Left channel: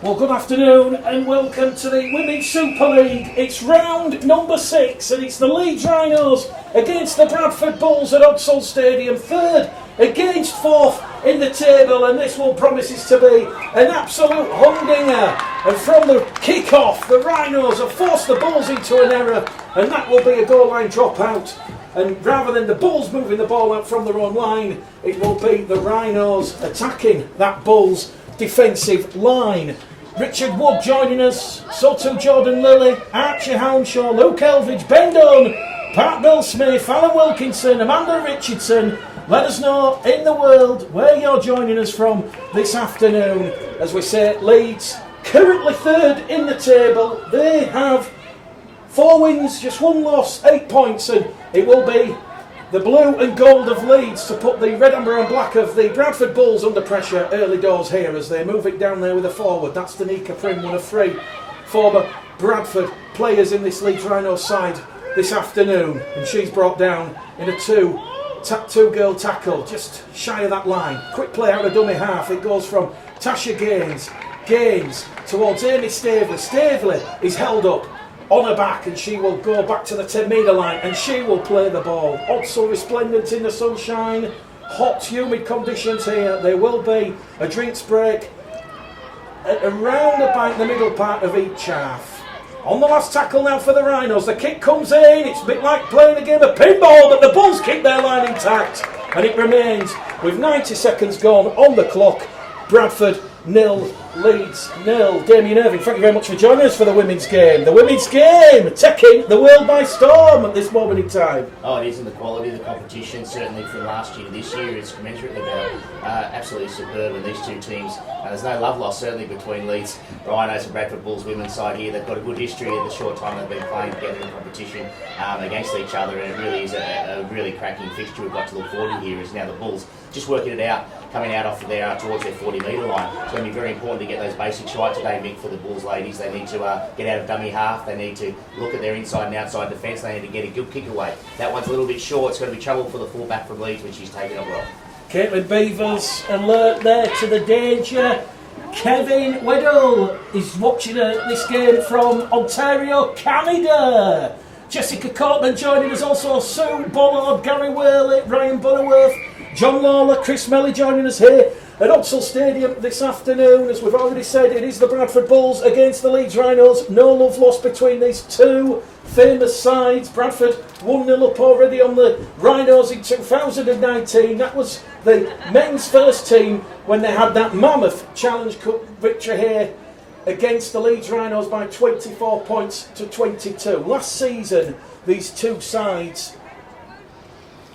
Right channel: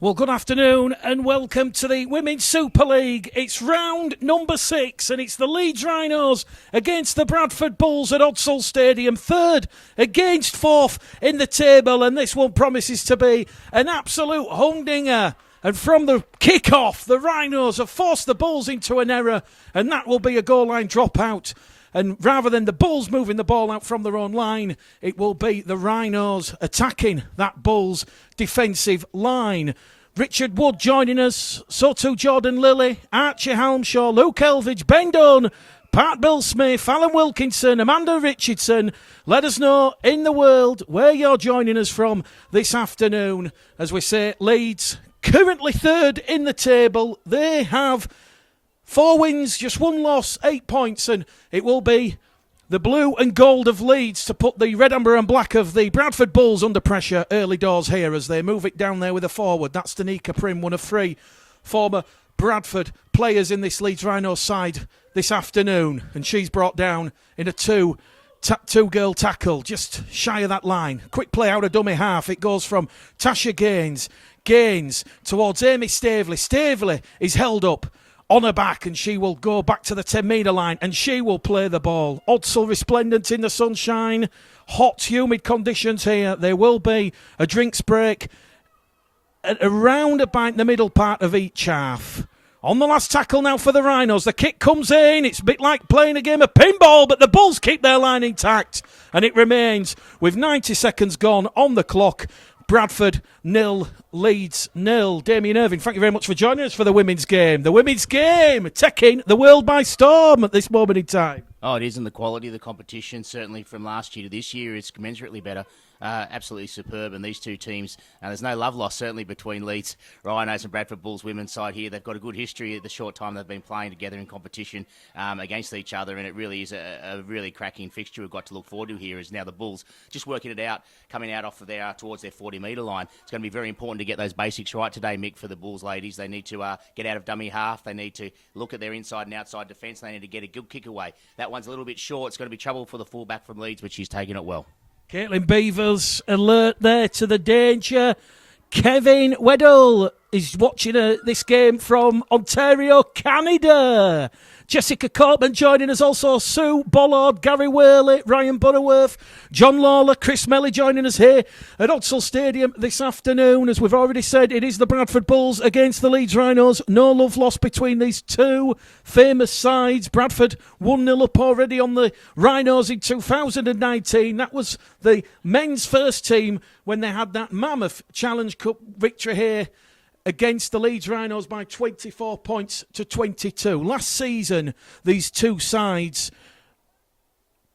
Well, good afternoon and welcome to the Women's Super League. It's round number 6 and it's the Leeds Rhinos against the Bradford Bulls at Odsal Stadium. Third against fourth in the table, and this one promises to be an absolute humdinger. And from the kick-off, the Rhinos have forced the Bulls into an error, and that will be a goal line dropout. And rather than the Bulls moving the ball out from their own line, it will be the Rhinos attacking that Bulls defensive line. Richard Wood joining us, so too Jordan Lilly, Archie Hounshaw, Luke Elvidge, Ben Dunn, Pat Bill Smith, Alan Wilkinson, Amanda Richardson. Let us know in the world where you're joining us from this afternoon. As we say, Leeds currently third in the table. They have 4 wins, just 1 loss, 8 points, and it will be the blue and gold of Leeds to put the red, amber and black of the Bradford Bulls under pressure early doors here as they move it down there with a forward. That's Danica Prim, one of 3 former Bradford players in this Leeds Rhinos side this afternoon, and she's brought down in a two-girl tackle just shy of that line. Quick play out of dummy half. It goes from Tasha Gaines towards Amy Stavely. Stavely is held up on her back, and she will go back to the 10-metre line and she will play the ball. Odsal resplendent in the sunshine, hot humid conditions here. There will be a drinks break around about the middle part of each half. On the last tackle now for the Rhinos, the kick comes in. It's a bit like playing a game of pinball, but the Bulls keep their line intact and it remains with 90 seconds gone on the clock. Bradford 0, Leeds 0. Damien Irving, thank you very much for joining us for the women's game. The women's game taking the world by storm at this moment in time. Oh, it isn't the quality of the competition, certainly from last year to this year. It's commensurately better. Absolutely superb, and these two teams, there's no love lost certainly between Leeds Rhinos and Bradford Bulls women's side here. They've got a good history at the short time they've been playing together in competition against each other, and it really is a really cracking fixture we've got to look forward to here. Is now the Bulls just working it out, coming out off there towards their 40-metre line. It's going to be very important to get those basics right today, Mick, for the Bulls ladies. They need to get out of dummy half. They need to look at their inside and outside defence. They need to get a good kick away. That one's a little bit short. It's going to be trouble for the fullback from Leeds, but she's taken it well. Caitlin Beavers alert there to the danger. Kevin Weddle is watching this game from Ontario, Canada. Jessica Coleman joining us also. Sue Bollard, Gary Whaley, Ryan Butterworth, John Lawler, Chris Melly joining us here at Odsal Stadium this afternoon. As we've already said, it is the Bradford Bulls against the Leeds Rhinos. No love lost between these two famous sides. Bradford 1-0 up already on the Rhinos in 2019. That was the men's first team when they had that mammoth Challenge Cup victory here against the Leeds Rhinos by 24 points to 22. Last season, these two sides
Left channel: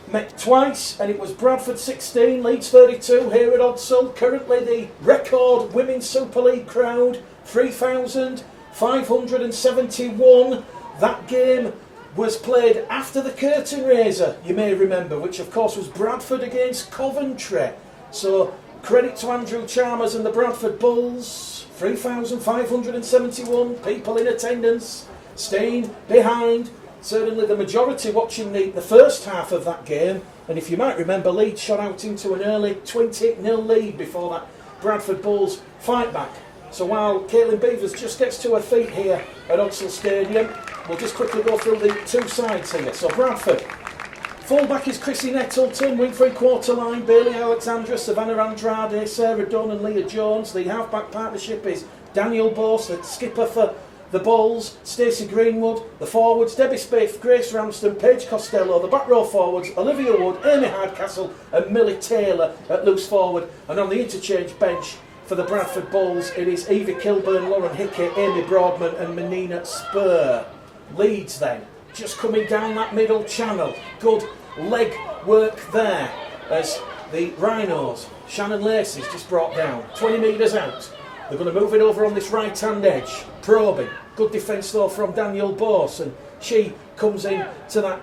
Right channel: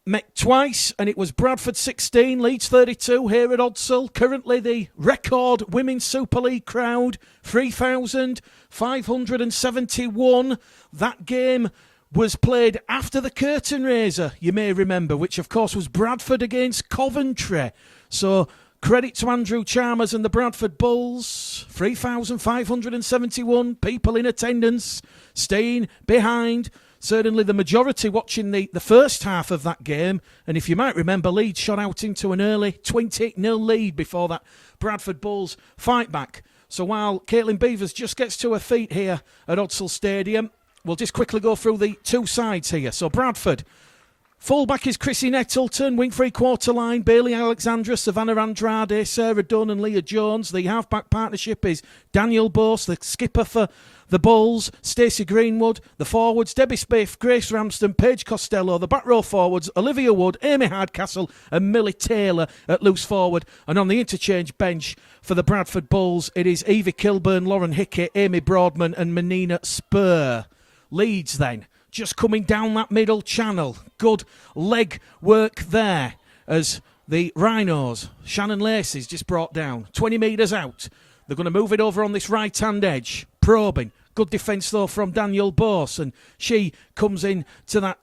met twice, and it was Bradford 16, Leeds 32 here at Odsal. Currently the record Women's Super League crowd, 3,571. That game was played after the curtain raiser, you may remember, which of course was Bradford against Coventry. So credit to Andrew Chalmers and the Bradford Bulls. 3,571 people in attendance, staying behind. Certainly the majority watching the first half of that game. And if you might remember, Leeds shot out into an early 20-0 lead before that Bradford Bulls fight back. So while Caitlin Beavers just gets to her feet here at Odsal Stadium, we'll just quickly go through the two sides here. So Bradford, fullback is Chrissy Nettleton, wing 3/4 line, Bailey Alexandra, Savannah Andrade, Sarah Dunn and Leah Jones. The half-back partnership is Daniel Bose, the skipper for the Bulls, Stacey Greenwood. The forwards, Debbie Spiff, Grace Ramsden, Paige Costello. The back row forwards, Olivia Wood, Amy Hardcastle and Millie Taylor at loose forward. And on the interchange bench for the Bradford Bulls, it is Evie Kilburn, Lauren Hickey, Amy Broadman and Menina Spur. Leeds then, just coming down that middle channel. Good leg work there as the Rhinos, Shannon Lacey's just brought down 20 metres out. They're going to move it over on this right hand edge, probing. Good defence though from Daniel Bose, and she comes in to that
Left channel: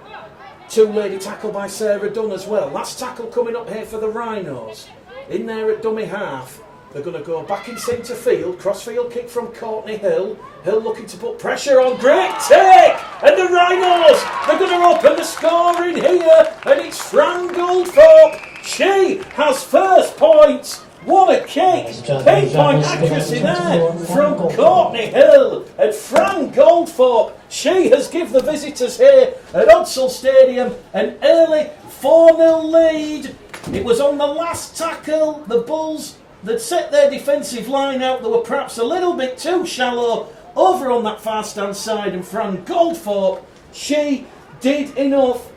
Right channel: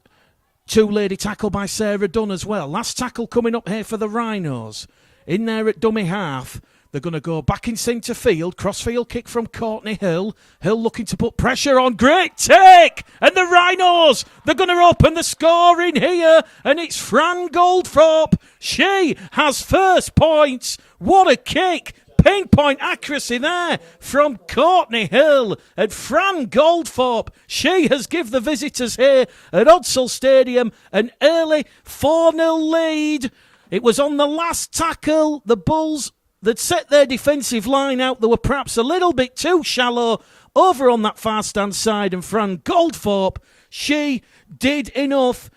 two-lady tackle by Sarah Dunn as well. Last tackle coming up here for the Rhinos. In there at dummy half, they're going to go back in centre field. Crossfield kick from Courtney Hill. Hill looking to put pressure on. Great take! And the Rhinos, they're going to open the scoring here. And it's Fran Goldthorpe. She has first points What a kick! Pinpoint accuracy there from Courtney Hill and Fran Goldthorpe. She has given the visitors here at Odsal Stadium an early 4-0 lead. It was on the last tackle. The Bulls that set their defensive line out. They were perhaps a little bit too shallow over on that far stand side, and Fran Goldthorpe, she did enough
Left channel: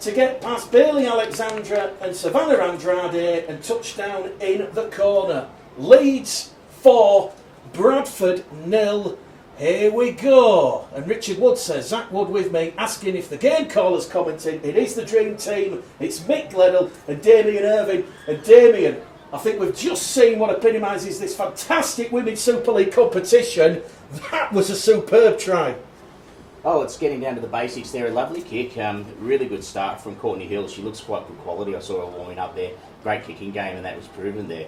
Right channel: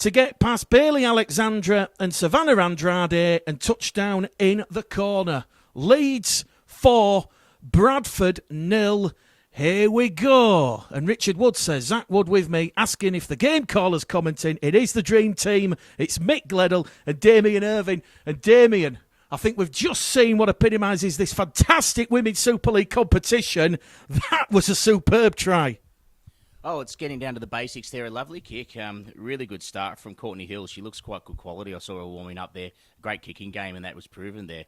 to get past Bailey Alexandra and Savannah Andrade and touchdown in the corner. Leeds 4, Bradford 0. Here we go. And Richard Wood says, Zach Wood with me, asking if the game caller's commenting. It is the dream team. It's Mick Gledell and Damien Irving. And Damien, I think we've just seen what epitomises this fantastic Women's Super League competition. That was a superb try. Oh, it's getting down to the basics there. A lovely kick. Really good start from Courtney Hill. She looks quite good quality. I saw her warming up there. Great kicking game, and that was proven there.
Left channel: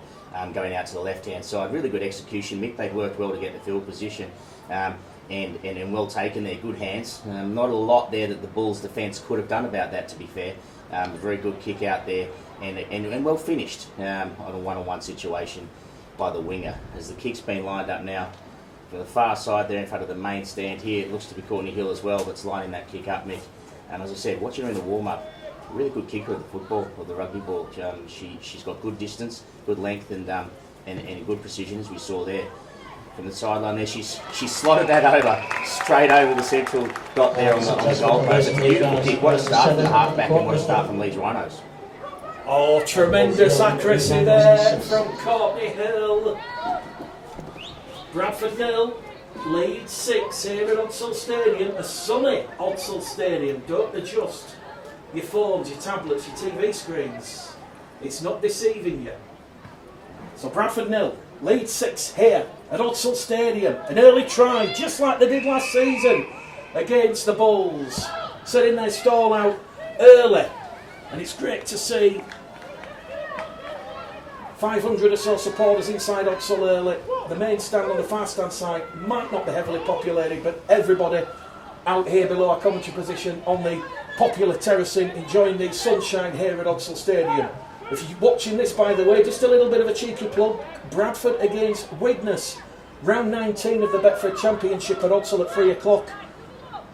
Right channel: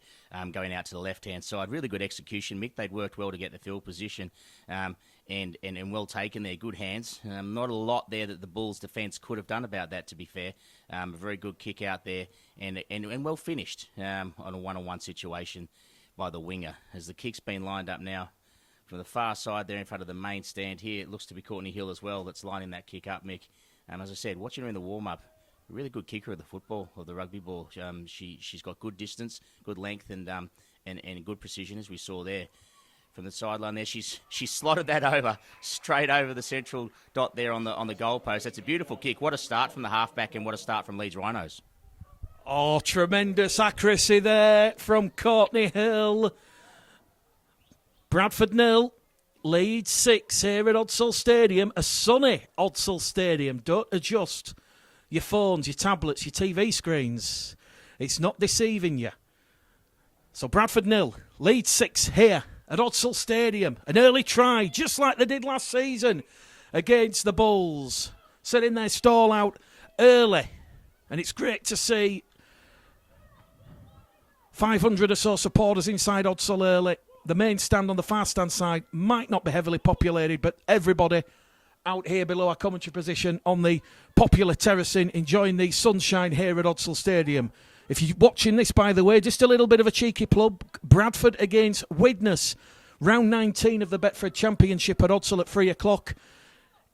Going out to the left-hand side. Really good execution. Mick, they worked well to get the field position. And well taken there. Good hands. Not a lot there that the Bulls' defence could have done about that, to be fair. A very good kick out there. And well finished on a one-on-one situation by the winger. As the kick's been lined up now, for the far side there in front of the main stand here, it looks to be Courtney Hill as well that's lining that kick up, Mick. And as I said, watching her in the warm-up, really good kicker of the football, or the rugby ball. She's got good distance, good length, and good precision, as we saw there. From the sideline there, she's slotted that over, straight over the central dot there on the goal post. It's a beautiful kick. What a start from the halfback, and what a start from Leeds Rhinos. Oh, tremendous accuracy there from Courtney Hill. Bradford 0, Leeds 6 here at Odsal Stadium. A sunny Odsal Stadium. Don't adjust your phones, your tablets, your TV screens. It's not deceiving you. So Bradford 0, Leeds 6 here at Odsal Stadium. An early try, just like they did last season against the Bulls. Setting their stall out early. And it's great to see 500 or so supporters inside Odsal early. The main stand on the far stand side might not be heavily populated, but everybody out here below our commentary position on the popular terracing, enjoying the sunshine here at Odsal Stadium. If you're watching this, by the way, just a little bit of a cheeky plug. Bradford against Widnes, round 19 of the Betfred Championship at Odsal at 3 o'clock.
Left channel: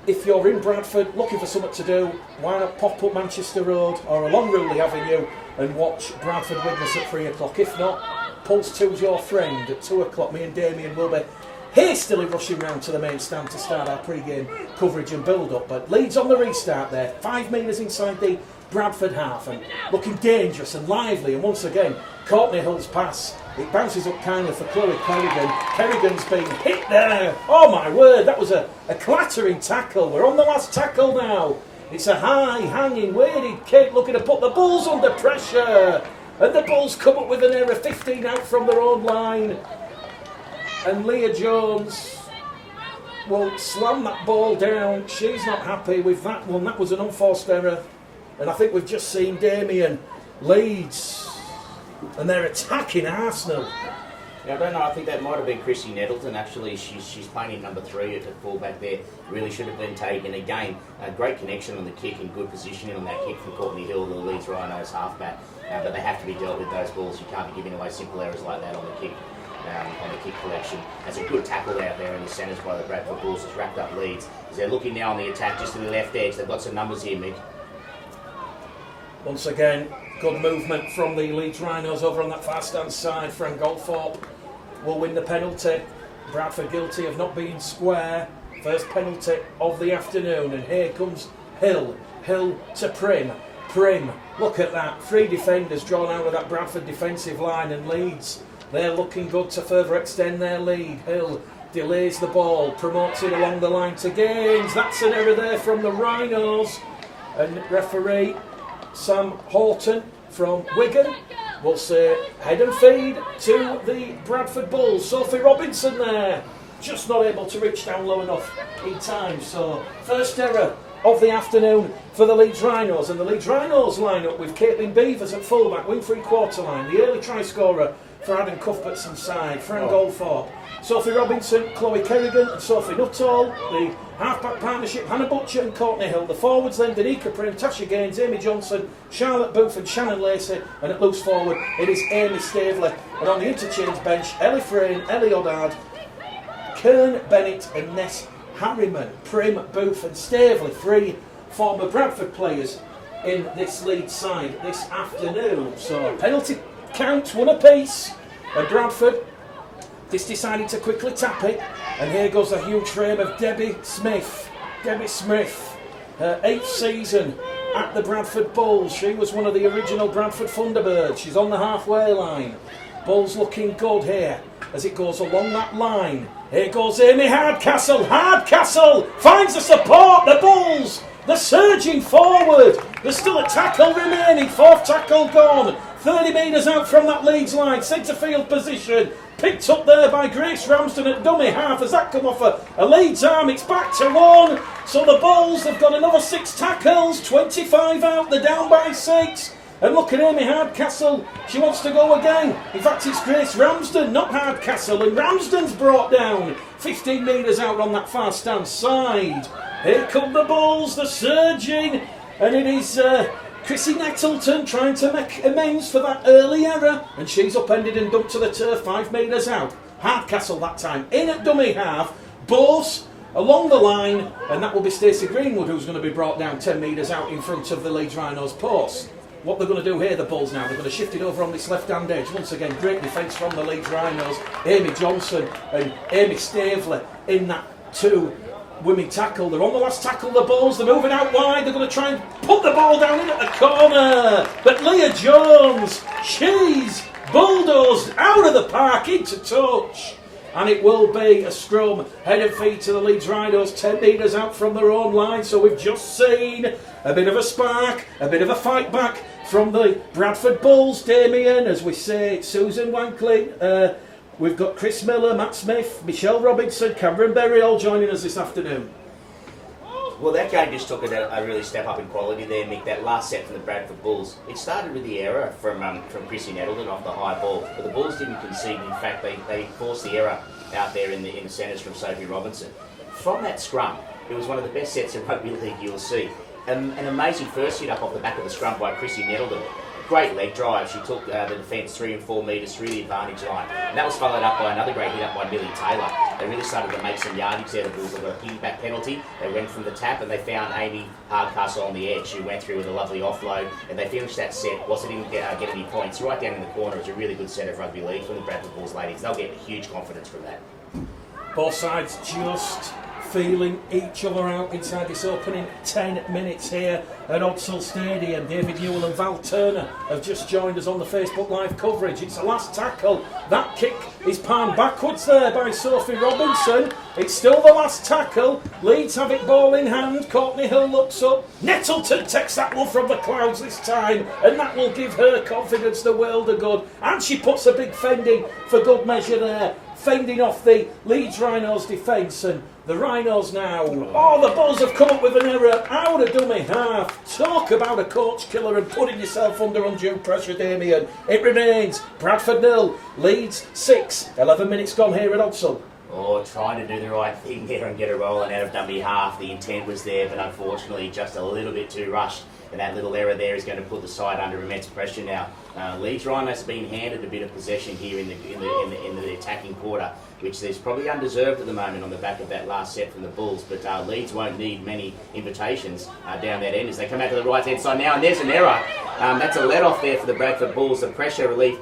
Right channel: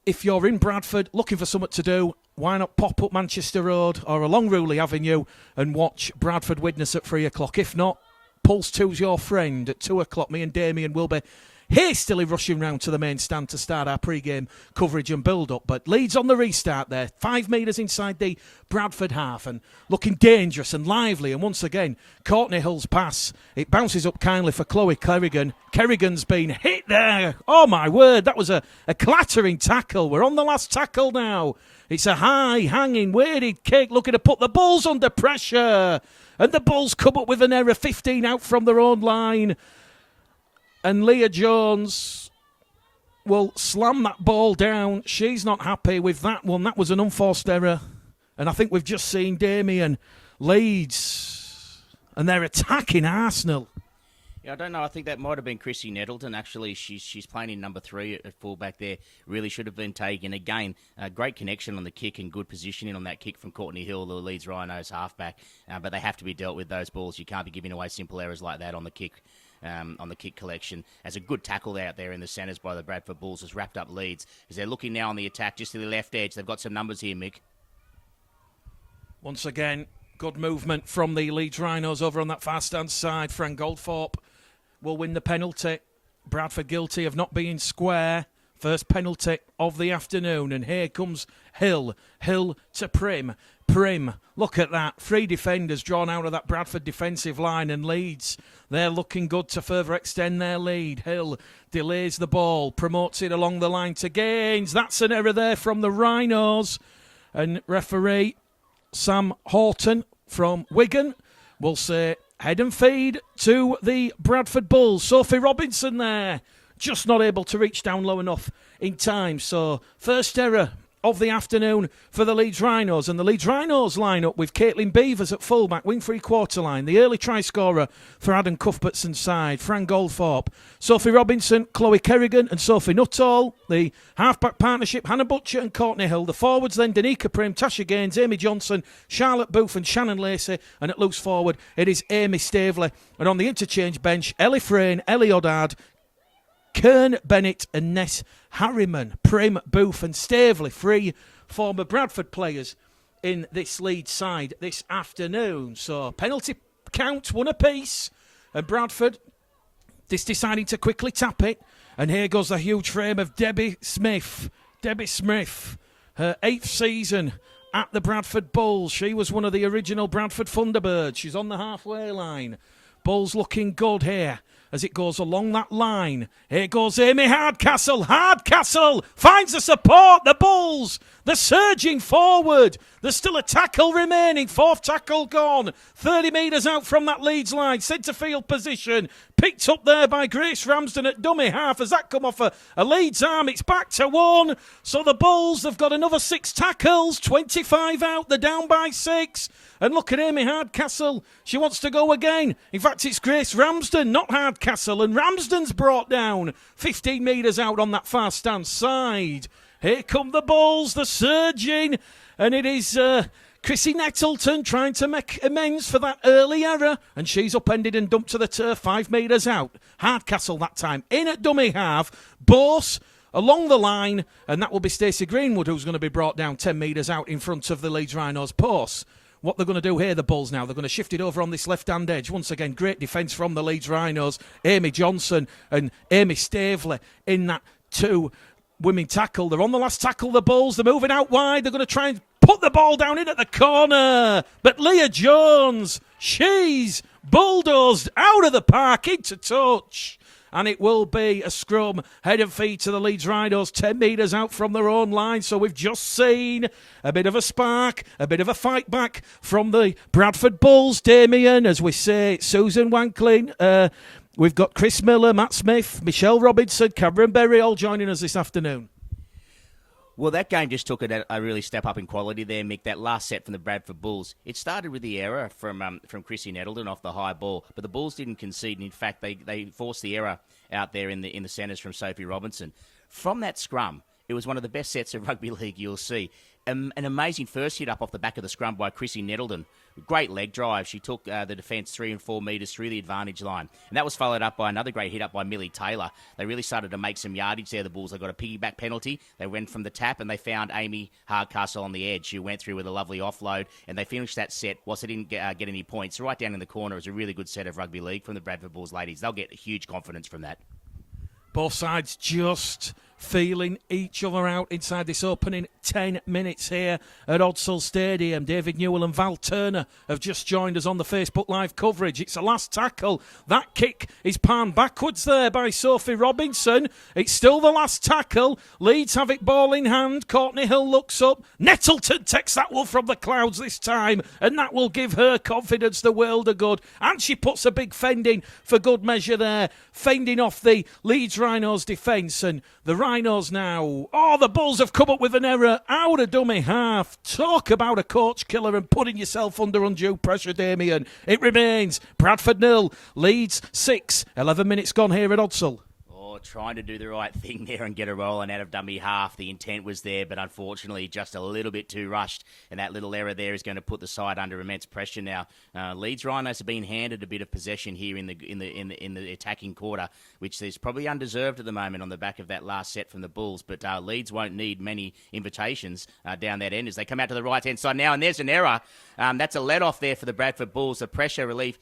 If you're in Bradford looking for something to do, why not pop up Manchester Road or along Rewley Avenue and watch Bradford Widnes at 3 o'clock. If not, Pulse 2's your friend at 2 o'clock. Me and Damien will be hastily rushing round to the main stand to start our pre-game coverage and build-up. But Leeds on the restart there, 5 metres inside the Bradford half, and looking dangerous and lively. And once again, Courtney Hill's pass, it bounces up kindly for Chloe Kerrigan. Kerrigan's been hit there. Oh my word, that was a clattering tackle. We're on the last tackle now. It's a high, hanging, weighted kick looking to put the Bulls under pressure. And the Bulls come up with an error, 15 out from their own line. And Leah Jones will slam that ball down. She's not happy with that one. That was an unforced error. And I think we've just seen Damien Leeds. And they're attacking Arsenal. Yeah, I don't know. I think that might have been Chrissy Nettleton. Actually, she's playing in number 3 at the fullback there. Really should have been taken. Again, a great connection on the kick and good positioning on that kick from Courtney Hill, the Leeds Rhinos halfback. But they have to be dealt with, those balls. You can't be giving away simple errors like that on the kick collection. There's a good tackle out there in the centres by the Bradford Bulls. Has wrapped up Leeds. As they're looking now on the attack just to the left edge. They've got some numbers here, Mick. Once again, good movement from the Leeds Rhinos over on that far stand side. Fran Goldthorpe will win the penalty. Bradford guilty of not being square. First penalty of the afternoon. And here comes Hill. Hill to Prim. Prim, look at that. 3 defenders drawn out of that Bradford defensive line, and Leeds, they're looking good to further extend their lead. Hill delays the ball, promotes it along the line to Gaines. That's an error there from the Rhinos. And referee Sam Horton from Wigan will say head and feed to the Bradford Bulls. Sophie Robinson there, just not able to reach down low enough in time. So first error of the afternoon for the Leeds Rhinos. And the Leeds Rhinos line up with Caitlin Beavers at fullback, wing free quarter line. The early try scorer for Adam Cuthbertson's side, Fran Goldthorpe. Sophie Robinson, Chloe Kerrigan and Sophie Nuttall. The half-back partnership, Hannah Butcher and Courtney Hill. The forwards then, Danica Prim, Tasha Gaines, Amy Johnson, Charlotte Booth and Shannon Lacey. And at loose forward, it is Amy Staveley. And on the interchange bench, Ellie Frayne, Ellie Oddard, Kern Bennett and Ness Harriman. Prim, Booth and Staveley, 3 former Bradford players in this Leeds side this afternoon. So penalty count, 1 apiece. And Bradford deciding to quickly tap it. And here goes the huge frame of Debbie Smith. Debbie Smith, her 8th season at the Bradford Bulls. She was one of the original Bradford Thunderbirds. She's on the halfway line. Bulls looking good here as it goes along that line. Here goes Amy Hardcastle. Hardcastle finds the support. The Bulls, they're surging forward. There's still a tackle remaining. 4th tackle gone. 30 metres out from that Leeds line. Centre field position. Picked up there by Grace Ramsden at dummy half. As that come off a Leeds arm, it's back to 1. So the Bulls have got another 6 tackles. 25 out. They're down by 6. And look at Amy Hardcastle. She wants to go again. In fact, it's Grace Ramsden, not Hardcastle. And Ramsden's brought down 15 metres out on that far stand side. Here come the Bulls. They're surging. And it is Chrissy Nettleton trying to make amends for that early error. And she's upended and dumped to the turf 5 metres out. Hardcastle that time in at dummy half. Bose along the line. And that will be Stacey Greenwood, who's going to be brought down 10 metres out in front of the Leeds Rhinos post. What they're going to do here, the Bulls now, they're going to shift it over on this left-hand edge. Once again, great defence from the Leeds Rhinos. Amy Johnson and Amy Staveley in that 2 women tackle. They're on the last tackle, the Bulls. They're moving out wide. They're going to try and put the ball down in at the corner. But Leah Jones, she's bulldozed out of the park into touch. And it will be a scrum, head and feet to the Leeds Rhinos, 10 metres out from their own line. So we've just seen a bit of a spark, a bit of a fight back from the Bradford Bulls. Damien, as we say, Susan Wankling. We've got Chris Miller, Matt Smith, Michelle Robinson, Cameron Berry all joining us this afternoon. Well, that game just took a really step up in quality there, Mick. That last set from the Bradford Bulls. It started with the error from Chrissy Nettleton off the high ball, but the Bulls didn't concede. In fact, they forced the error out there in the centres from Sophie Robinson. From that scrum, it was one of the best sets in rugby league you'll see. An amazing first hit up off the back of the scrum by Chrissy Nettleton. Great leg drive. She took the defence 3 and 4 metres through the advantage line. And that was followed up by another great hit up by Millie Taylor. They really started to make some yardage there, the Bulls. They got a piggyback penalty. They went from the tap and they found Amy Hardcastle on the edge, who went through with a lovely offload. And they finished that set. Wasn't even get any points. Right down in the corner. It was a really good set of rugby league from the Bradford Bulls ladies. They'll get huge confidence from that. Both sides just feeling each other out inside this opening 10 minutes here at Odsal Stadium. David Newell and Val Turner have just joined us on the Facebook Live coverage. It's a last tackle. That kick is palmed backwards there by Sophie Robinson. It's still the last tackle. Leeds have it ball in hand. Courtney Hill looks up. Nettleton takes that one from the clouds this time, and that will give her confidence the world of good. And she puts a big fending for good measure there, fending off the Leeds Rhinos defence. And the Rhinos now, the Bulls have come up with an error out of dummy half. Talk about a coach killer and putting yourself under undue pressure, Damien. It remains Bradford 0, Leeds 6. 11 minutes gone here at Odsal. Trying to do the right thing there and get a rolling out of dummy half. The intent was there, but unfortunately just a little bit too rushed. And that little error there is going to put the side under immense pressure now. Leeds Rhinos have been handed a bit of possession here in the attacking quarter, which is probably undeserved at the moment on the back of that last set from the Bulls. But Leeds won't need many invitations down that end as they come out to the right-hand side now. And there's an error. That's a let-off there for the Bradford Bulls. The pressure relief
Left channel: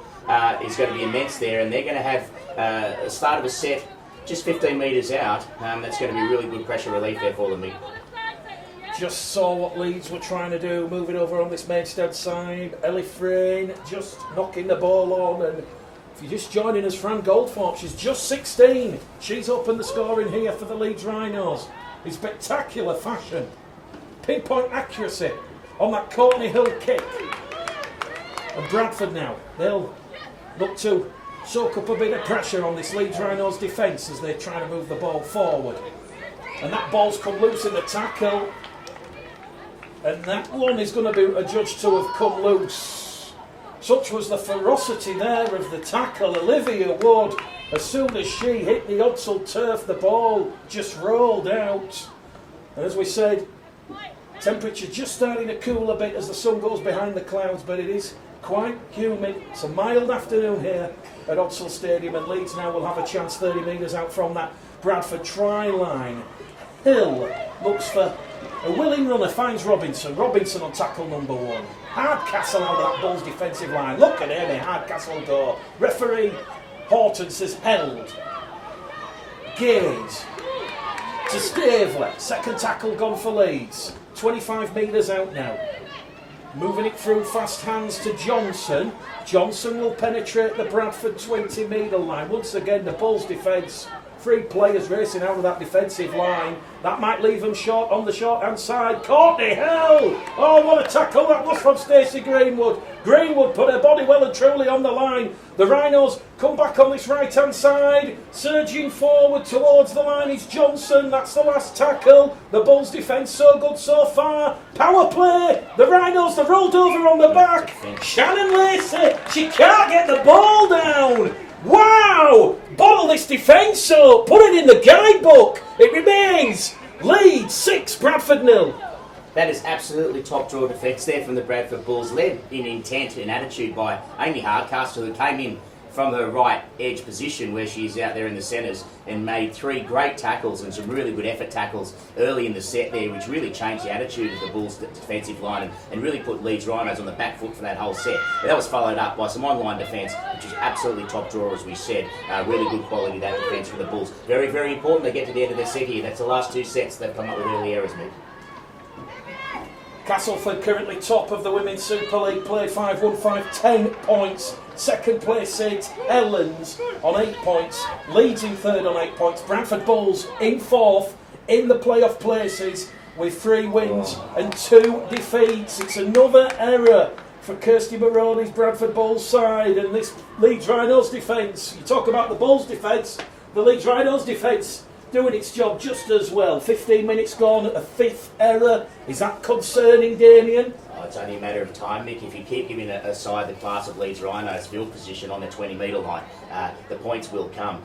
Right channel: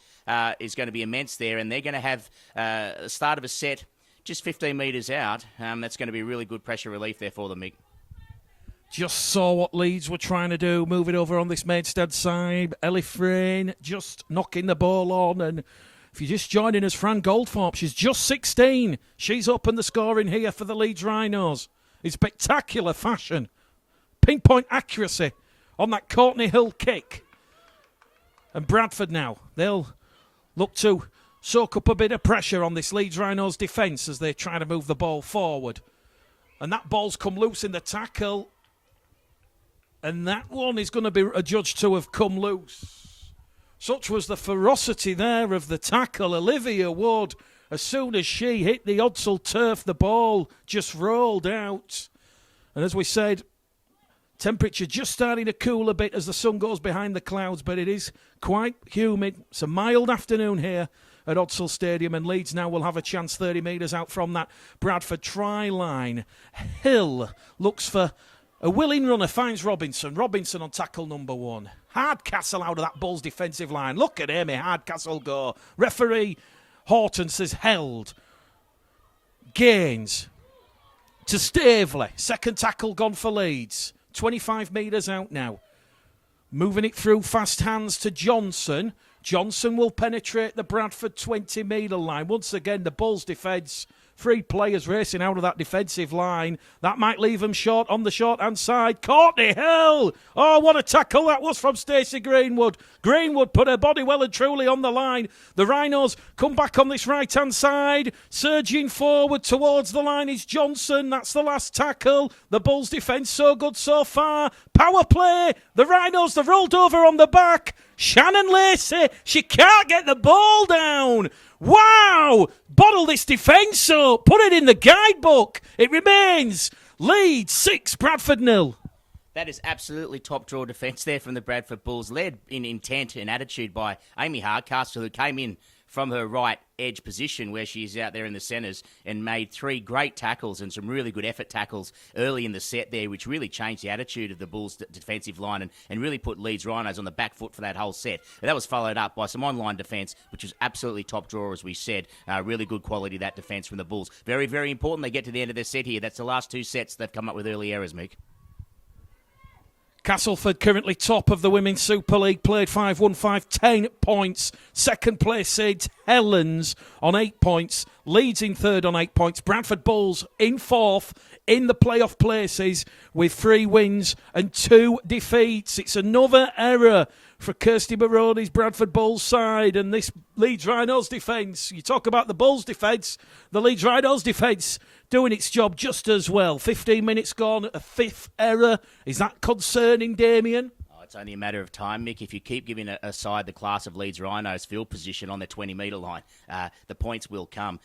is going to be immense there, and they're going to have a start of a set just 15 metres out. That's going to be really good pressure relief there for them, Mick. Just saw what Leeds were trying to do, moving over on this Maidstad side. Ellie Frayne just knocking the ball on, and if you're just joining us, Fran Goldthorpe, she's just 16. She's opened the scoring here for the Leeds Rhinos in spectacular fashion. Pinpoint accuracy on that Courtney Hill kick. And Bradford now, they'll look to soak up a bit of pressure on this Leeds Rhinos defence as they try to move the ball forward. And that ball's come loose in the tackle. And that one is going to be adjudged to have come loose. Such was the ferocity there of the tackle. Olivia Wood, as soon as she hit the Udsall turf, the ball just rolled out. And as we said, temperature just starting to cool a bit as the sun goes behind the clouds, but it is quite humid. It's a mild afternoon here at Udsall Stadium, and Leeds now will have a chance 30 metres out from that Bradford try line. Hill looks for a willing runner, finds Robinson. Robinson on tackle number 1. Hardcastle out of that Bulls defensive line. Look at Amy Hardcastle go. Referee Horton says held. Gaines to Staveley. Second tackle gone for Leeds. 25 metres out now. Moving it through fast hands to Johnson. Johnson will penetrate the Bradford 20 metre line. Once again, the Bulls defence. 3 players racing out of that defensive line. That might leave them short on the short-hand side. Courtney Hill! Oh, what a tackle that was from Stacey Greenwood. Greenwood put her body well and truly on the line. The Rhinos come back on this right-hand side. Surging forward towards the line is Johnson. That's the last tackle. The Bulls' defence so good so far. Power play. The Rhinos, they've rolled over on the back. Shannon Lacey, she can't get the ball down. Wow! Bottle this defence up. Put it in the guidebook. It remains Leeds 6, Bradford 0. That is absolutely top draw defence there from the Bradford Bulls, led in intent and attitude by Amy Hardcastle, who came in from her right edge position where she's out there in the centres and made 3 great tackles and some really good effort tackles early in the set there, which really changed the attitude of the Bulls' defensive line and really put Leeds Rhinos on the back foot for that whole set. But that was followed up by some online defence, which was absolutely top draw, as we said. Really good quality, that defence from the Bulls. Very, very important they get to the end of their set here. That's the last 2 sets they've come up with early errors, Mick. Castleford currently top of the Women's Super League, played 5-1-5, 10 points. Second place seeds Helens on 8 points. Leeds in third on 8 points. Bradford Bulls in fourth in the playoff places with 3 wins and 2 defeats. It's another error for Kirsty Maroney's Bradford Bulls side and this Leeds Rhinos defence. You talk about the Bulls defence, the Leeds Rhinos defence doing its job just as well. 15 minutes gone at the 5th error. Is that concerning, Damien? It's only a matter of time, Mick. If you keep giving a side the class of Leeds Rhinos field position on the 20 metre line, the points will come.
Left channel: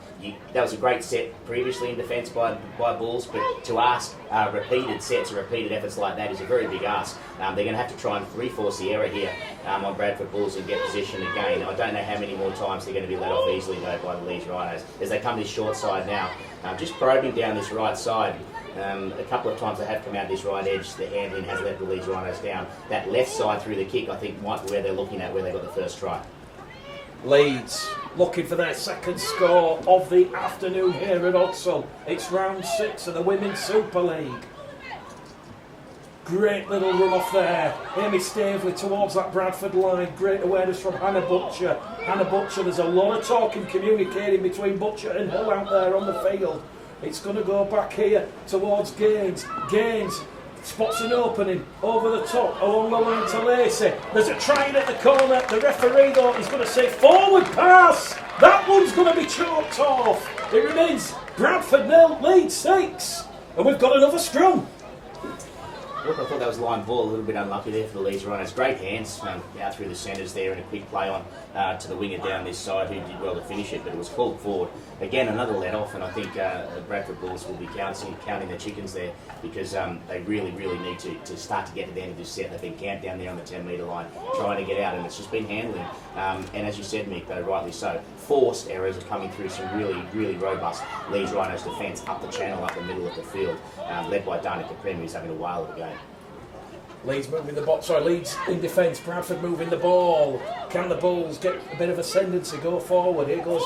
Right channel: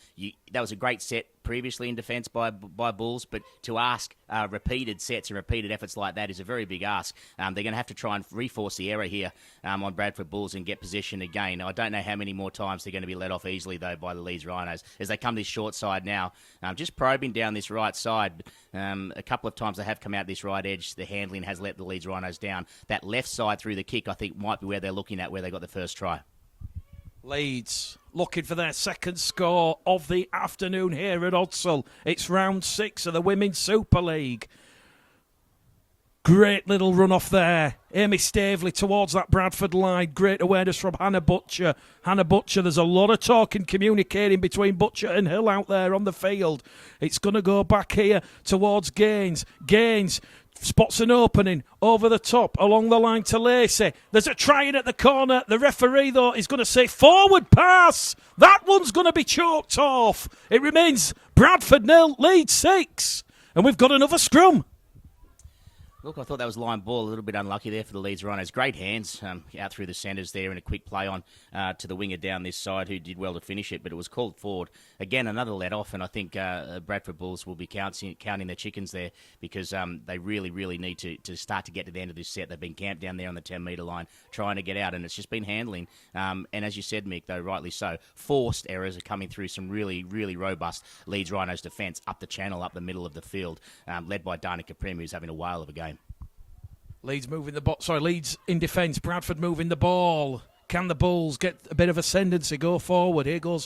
That was a great set previously in defence by Bulls, but to ask repeated sets or repeated efforts like that is a very big ask. They're going to have to try and reforce the error here on Bradford Bulls and get position again. I don't know how many more times they're going to be let off easily, though, by the Leeds Rhinos as they come this short side now. Just probing down this right side. A couple of times they have come out this right edge. The handling has let the Leeds Rhinos down. That left side through the kick, I think, might be where they're looking at, where they got the first try. Leeds looking for their second score of the afternoon here at Udsall. It's round 6 of the Women's Super League. Great little run off there. Amy Staveley towards that Bradford line. Great awareness from Hannah Butcher. Hannah Butcher, there's a lot of talk and communicating between Butcher and Hill out there on the field. It's going to go back here towards Gaines. Gaines spots an opening over the top along the line to Lacey. There's a try in at the corner. The referee, though, is going to say forward pass. That one's going to be choked off. It remains Bradford 0, Leeds 6. And we've got another scrum. Look, I thought that was line ball, a little bit unlucky there for the Leeds Rhinos. Great hands out through the centres there and a quick play on to the winger down this side who did well to finish it, but it was called forward. Again, another let off, and I think Bradford Bulls will be counting their chickens there because they really, really need to start to get to the end of this set. They've been camped down there on the 10 metre line trying to get out, and it's just been handling. And as you said, Mick, though, rightly so, forced errors are coming through some really, really robust Leeds Rhinos defence up the channel, up the middle of the field, led by Dana Caprem, who's having a whale of a game. Leeds moving the ball. Leeds in defence. Bradford moving the ball. Can the Bulls get a bit of ascendancy? Go forward. Here goes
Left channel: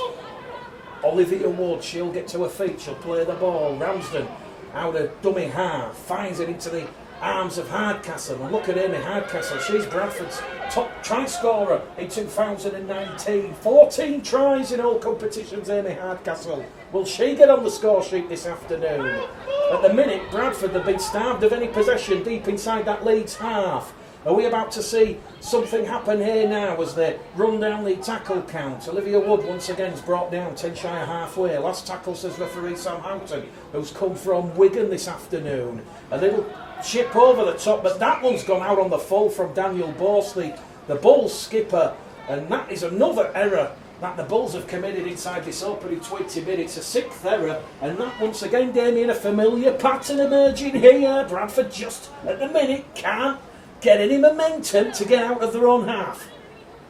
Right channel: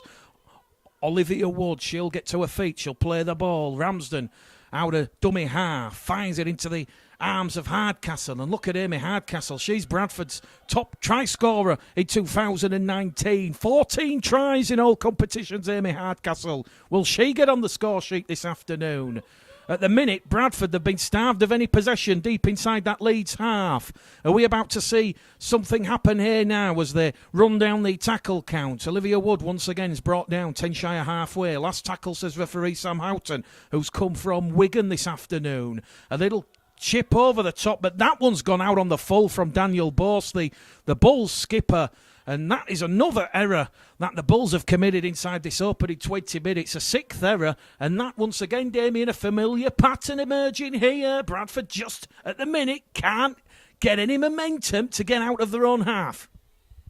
Olivia Wood. She'll get to her feet. She'll play the ball. Ramsden out of dummy half. Finds it into the arms of Hardcastle. And look at Amy Hardcastle. She's Bradford's top try scorer in 2019. 14 tries in all competitions, Amy Hardcastle. Will she get on the score sheet this afternoon? At the minute, Bradford have been starved of any possession deep inside that Leeds half. Are we about to see something happen here now as they run down the tackle count? Olivia Wood once again is brought down 10 shy of halfway. Last tackle, says referee Sam Houghton, who's come from Wigan this afternoon. A little chip over the top, but that one's gone out on the full from Daniel Bose, the Bulls skipper, and that is another error that the Bulls have committed inside this opening 20 minutes, a 6th error, and that once again, Damien, a familiar pattern emerging here. Bradford just at the minute can't get any momentum to get out of their own half.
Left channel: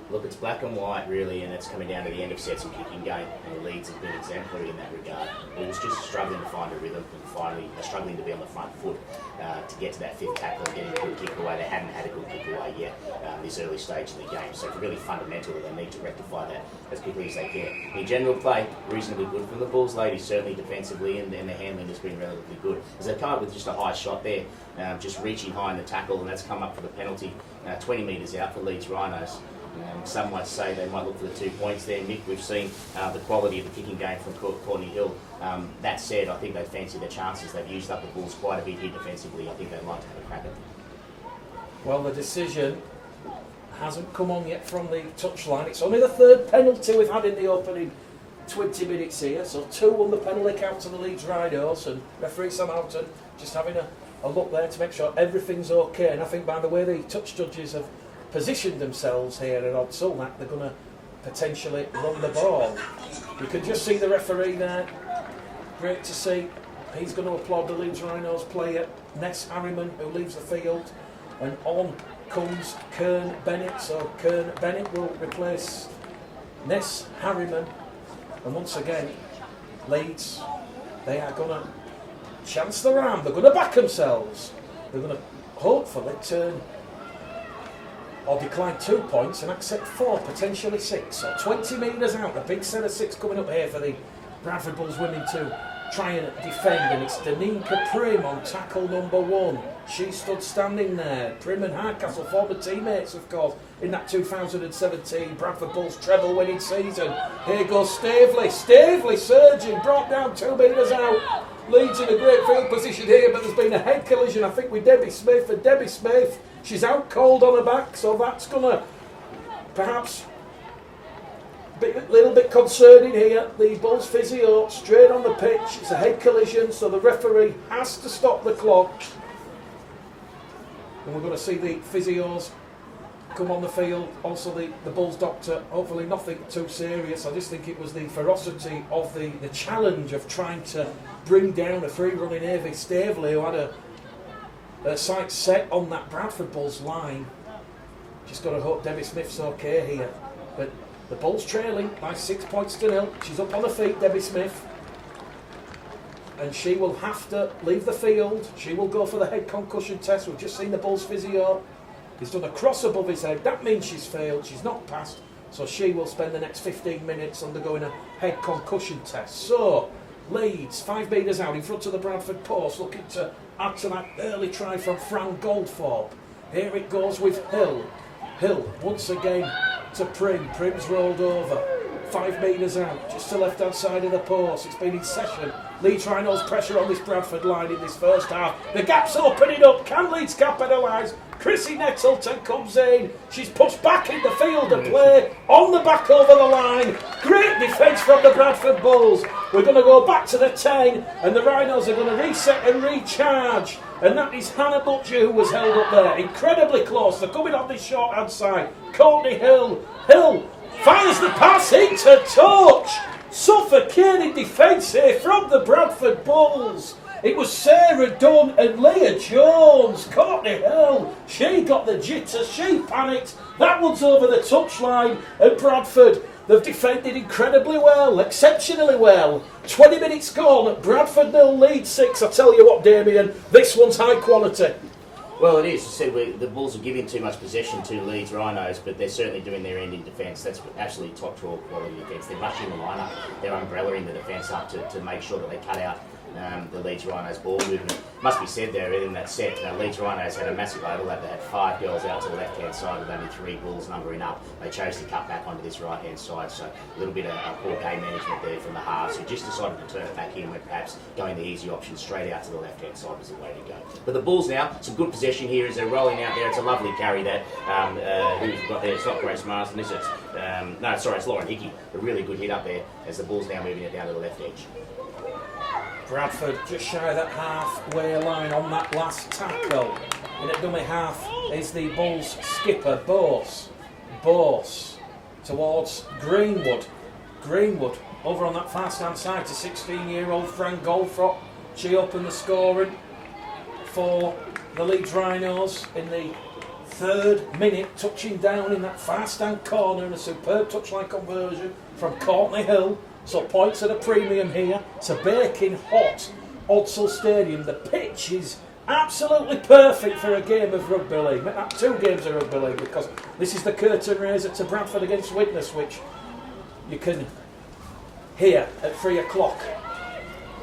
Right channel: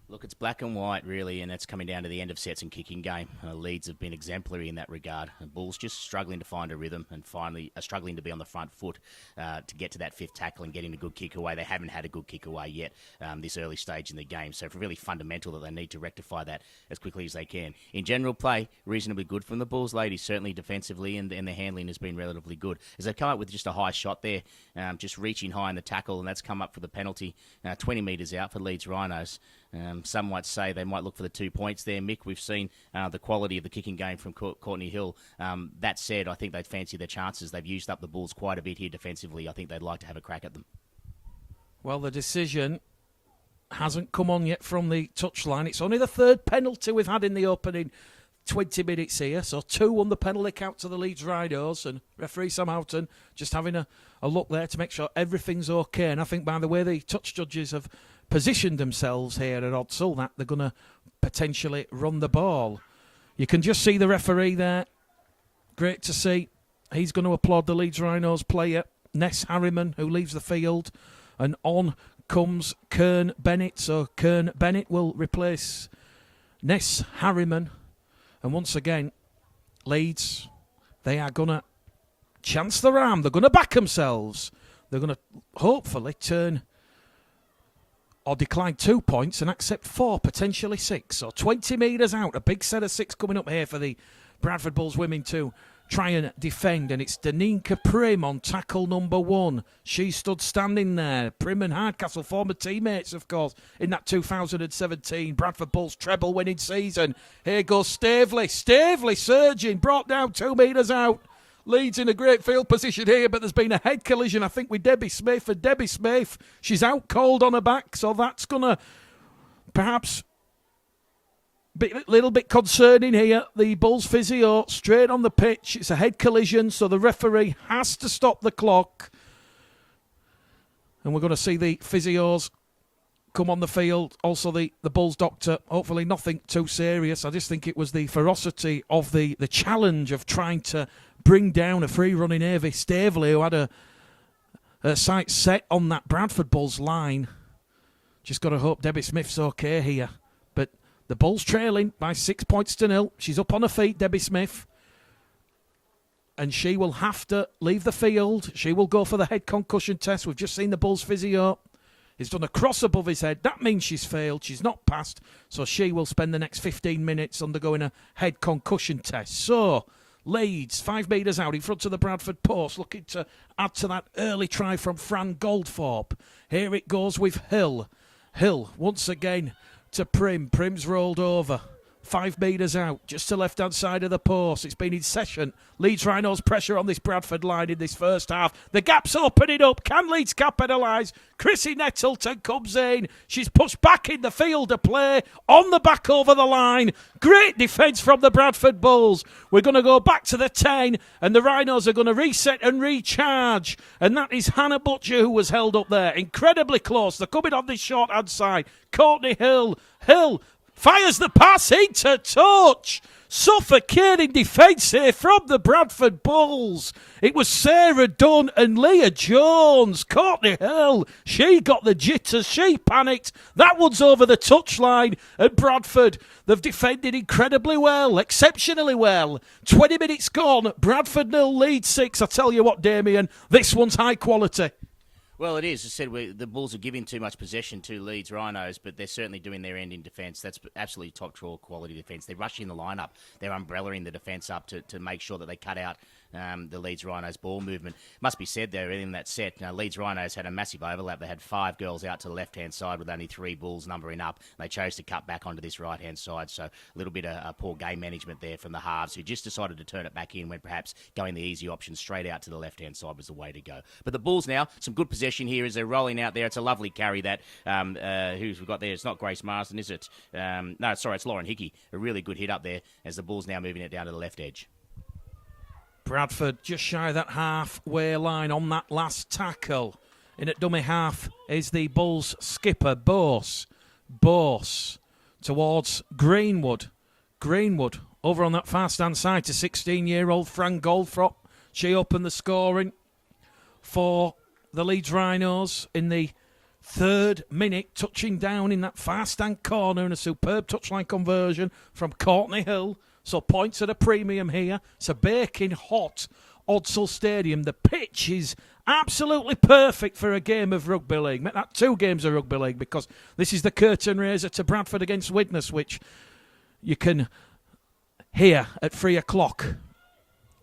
Look, it's black and white really, and it's coming down to the end of sets and kicking game. Leeds have been exemplary in that regard. The Bulls just struggling to find a rhythm and finally are struggling to be on the front foot to get to that 5th tackle and getting a good kick away. They hadn't had a good kick away yet this early stage in the game, so it's really fundamental that they need to rectify that as quickly as they can. In general play, reasonably good from the Bulls ladies, certainly defensively, and the handling has been relatively good. As they come up with just a high shot there, just reaching high in the tackle, and that's come up for the penalty, 20 metres out for Leeds Rhinos. Some might say they might look for the 2 points there. Mick, we've seen the quality of the kicking game from Courtney Hill. That said, I think they fancy their chances. They've used up the Bulls quite a bit here defensively. I think they'd like to have a crack at them. Well, the decision hasn't come on yet from the touchline. It's only the 3rd penalty we've had in the opening 20 minutes here. So 2 on the penalty count to the Leeds Rhinos, and referee Sam Houghton just having a look there to make sure everything's okay. And I think by the way the touch judges have positioned themselves here at Odsal that they're going to potentially run the ball. You can just see the referee there. Great to see. He's going to applaud the Leeds Rhinos player, Ness Harriman, who leaves the field. And on comes Kern Bennett. So Kern Bennett will replace Ness Harriman. And once again, Leeds, they are going to chance their arm. They're going to back themselves. They're going to hopefully turn or decline 2 points and accept 4, potentially 6. So 20 metres out, a big set of 6 coming up here for the Bradford Bulls women to try and defend. And it's Daninka Prim on tackle number 1. She stood standing there. Prim and Hardcastle, former teammates, of course, in that 2017 Bradford Bulls treble winning season. Here goes Stavely. Stavely surging, brought down 2 metres out. Leeds in a great field position here, but there's been a head collision, I think, with Debbie Smith. And Debbie Smith, she's out cold on her back, so that's going to perhaps be a little bit concerning here. The Bulls physio straight on the pitch. It's a head collision, so the referee has to stop the clock. And we're going to see the physios come on the field. Also the Bulls doctor. Hopefully nothing too serious. I just think it was the ferocity of the challenge of trying to bring down a free-running Avie Stavely, who had a sight set on that Bradford Bulls line. Just got to hope Debbie Smith's okay here. But the Bulls trailing by 6 points to 0. She's up on her feet, Debbie Smith. And she will have to leave the field. She will go for the head concussion test. We've just seen the Bulls physio. He's done a cross above his head. That means she's failed. She's not passed. So she will spend the next 15 minutes undergoing a head concussion test. So Leeds, 5 metres out in front of the Bradford post, looking to add to that early try from Fran Goldthorpe. Here it goes with Hill. Hill, once again, to Prim. Prim's rolled over. 5 metres out, just to left-hand side of the post. It's been in session. Leeds Rhinos pressure on this Bradford line in this first half. The gap's opening up. Can Leeds capitalise? Chrissy Nettleton comes in. She's pushed back in the field of play. On the back over the line. Great defence from the Bradford Bulls. We're going to go back to the 10, and the Rhinos are going to reset and recharge. And that is Hannah Butcher who was held up there. Incredibly close. They're coming on this short-hand side. Courtney Hill. Hill fires the pass into touch. Suffocating defence here from the Bradford Bulls. It was Sarah Dunn and Leah Jones. Courtney Hill, she got the jitters, she panicked. That one's over the touchline. And Bradford, they've defended incredibly well, exceptionally well. 20 minutes gone, Bradford 0, Leeds 6. I tell you what, Damien, this one's high quality. Well, it is. As I said, the Bulls are giving too much possession to Leeds Rhinos, but they're certainly doing their end in defence. That's absolutely top draw quality defence. They're rushing the line up, they're umbrellaing the defence up to make sure that they cut out the Leeds Rhinos ball movement. Must be said there, in that set, Leeds Rhinos had a massive overlap. They had 5 girls out to the left-hand side with only 3 Bulls numbering up. They chose to cut back onto this right-hand side, so a little bit of poor game management there from the halves, who just decided to turn it back in when perhaps going the easy option straight out to the left-hand side was the way to go. But the Bulls now, some good possession here as they're rolling out there. It's a lovely carry that who's got there. It's not Grace Marsden, is it? It's Lauren Hickey. A really good hit up there as the Bulls now moving it down to the left edge. Bradford just shy of that halfway line on that last tackle. In at dummy half is the Bulls skipper, Bose. Bose towards Greenwood. Greenwood over on that far stand side to 16-year-old Fran Goldfrop. She opened the scoring for the Leeds Rhinos in the 3rd minute, touching down in that far stand corner and a superb touchline conversion from Courtney Hill. So points at a premium here. It's a baking hot Odsal Stadium. The pitch is absolutely perfect for a game of rugby league. 2 games of rugby league, because this is the curtain raiser to Bradford against Widnes, which you can hear at 3 o'clock.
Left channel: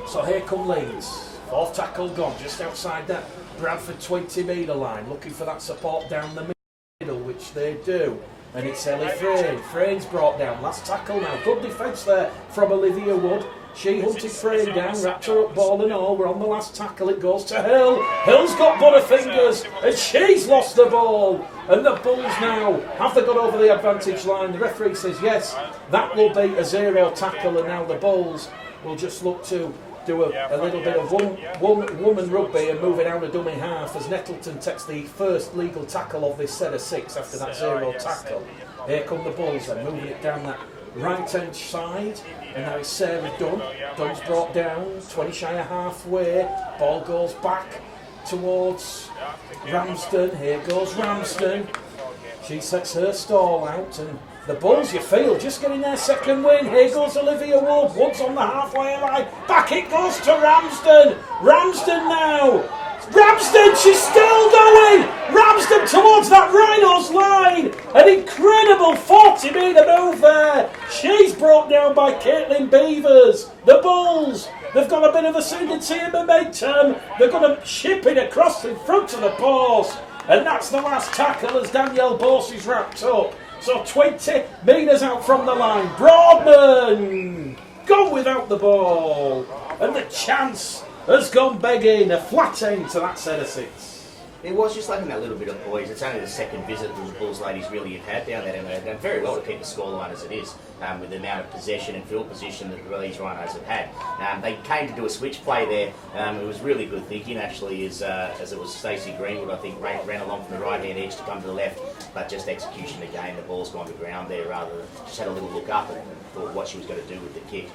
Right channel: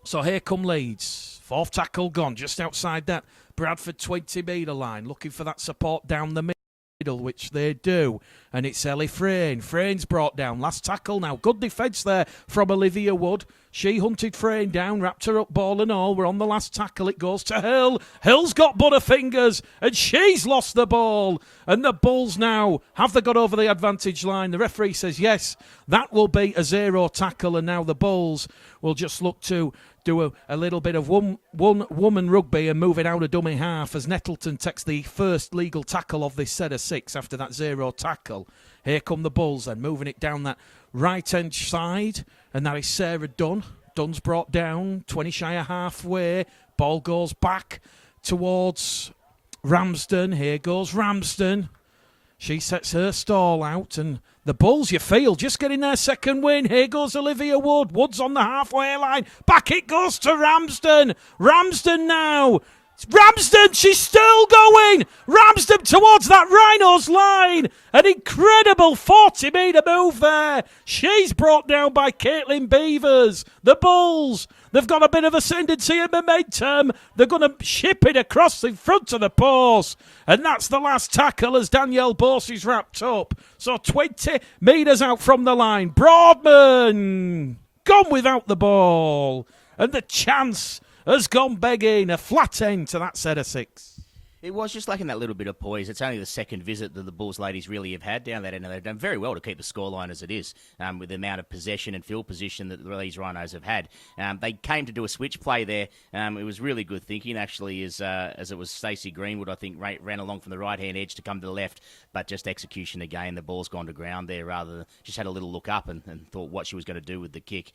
So here come Leeds. 4th tackle gone, just outside that Bradford 20-metre line, looking for that support down the middle, which they do. And it's Ellie Frayne. Frayne's brought down. Last tackle now. Good defence there from Olivia Wood. She hunted Frayne down, wrapped her up, ball and all. We're on the last tackle. It goes to Hill. Hill's got butterfingers, and she's lost the ball. And the Bulls now, have they got over the advantage line? The referee says yes. That will be a 0 tackle, and now the Bulls will just look to do a little bit of one woman rugby and move it out of dummy half as Nettleton takes the first legal tackle of this set of 6 after that 0 tackle. Here come the Bulls then, moving it down that right hand side, and now it's Sarah Dunn. Dunn's brought down, 20 shy of halfway. Ball goes back towards Ramsden. Here goes Ramsden. She sets her stall out, and the Bulls, you feel, just getting their 2nd win. Here goes Olivia Wood. Wood's on the halfway line. Back it goes to Ramsden. Ramsden now. Ramsden, she's still going. Ramsden towards that Rhinos line. An incredible 40-metre move there. She's brought down by Caitlin Beavers. The Bulls, they've got a bit of ascendancy and momentum. They're going to ship it across in front of the post. And that's the last tackle as Danielle Bose is wrapped up. So 20 metres out from the line. Broadman gone without the ball. And the chance has gone begging. A flat end to that set of 6. It was just like in that little bit of poise. It's only the 2nd visit that the Bulls ladies really have had down there, and they've done very well to keep the scoreline as it is, with the amount of possession and field position that the Leeds Rhinos have had. They came to do a switch play there. It was really good thinking, actually, as it was Stacey Greenwood, I think, ran along from the right-hand edge to come to the left, but just execution again. The ball's gone to ground there, rather than just had a little look up and thought what she was going to do with the kick.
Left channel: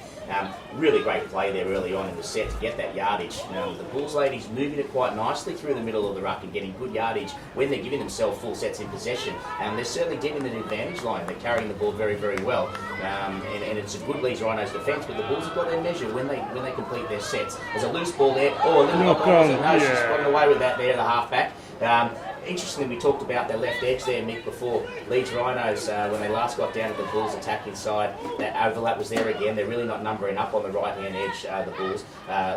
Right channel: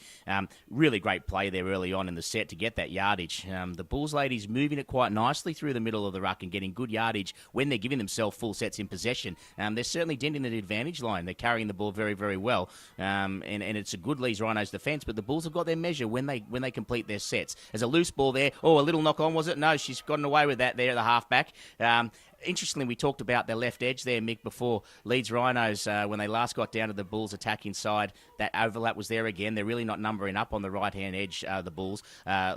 Really great play there early on in the set to get that yardage. The Bulls ladies moving it quite nicely through the middle of the ruck and getting good yardage when they're giving themselves full sets in possession. They're certainly digging an advantage line. They're carrying the ball very, very well. And it's a good Leeds Rhinos defence, but the Bulls have got their measure when they complete their sets. There's a loose ball there. Oh, a little knock on, was it? No, she's gotten away with that there, the halfback. Interestingly, we talked about their left edge there, Mick, before. Leeds Rhinos, when they last got down to the Bulls attacking side, that overlap was there again. They're really not numbering up on the right-hand edge, the Bulls.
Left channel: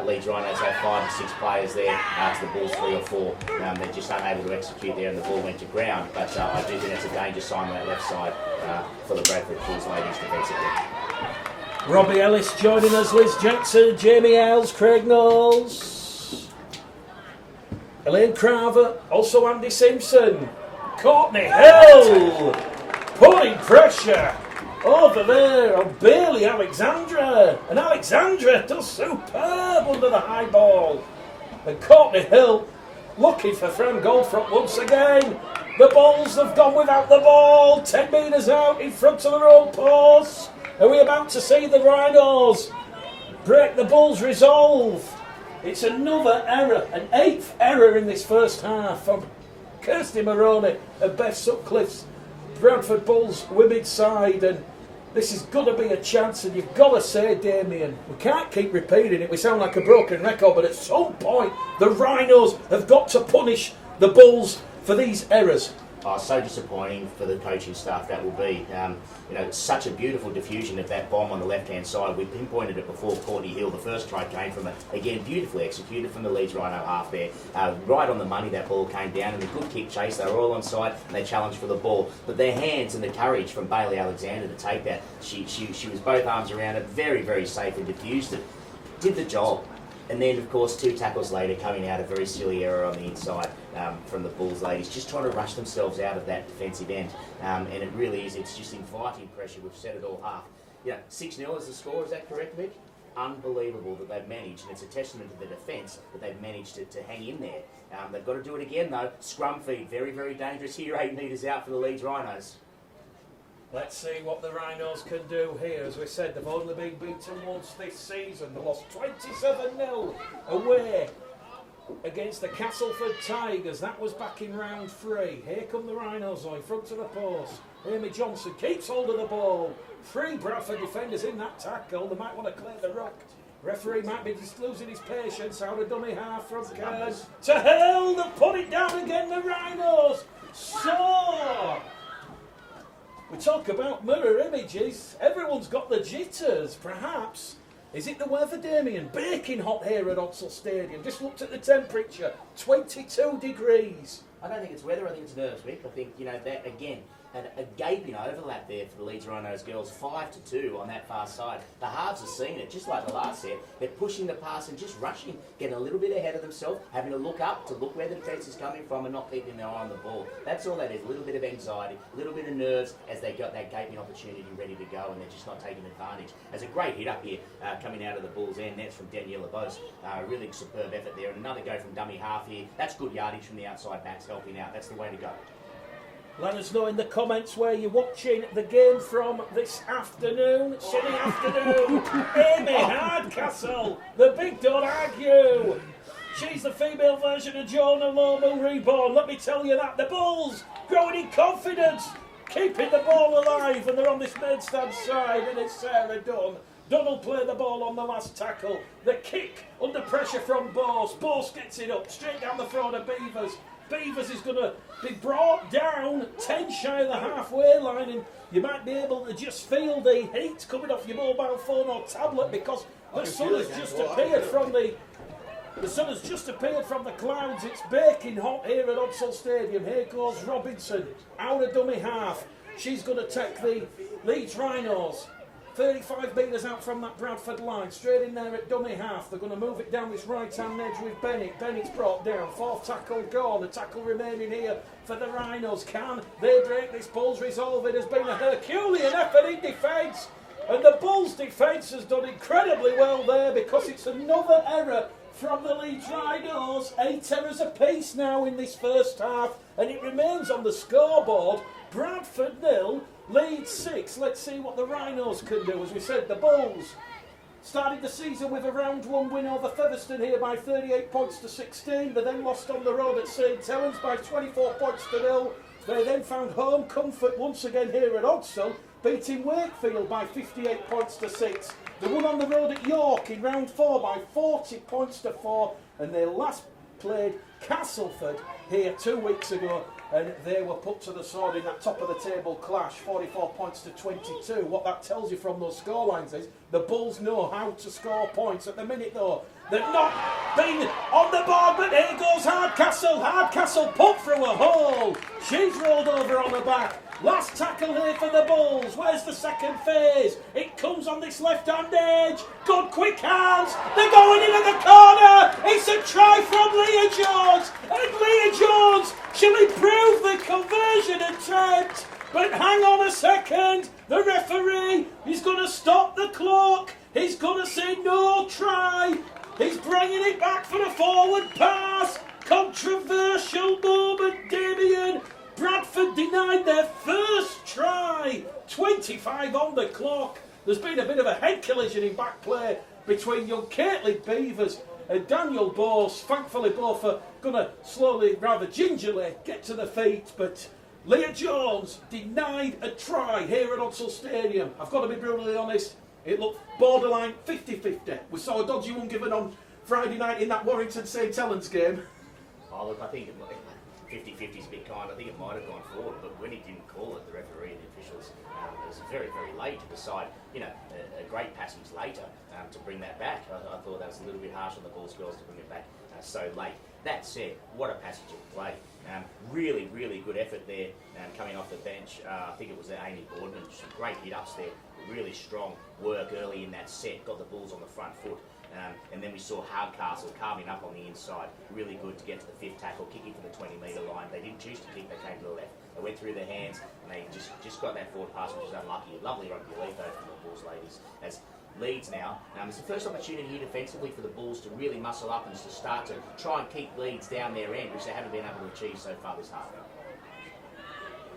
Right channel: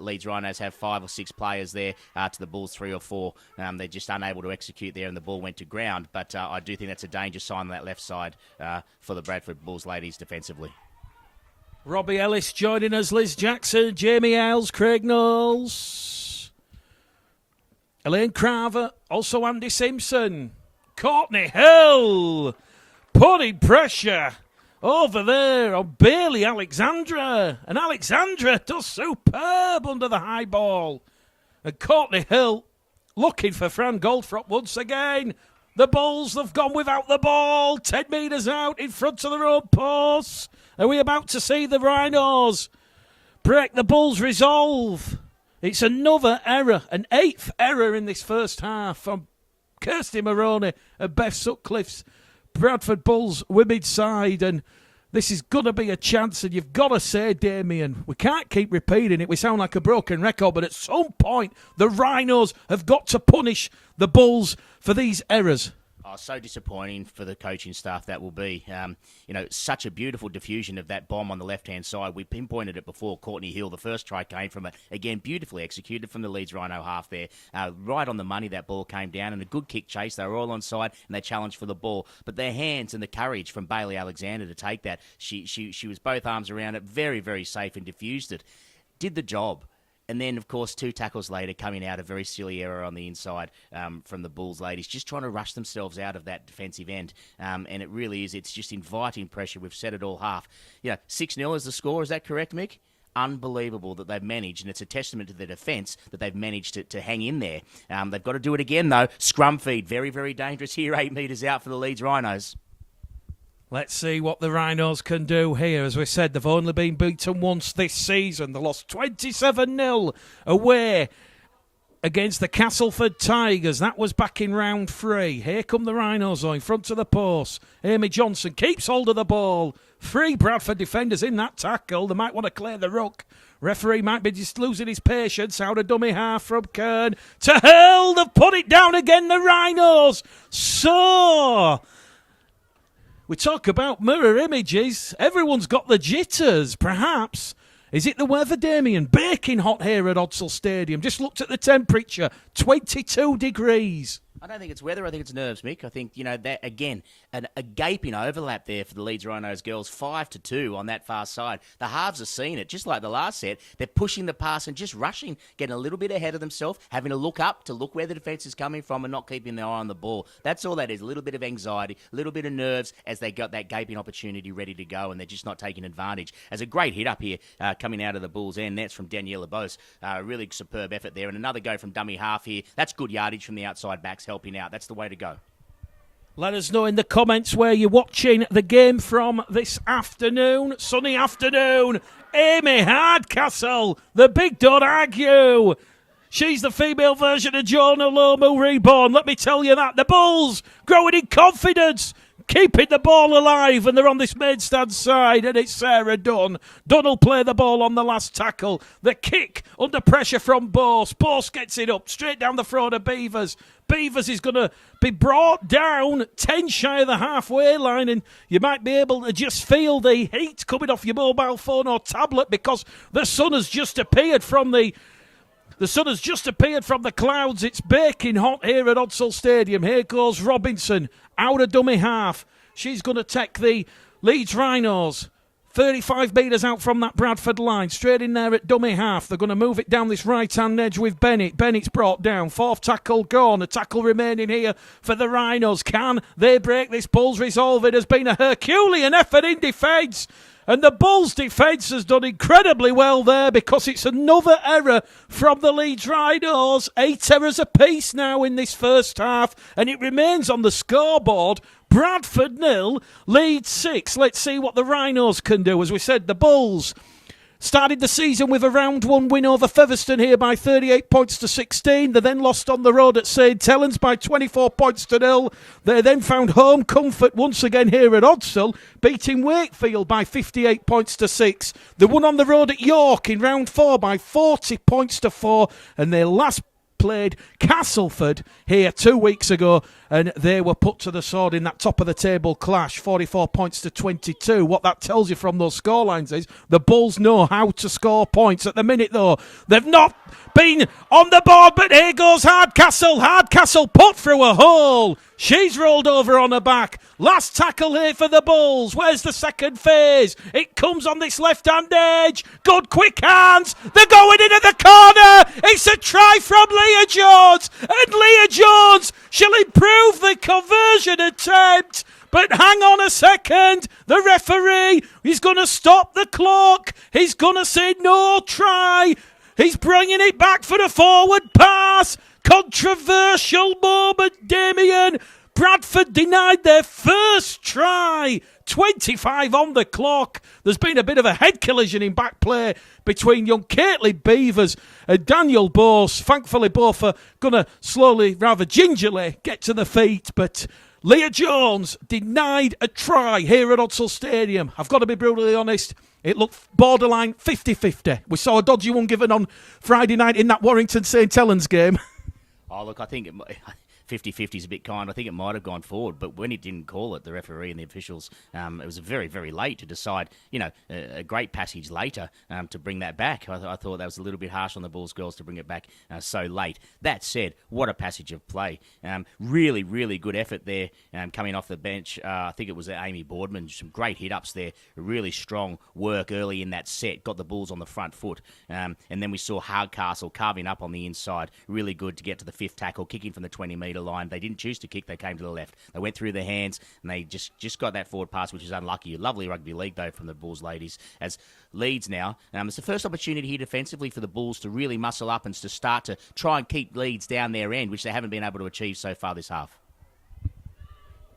Leeds Rhinos have 5 or 6 players there to the Bulls 3 or 4. They're just unable to execute there, and the ball went to ground. But I do think that's a danger sign on that left side for the Bradford Bulls ladies defensively. Robbie Ellis joining us, Liz Jackson, Jamie Ailes, Craig Knowles, Elaine Craver, also Andy Simpson, Courtney Hill, putting pressure over there on Bailey Alexandra, and Alexandra does superb under the high ball, and Courtney Hill looking for Fran Goldfrop once again. The Bulls have gone without the ball, 10 metres out in front of their own post. Are we about to see the Rhinos break the Bulls' resolve? It's another error, an 8th error in this first half from Kirsty Maroney and Beth Sutcliffe's Bradford Bulls women's side, and this is going to be a chance, and you've got to say, Damien, we can't keep repeating it. We sound like a broken record, but at some point the Rhinos have got to punish the Bulls for these errors. Oh, so disappointing for the coaching staff that will be. Such a beautiful diffusion of that bomb on the left-hand side. We pinpointed it before. Courtney Hill, the first try came from it. Again, beautifully executed from the Leeds Rhino half there. Right on the money, that ball came down, and a good kick chase. They were all on side, and they challenged for the ball. But their hands and the courage from Bailey Alexander to take that, she was both arms around it, very, very safe, and diffused it. Did the job. And then, of course, 2 tackles later, coming out a very silly error on the inside from the Bulls ladies, just trying to rush themselves out of that defensive end. And it really is, it's just inviting pressure. We've said it all half. 6-0 is the score, is that correct, Mick? unbelievable that they've managed, and it's a testament to the defence that they've managed to hang in there. They've got to do it again, though. Scrum feed, very, very dangerous here, 8 metres out for the Leeds Rhinos. Let's see what the Rhinos can do here. As we said, they've only been beaten once this season. They lost 27-0 away against the Castleford Tigers. That was back in round 3. Here come the Rhinos in front of the post. Amy Johnson keeps hold of the ball. 3 Bradford defenders in that tackle. They might want to clear the ruck. Referee might be just losing his patience. Out of dummy half from Kern to Hurl. They've put it down again, the Rhinos. So we talk about mirror images. Everyone's got the jitters. Perhaps, is it the weather, Damien? Baking hot here at Odsal Stadium. Just looked at the temperature, 22 degrees. I don't think it's weather, I think it's nerves, Mick. I think, that, again, a gaping overlap there for the Leeds Rhinos girls, 5-2 on that far side. The halves have seen it, just like the last set. They're pushing the pass and just rushing, getting a little bit ahead of themselves, having to look up to look where the defence is coming from and not keeping their eye on the ball. That's all that is, a little bit of anxiety, a little bit of nerves as they got that gaping opportunity ready to go and they're just not taking advantage. As a great hit up here coming out of the Bulls' end, that's from Daniela Bose. Really superb effort there. And another go from dummy half here. That's good yardage from the outside backs helping out. That's the way to go. Let us know in the comments where you're watching the game from this afternoon. Sunny afternoon. Amy Hardcastle, the big don't argue. She's the female version of Jonah Lomu reborn. Let me tell you that. The Bulls growing in confidence, keeping the ball alive, and they're on this main stand side, and it's Sarah Dunn. Dunn will play the ball on the last tackle. The kick under pressure from Bose. Bose gets it up, straight down the throat of Beavers. Beavers is going to be brought down 10 shy of the halfway line, and you might be able to just feel the heat coming off your mobile phone or tablet because the sun has just appeared from the clouds. It's baking hot here at Odsal Stadium. Here goes Robinson out of dummy half. She's going to take the Leeds Rhinos 35 metres out from that Bradford line, straight in there at dummy half. They're going to move it down this right-hand edge with Bennett. Bennett's brought down. 4th tackle gone. A tackle remaining here for the Rhinos. Can they break this? Bulls resolve it. Has been a Herculean effort in defence. And the Bulls' defence has done incredibly well there because it's another error from the Leeds Rhinos. 8 errors apiece now in this first half, and it remains on the scoreboard. Bradford 0, Leeds 6. Let's see what the Rhinos can do. As we said, the Bulls started the season with a round 1 win over Featherstone here by 38 points to 16. They then lost on the road at St Helens by 24 points to 0. They then found home comfort once again here at Odsal, beating Wakefield by 58 points to 6. They won on the road at York in round 4 by 40 points to 4. And they last played Castleford here 2 weeks ago, and they were put to the sword in that top of the table clash, 44 points to 22. What that tells you from those scorelines is the Bulls know how to score points. At the minute, though, they've not been on the board, but here goes Hardcastle. Hardcastle put through a hole. She's rolled over on her back. Last tackle here for the Bulls. Where's the second phase? It comes on this left-hand edge. Good quick hands. They're going in at the corner. It's a try from Leah Jones. And Leah Jones, she'll improve the conversion attempt. But hang on a second. The referee, he's going to stop the clock. He's going to say no try. He's bringing it back for the forward pass. Controversial moment, Damien. Bradford denied their first try. 25 on the clock. There's been a bit of a head collision in back play between young Caitlin Beavers and Daniel Bose. Thankfully, both are going to slowly, rather gingerly, get to the feet. But Leah Jones denied a try here at Odsal Stadium. I've got to be brutally honest. It looked borderline 50-50. We saw a dodgy one given on Friday night in that Warrington St Helens game. Oh, look, I think 50-50 is a bit kind. I think it might have gone forward, but when he didn't call it, the referee and the officials, it was very, very late to decide, a great passage later to bring that back. I thought that was a little bit harsh on the Bulls girls to bring it back so late. That said, what a passage of play. Really, really good effort there coming off the bench. I think it was Amy Boardman. Some great hit-ups there. Really strong work early in that set. Got the Bulls on the front foot. And then we saw Hardcastle carving up on the inside. Really good to get to the 5th tackle, kicking from the 20-metre metre line. They didn't choose to kick, they came to the left. They went through their hands and they just got that forward pass, which is unlucky. Lovely rugby league though from the Bulls ladies as Leeds now. It's the first opportunity here defensively for the Bulls to really muscle up and to start to try and keep Leeds down their end, which they haven't been able to achieve so far this half.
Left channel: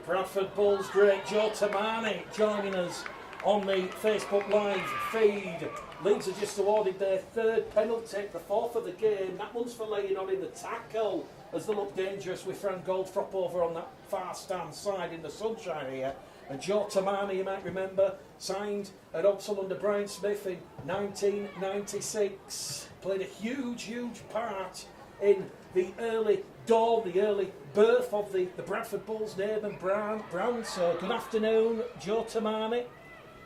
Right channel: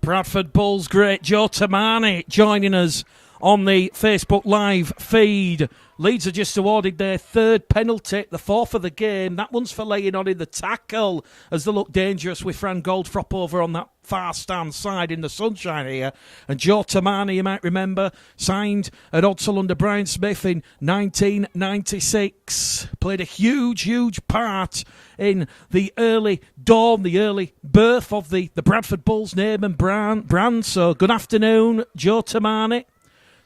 Bradford Bulls great Joe Tamani joining us on the Facebook Live feed. Leeds are just awarded their third penalty, the fourth of the game. That one's for laying on in the tackle as they look dangerous with Fran Goldfrop over on that far stand side in the sunshine here. And Joe Tamani, you might remember, signed at Odsal under Brian Smith in 1996. Played a huge part in the early dawn, the early birth of the Bradford Bulls name and brand. So good afternoon, Joe Tamani.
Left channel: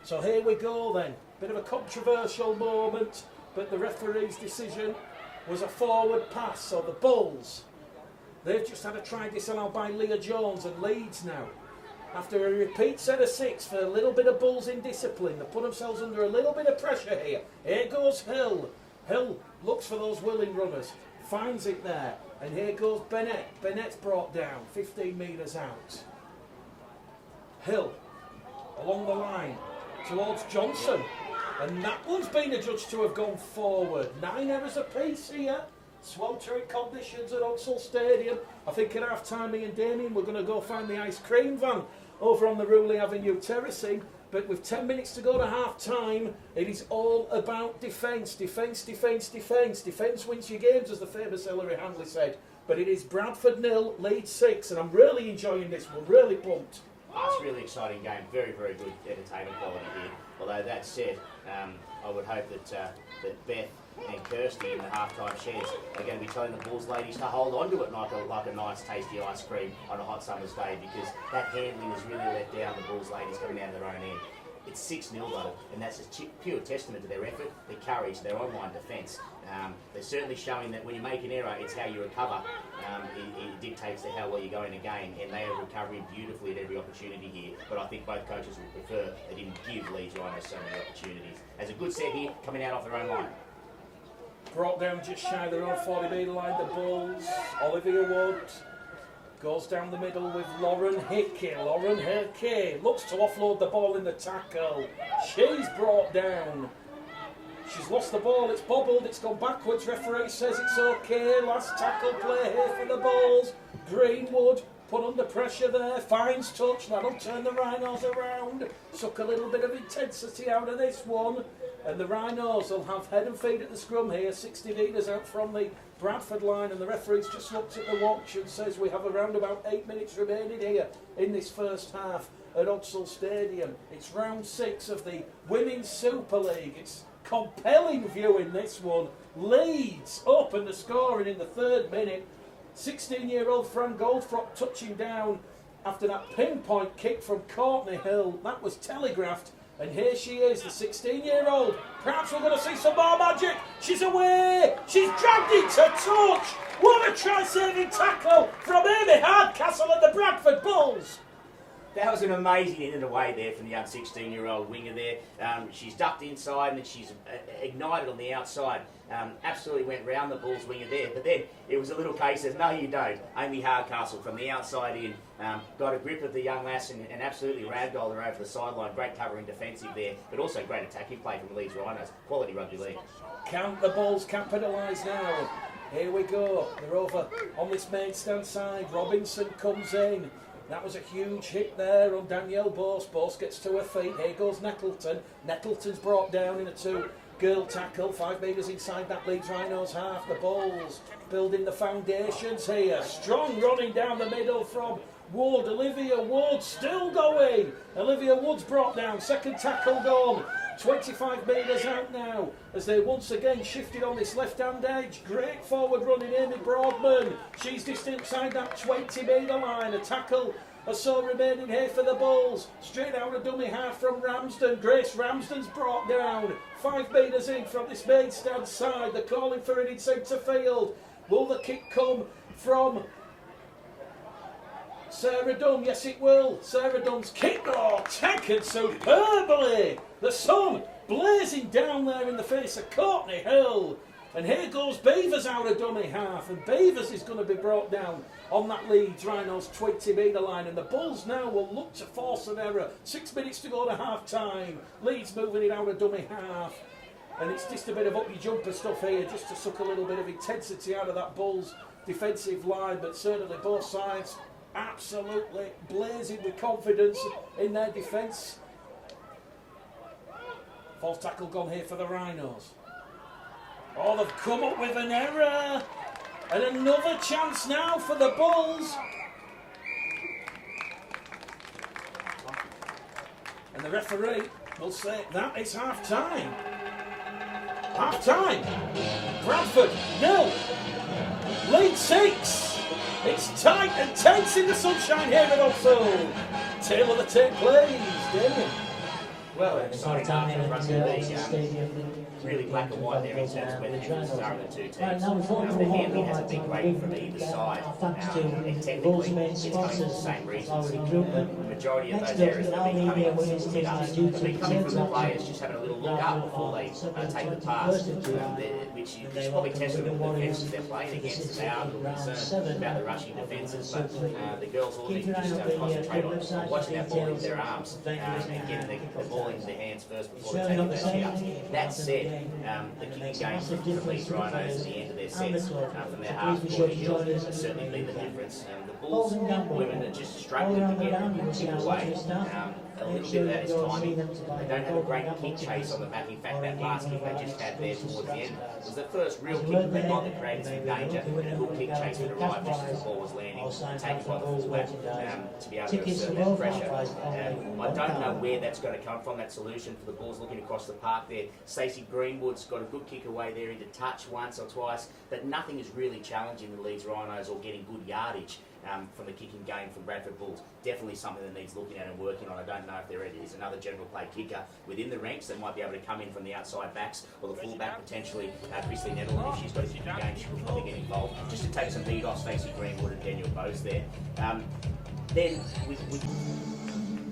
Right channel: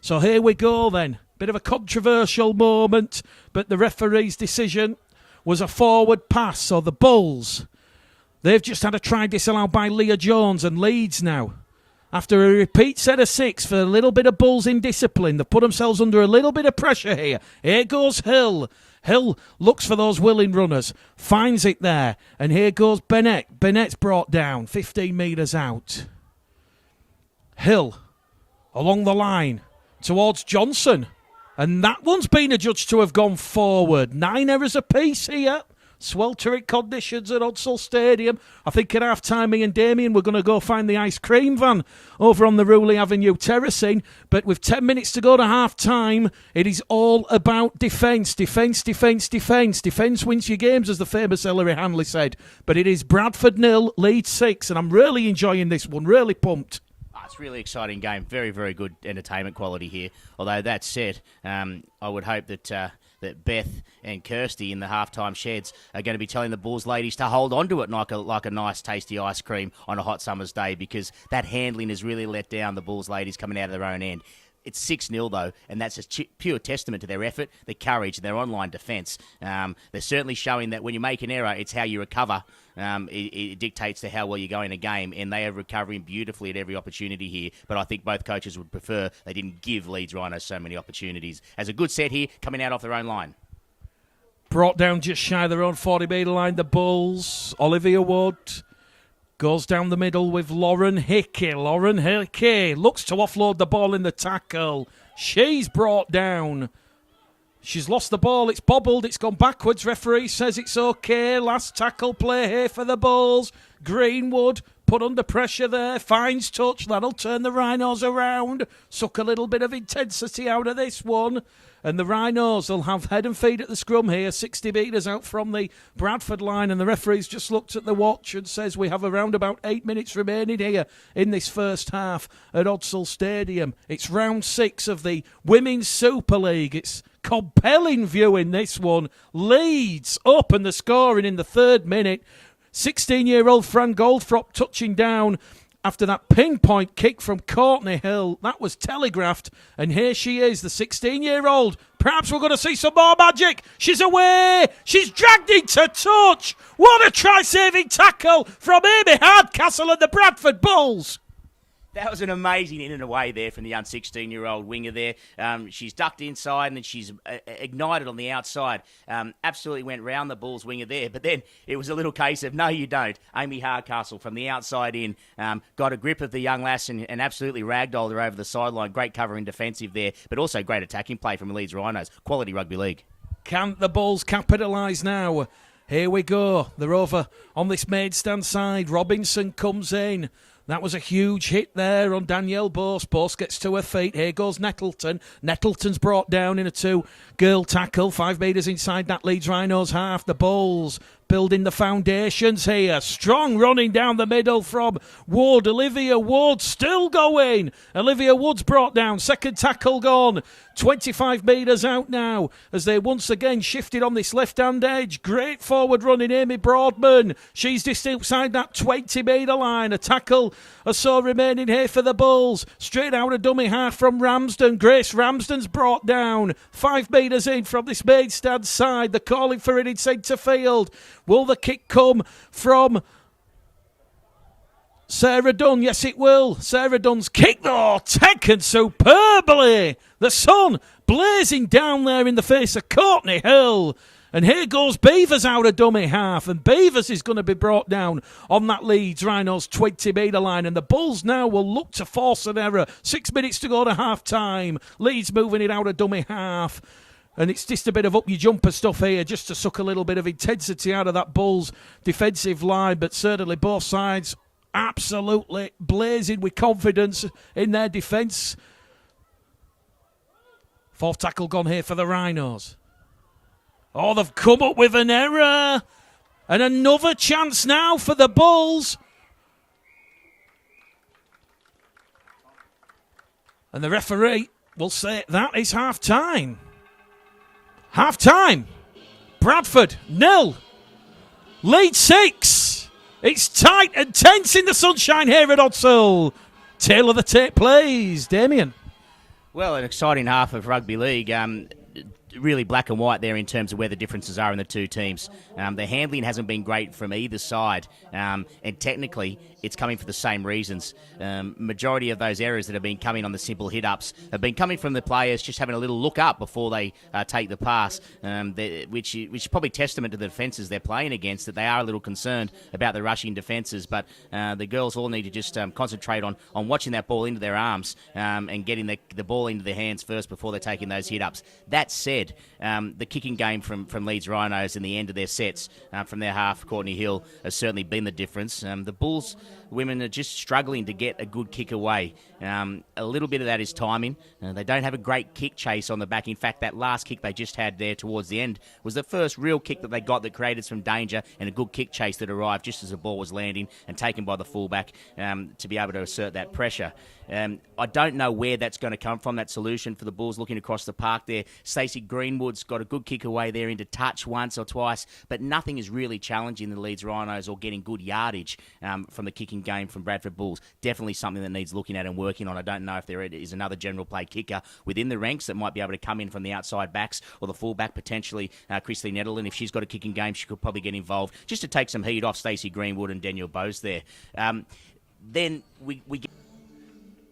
So here we go then. Bit of a controversial moment, but the referee's decision was a forward pass. So the Bulls, they've just had a try disallowed by Leah Jones, and Leeds now, after a repeat set of 6 for a little bit of Bulls indiscipline, they've put themselves under a little bit of pressure here. Here goes Hill. Hill looks for those willing runners, finds it there, and here goes Bennett. Bennett's brought down 15 metres out. Hill along the line towards Johnson. And that one's been adjudged to have gone forward. 9 errors apiece here. Sweltering conditions at Odsal Stadium. I think at half-time, me and Damien were going to go find the ice cream van over on the Ruley Avenue terracing. But with 10 minutes to go to half-time, it is all about defence. Defence wins your games, as the famous Ellery Hanley said. But it is Bradford 0, Leeds 6. And I'm really enjoying this one. Really pumped. It's a really exciting game. Very, very good entertainment quality here. Although that said, I would hope that that Beth and Kirsty in the halftime sheds are going to be telling the Bulls ladies to hold on to it like a nice, tasty ice cream on a hot summer's day, because that handling has really let down the Bulls ladies coming out of their own end. It's 6-0 though, and that's a pure testament to their effort, their courage, and their online defence. They're certainly showing that when you make an error, it's how you recover. It dictates to how well you go in a game, and they are recovering beautifully at every opportunity here. But I think both coaches would prefer they didn't give Leeds Rhinos so many opportunities. As a good set here, coming out off their own line. Brought down just shy of their own 40-metre line, the Bulls. Olivia Wood goes down the middle with Lauren Hickey. Lauren Hickey looks to offload the ball in the tackle. She's brought down. She's lost the ball. It's bobbled. It's gone backwards. Referee says it's okay. Last tackle play here for the Bulls. Greenwood put under pressure there. Finds touch. That'll turn the Rhinos around. Suck a little bit of intensity out of this one. And the Rhinos will have head and feet at the scrum here, 60 metres out from the Bradford line. And the referee's just looked at the watch and says we have around about 8 minutes remaining here in this first half at Odsal Stadium. It's round 6 of the Women's Super League. It's compelling viewing, this one. Leeds open the scoring in the 3rd minute. 16-year-old Fran Goldfrop touching down after that pinpoint kick from Courtney Hill. That was telegraphed. And here she is, the 16-year-old. Perhaps we're going to see some more magic. She's away. She's dragged into touch. What a try-saving tackle from Amy Hardcastle and the Bradford Bulls. That was an amazing in and away there from the young 16-year-old winger there. She's ducked inside and she's ignited on the outside. Absolutely went round the Bulls winger there. But then it was a little case of, no, you don't. Amy Hardcastle from the outside in got a grip of the young lass and absolutely ragdolled her over the sideline. Great covering defensive there, but also great attacking play from Leeds Rhinos. Quality rugby league. Can't the Bulls capitalise now? Here we go. They're over on this main stand side. Robinson comes in. That was a huge hit there on Danielle Bose. Bose gets to her feet. Here goes Nettleton. Nettleton's brought down in a 2-girl tackle. 5 metres inside that Leeds Rhinos half. The Bulls building the foundations here. Strong running down the middle from Wood. Olivia Wood still going. Olivia Wood's brought down. Second tackle gone. 25 metres out now as they once again shifted on this left-hand edge. Great forward running Amy Broadman. She's just outside that 20-metre line. A tackle or so remaining here for the Bulls. Straight out a dummy half from Ramsden. Grace Ramsden's brought down. 5 metres in from this main stand side. They're calling for it in centre field. Will the kick come from Sarah Dunn? Yes, it will. Sarah Dunn's kick, though, taken superbly. The sun blazing down there in the face of Courtney Hill. And here goes Beavers out of dummy half. And Beavers is going to be brought down on that Leeds Rhinos 20-metre line. And the Bulls now will look to force an error. 6 minutes to go to half-time. Leeds moving it out of dummy half. And it's just a bit of up-your-jumper stuff here, just to suck a little bit of intensity out of that Bulls defensive line. But certainly both sides absolutely blazing with confidence in their defence. Fourth tackle gone here for the Rhinos. Oh, they've come up with an error. And another chance now for the Bulls. And the referee will say that is half-time. Half-time. Bradford 0. Leeds 6. It's tight and tense in the sunshine here at Odsall. Tail of the tape plays. Damien. Well, an exciting half of rugby league. Really black and white there in terms of where the differences are in the two teams. The handling hasn't been great from either side, and technically it's coming for the same reasons. Majority of those errors that have been coming on the simple hit-ups have been coming from the players just having a little look up before they take the pass, which is probably testament to the defences they're playing against, that they are a little concerned about the rushing defences, but the girls all need to just concentrate on watching that ball into their arms and getting the ball into their hands first before they're taking those hit-ups. That said, the kicking game from Leeds Rhinos and the end of their sets from their half, Courtney Hill, has certainly been the difference. The Bulls women are just struggling to get a good kick away. A little bit of that is timing. They don't have a great kick chase on the back. In fact, that last kick they just had there towards the end was the first real kick that they got that created some danger, and a good kick chase that arrived just as the ball was landing and taken by the fullback to be able to assert that pressure. I don't know where that's going to come from, that solution for the Bulls looking across the park there. Stacey Greenwood's got a good kick away there into touch once or twice, but nothing is really challenging the Leeds Rhinos or getting good yardage from the kicking game from Bradford Bulls. Definitely something that needs looking at and working on. I don't know if there is another general play kicker within the ranks that might be able to come in from the outside backs, or the fullback potentially, Christine Nettleton. If she's got a kicking game, she could probably get involved just to take some heat off Stacey Greenwood and Daniel Bose there. Then we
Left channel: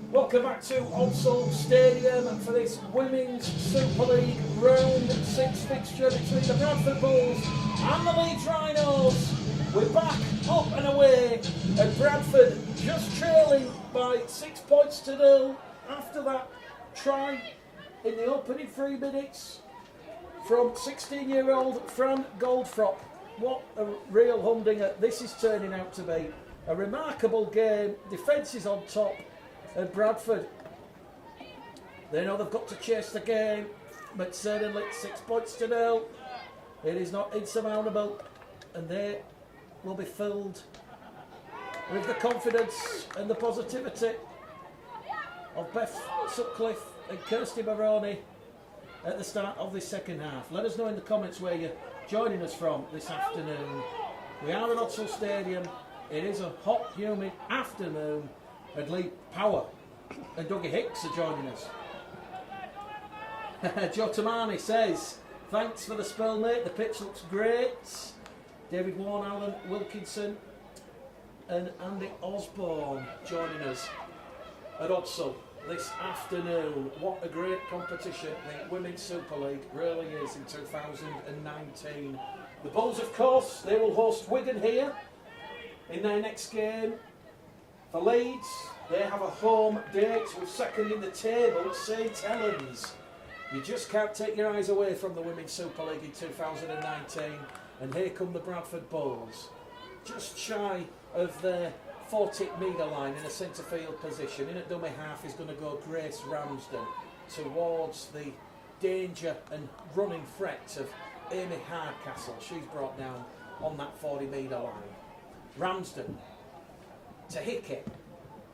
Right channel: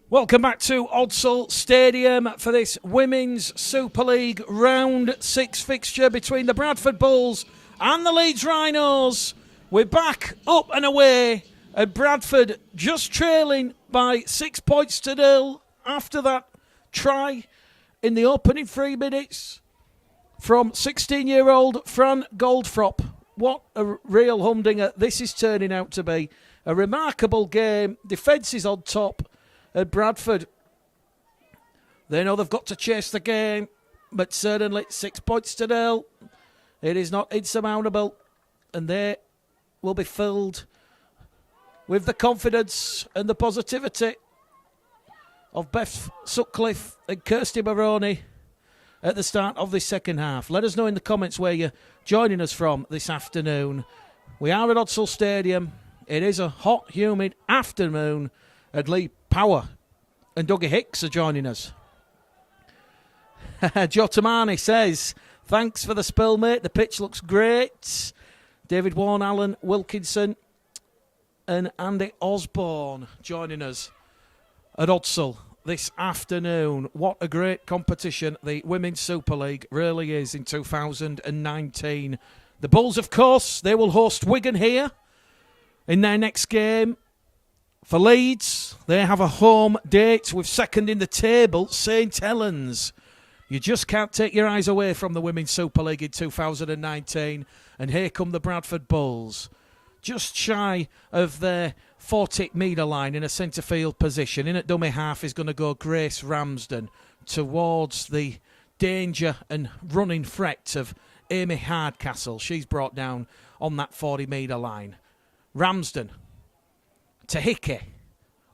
Welcome back to Odsall Stadium for this Women's Super League Round 6 fixture between the Bradford Bulls and the Leeds Rhinos. We're back up and away, and Bradford just trailing by 6 points to 0 after that try in the opening 3 minutes from 16-year-old Fran Goldfrop. What a real humdinger this is turning out to be. A remarkable game. Defence is on top. And Bradford, they know they've got to chase the game, but certainly 6 points to 0. It is not insurmountable, and they will be filled with the confidence and the positivity of Beth Sutcliffe and Kirsty Maroney at the start of this second half. Let us know in the comments where you're joining us from this afternoon. We are at Odsall Stadium. It is a hot, humid afternoon. And Lee Power and Dougie Hicks are joining us. Joe Tamani says, thanks for the spill, mate. The pitch looks great. David Warren, Alan Wilkinson and Andy Osborne joining us at Odsall this afternoon. What a great competition the Women's Super League really is in 2019. The Bulls, of course, they will host Wigan here in their next game. For Leeds, they have a home date with second in the table, St Helens. You just can't take your eyes away from the Women's Super League in 2019. And here come the Bradford Bulls. Just shy of their 40-metre line in a centre field position. In at dummy half is going to go Grace Ramsden towards the danger and running threat of Amy Hardcastle. She's brought down on that 40-metre line. Ramsden to Hickey.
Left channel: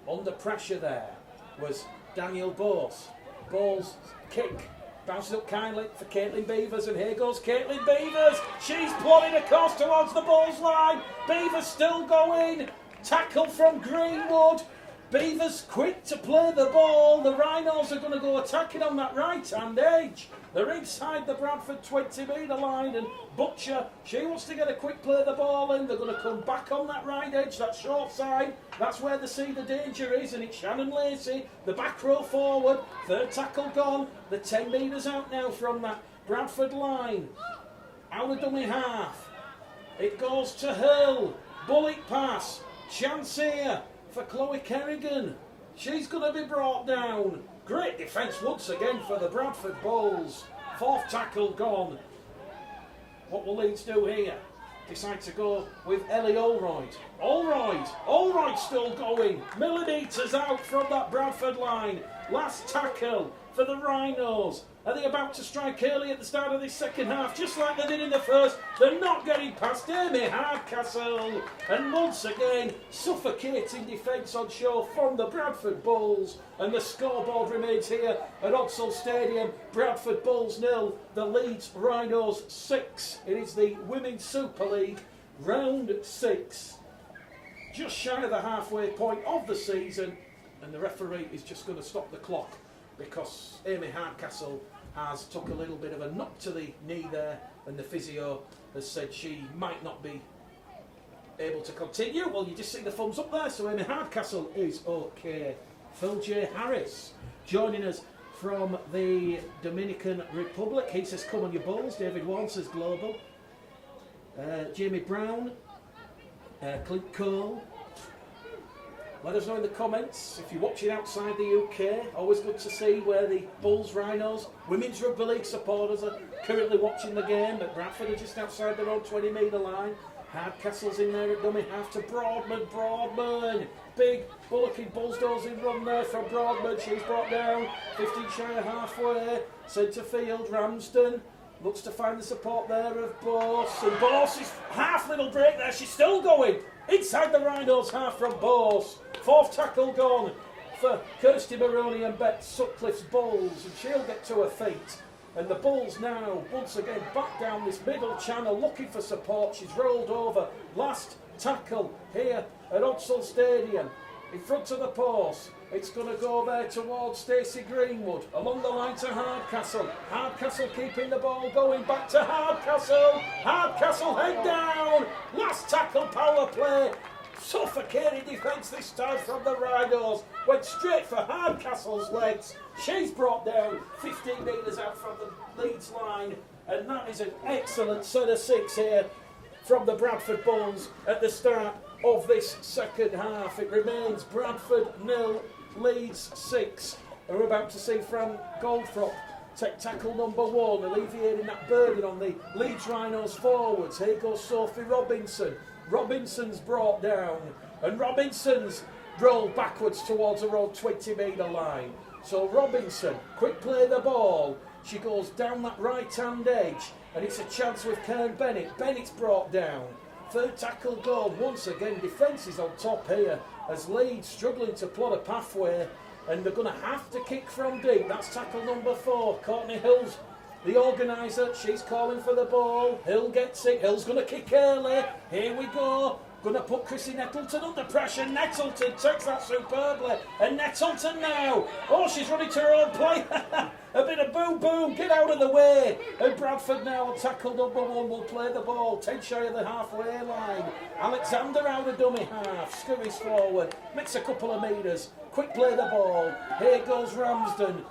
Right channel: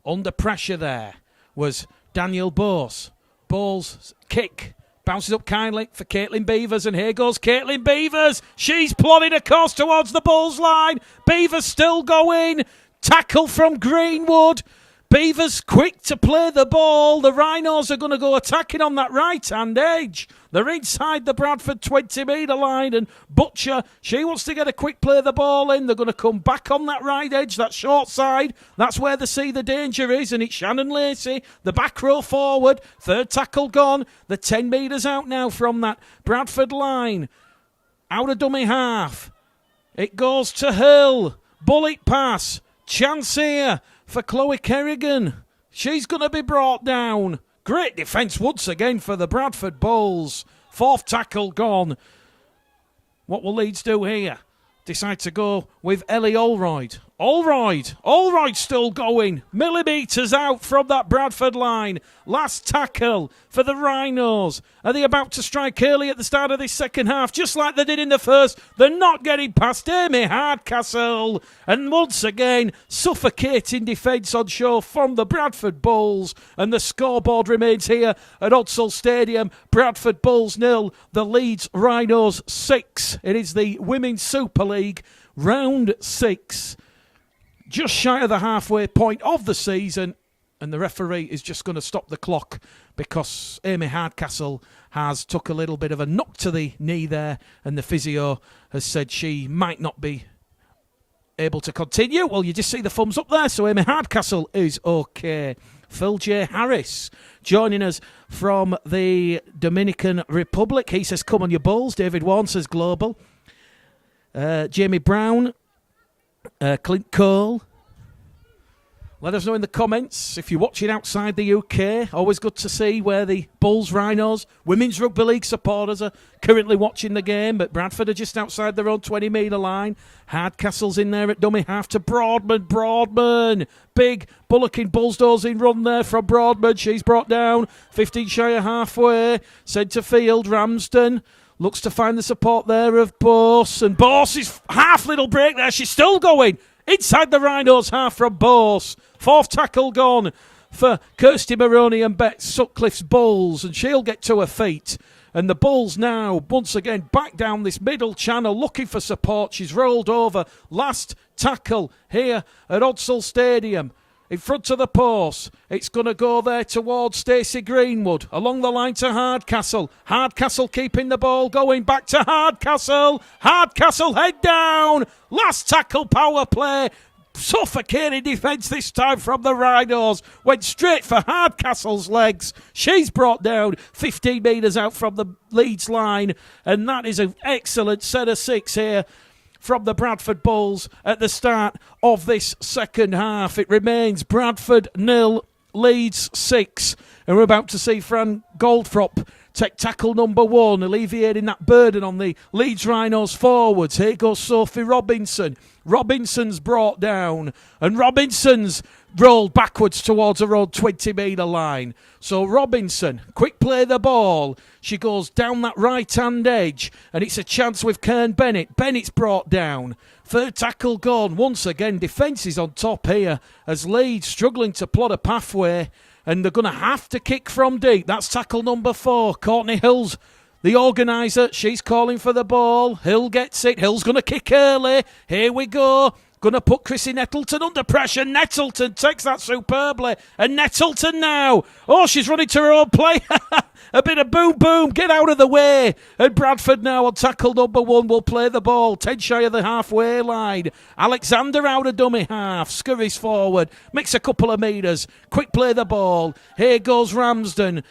Under pressure there was Daniel Bose. Ball's kick bounces up kindly for Caitlin Beavers, and here goes Caitlin Beavers. She's plodding across towards the Bulls line. Beavers still going. Tackle from Greenwood. Beavers quick to play the ball. The Rhinos are going to go attacking on that right-hand edge. They're inside the Bradford 20-metre line, and Butcher, she wants to get a quick play of the ball in. They're going to come back on that right edge, that short side. That's where they see the danger is, and it's Shannon Lacey, the back row forward. Third tackle gone. They're 10 metres out now from that Bradford line. out of dummy half. It goes to Hill. Bullet pass. Chance here for Chloe Kerrigan. She's going to be brought down. Great defence once again for the Bradford Bulls. 4th tackle gone. What will Leeds do here? Decide to go with Ellie Allroyd. Allroyd still going. Millimetres out from that Bradford line. Last tackle for the Rhinos. Are they about to strike early at the start of this second half, just like they did in the first? They're not getting past Amy Hardcastle. And once again, suffocating defence on show from the Bradford Bulls. And the scoreboard remains here at Odsal Stadium. Bradford Bulls 0, the Leeds Rhinos 6. It is the Women's Super League, round 6. Just shy of the halfway point of the season. And the referee is just going to stop the clock because Amy Hardcastle has took a little bit of a knock to the knee there, and the physio has said she might not be able to continue. Well, you just see the thumbs up there, so Amy Hardcastle is okay. Phil J. Harris joining us from the Dominican Republic. He says, come on your Bulls. David Warren says global. Jamie Brown, Clint Cole. Let us know in the comments if you're watching outside the UK. Always good to see where the Bulls, Rhinos, Women's Rugby League supporters are currently watching the game. But Bradford are just outside their own 20-metre line. Hardcastle's in there at dummy half to Broadman. Big bullocking Bullsdozing run there from Broadman. She's brought down 15 shy of halfway. Centre field, Ramsden. Looks to find the support there of Bose. And Bose is half little break there. She's still going. Inside the Rhinos half from Bose. 4th tackle gone for Kirsty Maroney and Bet Sutcliffe's Bulls. And she'll get to her feet. And the Bulls now, once again, back down this middle channel, looking for support. She's rolled over. Last tackle here at Odsal Stadium. In front of the post. It's going to go there towards Stacey Greenwood. Along the line to Hardcastle. Hardcastle keeping the ball going. Back to Hardcastle. Hardcastle head down. Last tackle power play. Suffocating defence this time from the Rhinos. Went straight for Hardcastle's legs. She's brought down 15 metres out from the Leeds line. And that is an excellent set of 6 here from the Bradford Bulls at the start of this second half. It remains Bradford 0, Leeds 6. And we're about to see Fran Goldfrop take tackle number 1, alleviating that burden on the Leeds Rhinos forwards. Here goes Sophie Robinson. Robinson's brought down, and Robinson's rolled backwards towards her own 20-metre line. So Robinson, quick play the ball. She goes down that right-hand edge, and it's a chance with Kern Bennett. Bennett's brought down. 3rd tackle gone. Once again, defence is on top here as Leeds struggling to plot a pathway, and they're going to have to kick from deep. That's tackle number 4. Courtney Hill's the organiser. She's calling for the ball. Hill gets it. Hill's going to kick early. Here we go. Going to put Chrissy Nettleton under pressure. Nettleton takes that superbly. And Nettleton now. Oh, she's running to her own play. A bit of boom, boom. Get out of the way. And Bradford now on tackle number 1 will play the ball. 10 shy of the halfway line. Alexander out of dummy half. Scurries forward. Makes a couple of metres. Quick play the ball. Here goes Ramsden.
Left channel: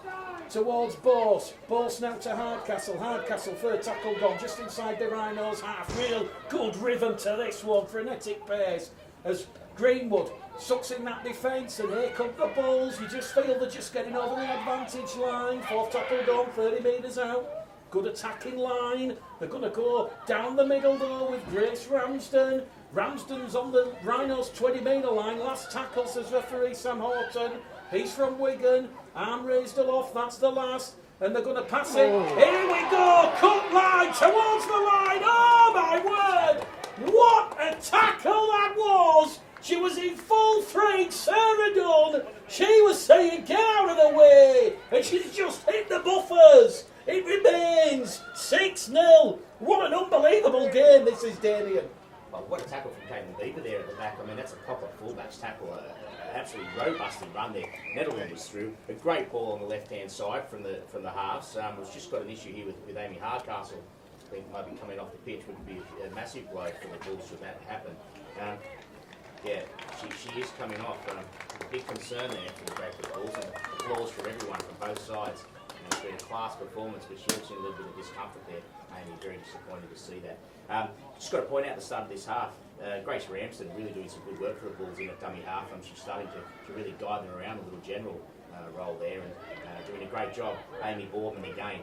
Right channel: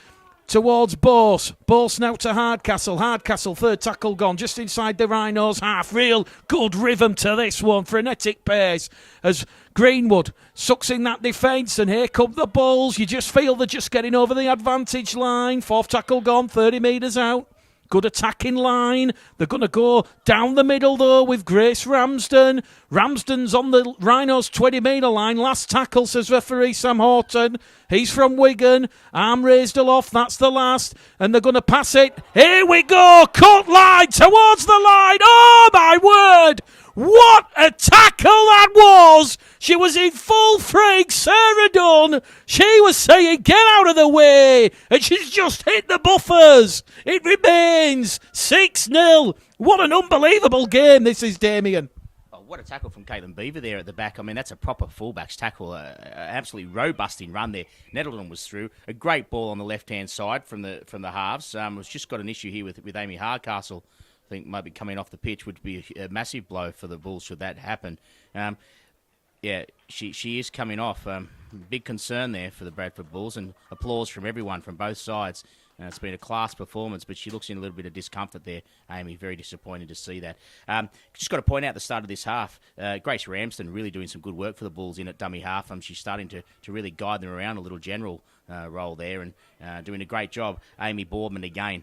Towards Bose. Bose now to Hardcastle. Hardcastle, 3rd tackle gone. Just inside the Rhinos half. Real good rhythm to this one. Frenetic pace as Greenwood sucks in that defence. And here come the Bulls. You just feel they're just getting over the advantage line. 4th tackle gone. 30 metres out. Good attacking line. They're going to go down the middle though with Grace Ramsden. Ramsden's on the Rhinos 20-metre line. Last tackle, says referee Sam Horton. He's from Wigan. Arm raised aloft. That's the last. And they're going to pass it. Here we go. Cut line towards the line. Oh, my word. What a tackle that was. She was in full frig. Sarah Dunn. She was saying, get out of the way. And she's just hit the buffers. It remains 6-0. What an unbelievable game this is, Damien. What a tackle from Caitlin Beaver there at the back. I mean, that's a proper fullback's tackle. Absolutely robusting run there. Nettleton was through. A great ball on the left-hand side from the halves. We've just got an issue here with Amy Hardcastle. I think maybe coming off the pitch would be a massive blow for the Bulls should that happen. Yeah, she is coming off. Big concern there for the Bradford Bulls, and applause from everyone from both sides. It's been a class performance, but she looks in a little bit of discomfort there, Amy. Very disappointed to see that. Just got to point out the start of this half, Grace Ramsden really doing some good work for the Bulls in at dummy half. She's starting to really guide them around a little general role there and doing a great job. Amy Boardman again.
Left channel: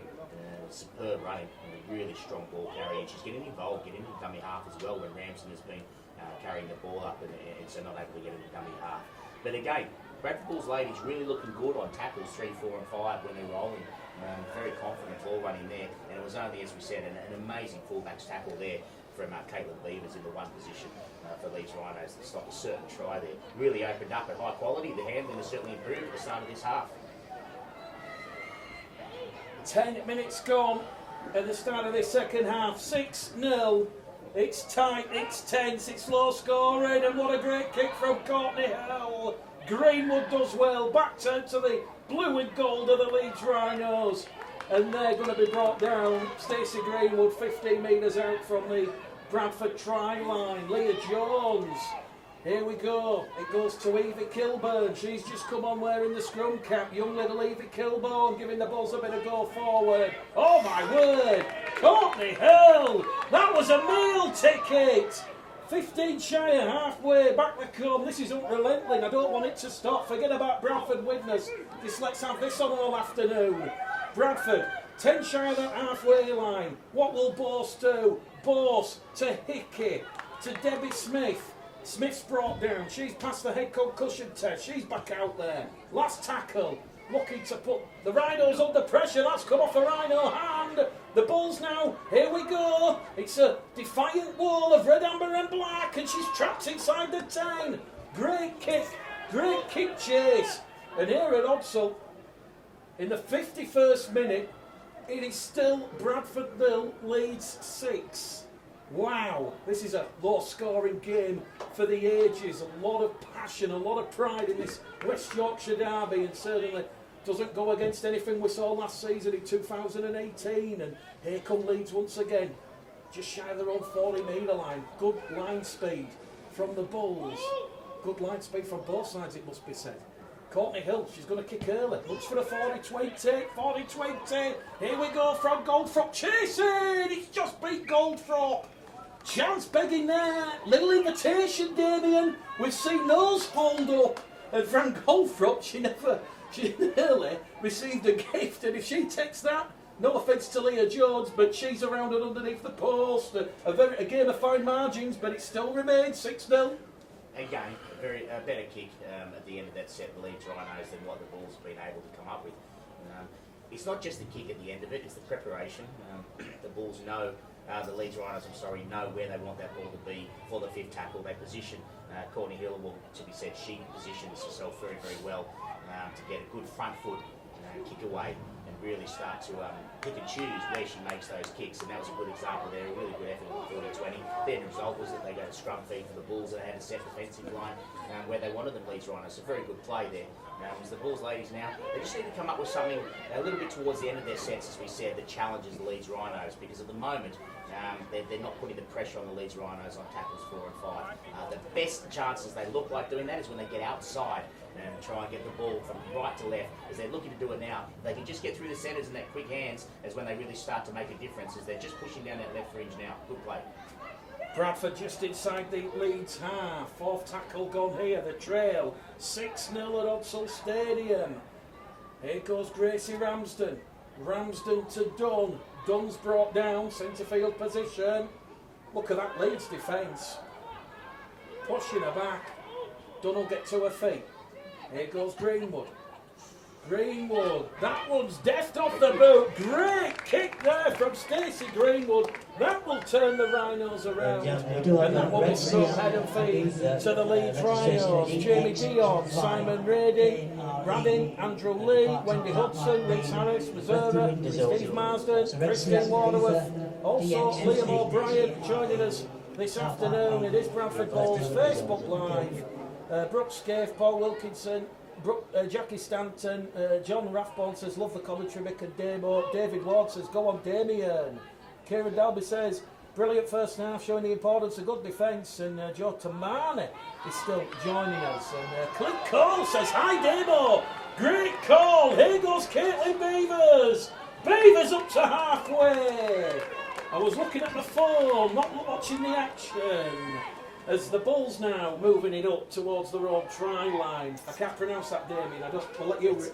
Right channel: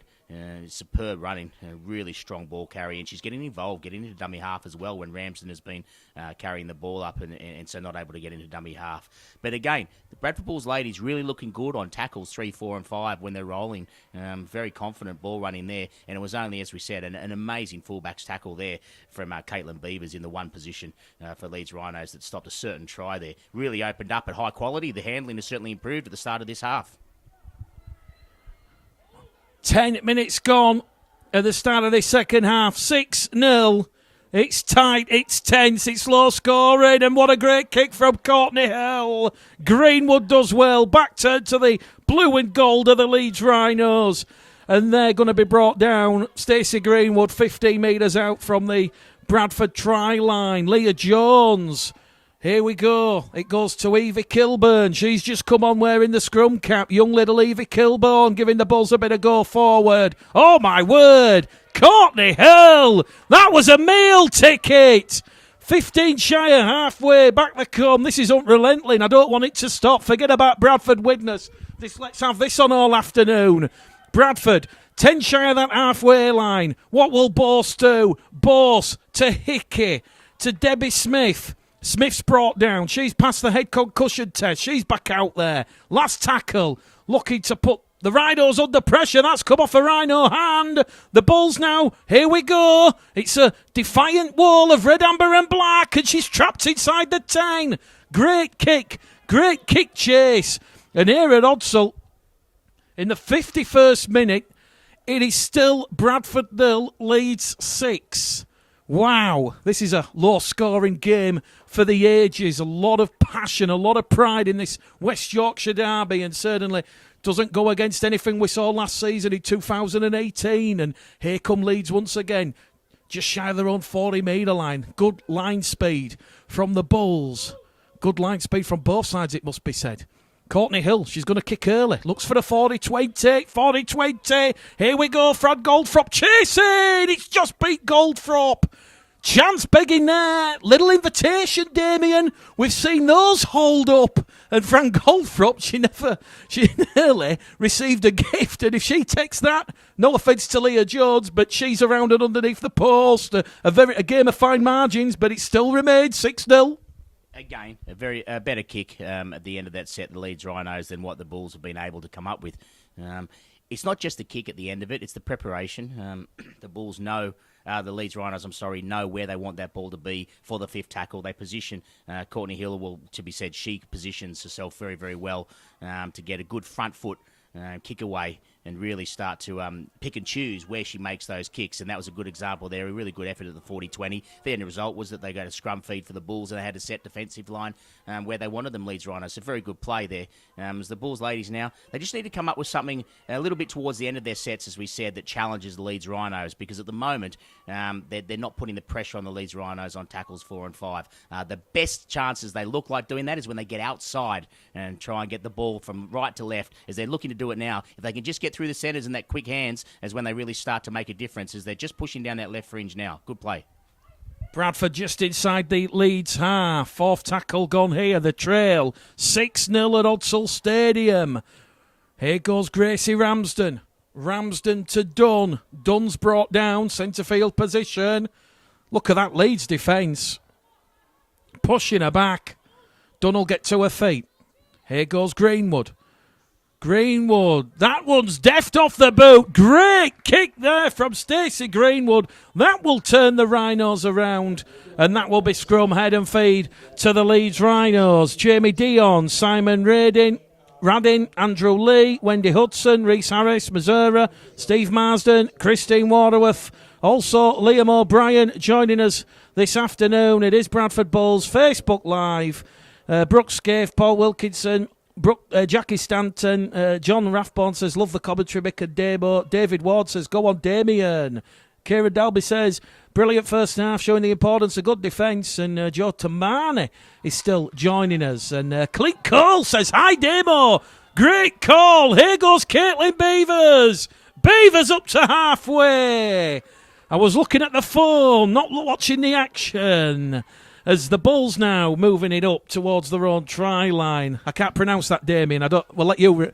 Superb running, really strong ball carry, and she's getting involved, getting into dummy half as well when Ramsden has been carrying the ball up and so not able to get into dummy half. But again, Bradford Bulls ladies really looking good on tackles 3, 4 and 5 when they're rolling. Very confident ball running there, and it was only, as we said, an amazing fullbacks tackle there from Caitlin Beavers in the one position for Leeds Rhinos that stopped a certain try there. Really opened up at high quality. The handling has certainly improved at the start of this half. 10 minutes gone at the start of this second half. 6-0. It's tight, it's tense, it's low scoring, and what a great kick from Courtney Hill. Greenwood does well. Back to the blue and gold of the Leeds Rhinos. And they're going to be brought down. Stacey Greenwood 15 metres out from the Bradford try line. Leah Jones. Here we go. It goes to Evie Kilburn. She's just come on wearing the scrum cap. Young little Evie Kilburn giving the Bulls a bit of go forward. Oh my word. Courtney Hill. That was a meal ticket. 15 shy of halfway. Back they come. This is unrelenting. I don't want it to stop. Forget about Bradford witness. Let's have this on all afternoon. Bradford, 10 shy of that halfway line. What will Bose do? Bose to Hickey, to Debbie Smith. Smith's brought down. She's passed the head concussion test. She's back out there. Last tackle. Looking to put the Rhinos under pressure. That's come off a Rhino hand. The Bulls now. Here we go. It's a defiant wall of red, amber and black. And she's trapped inside the 10. Great kick. Great kick chase. And here at Odsal, in the 51st minute, it is still Bradford 0, Leeds 6. Wow. This is a low-scoring game for the ages. A lot of passion, a lot of pride in this West Yorkshire derby, and certainly doesn't go against anything we saw last season in 2018. And here come Leeds once again, just shy of their own 40-metre line. Good line speed from the Bulls. Good line speed from both sides, it must be said. Courtney Hill, she's going to kick early. Looks for a 40-20, 40-20. Here we go, Fran Goldthrop chasing. It's just beat Goldthrop. Chance begging there. Little invitation, Damien. We've seen those hold up. And Fran Goldthrop, she nearly received a gift. And if she takes that, no offence to Leah Jones, but she's around and underneath the post. A game of fine margins, but it still remains 6-0. Again, a better kick at the end of that set, the Leeds Rhinos, than what the Bulls have been able to come up with. It's not just the kick at the end of it, it's the preparation. The Bulls know, the Leeds Rhinos, know where they want that ball to be for the fifth tackle. They position Courtney Hill, well, to be said, she positions herself very, very well to get a good front foot kick away and really start to pick and choose where she makes those kicks. And that was a good example there, a really good effort at the 40-20. The end result was that they got a scrum feed for the Bulls and they had a set defensive line where they wanted them, Leeds Rhinos. A very good play there. As the Bulls ladies now, they just need to come up with something a little bit towards the end of their sets, as we said, that challenges the Leeds Rhinos, because at the moment they're not putting the pressure on the Leeds Rhinos on tackles 4 and 5. The best chances they look like doing that is when they get outside and try and get the ball from right to left, as they're looking to do it now. If they can just get through the centres and that quick hands, is when they really start to make a difference, as they're just pushing down that left fringe now. Good play. Bradford just inside the Leeds half. Fourth tackle gone here. The trail. 6-0 at Odsal Stadium. Here goes Gracie Ramsden. Ramsden to Dunn. Dunn's brought down. Centre field position. Look at that Leeds defence. Pushing her back. Dunn will get to her feet. Here goes Greenwood. Greenwood. That one's deft off the boot. Great kick there from Stacey Greenwood. That will turn the Rhinos around. And that will be scrum, head and feed to the Leeds Rhinos. Jamie Dion, Simon Radin, Andrew Lee, Wendy Hudson, Reese Harris, Missouri, Steve Marsden, Christine Waterworth. Also Liam O'Brien joining us this afternoon. It is Bradford Bulls Facebook Live. Brooke Scaife, Paul Wilkinson, Jackie Stanton, John Rathborn says, love the commentary, Mick and Damo. David Ward says, go on, Damien. Kieran Dalby says, brilliant first half, showing the importance of good defence. And Joe Tamani is still joining us. And Clint Cole says, hi, Damo. Great call. Here goes Caitlin Beavers. Beavers up to halfway. I was looking at the phone, not watching the action. As the Bulls now moving it up towards their own try line. I can't pronounce that, Damien. We'll let you...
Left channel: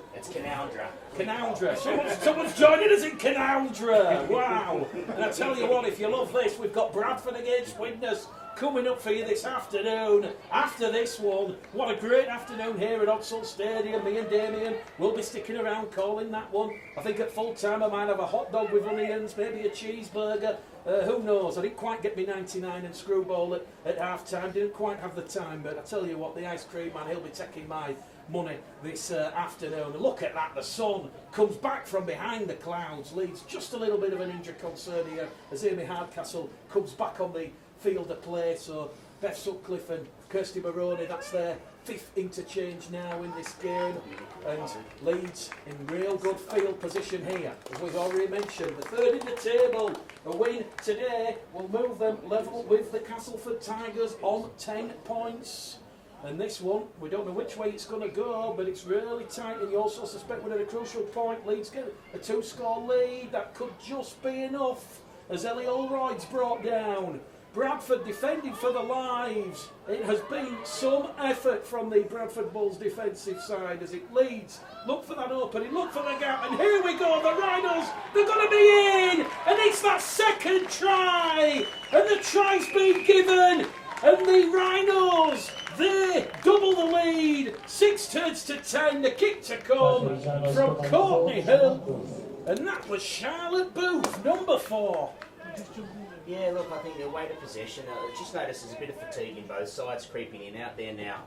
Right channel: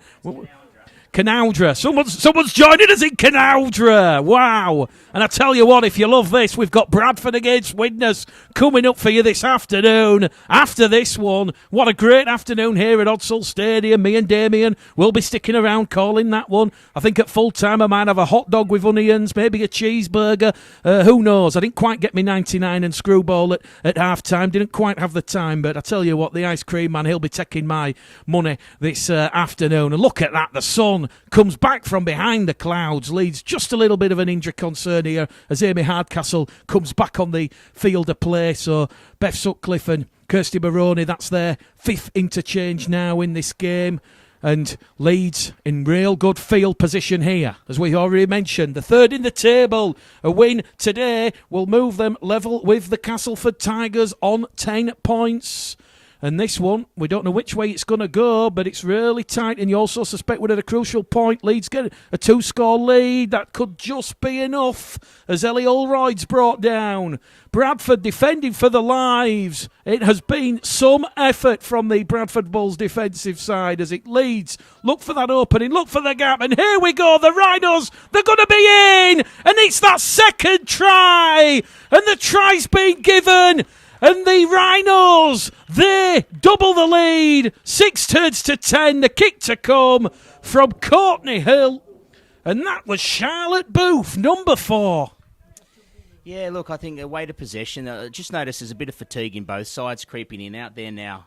Canaudra. Someone's joining us in Canaudra. Wow. And I tell you what, if you love this, we've got Bradford against Widnes coming up for you this afternoon. After this one, what a great afternoon here at Odsall Stadium. Me and Damien will be sticking around calling that one. I think at full time I might have a hot dog with onions, maybe a cheeseburger. Who knows? I didn't quite get me 99 and screwball at half time. Didn't quite have the time, but I tell you what, the ice cream man, he'll be taking my money this afternoon. And look at that, the sun comes back from behind the clouds. Leeds just a little bit of an injury concern here as Amy Hardcastle comes back on the field of play. So Beth Sutcliffe and Kirsty Maroney, that's their fifth interchange now in this game. And Leeds in real good field position here, as we already mentioned. The third in the table. A win today will move them level with the Castleford Tigers on 10 points. And this one, we don't know which way it's going to go, but it's really tight. And you also suspect we're at a crucial point. Leeds get a 2-score lead. That could just be enough as Ellie Ulroyd's brought down. Bradford defending for their lives. It has been some effort from the Bradford Bulls defensive side as it leads. Look for that opening, look for the gap, and here we go. The Rhinos, they're going to be in, and it's that second try, and the try's been given. And the Rhinos, they double the lead. 6 turns to 10. The kick to come from Courtney Hill. And that was Charlotte Booth, number 4. Yeah, look, I think the weight of possession, just notice there's a bit of fatigue in both sides creeping in out there now.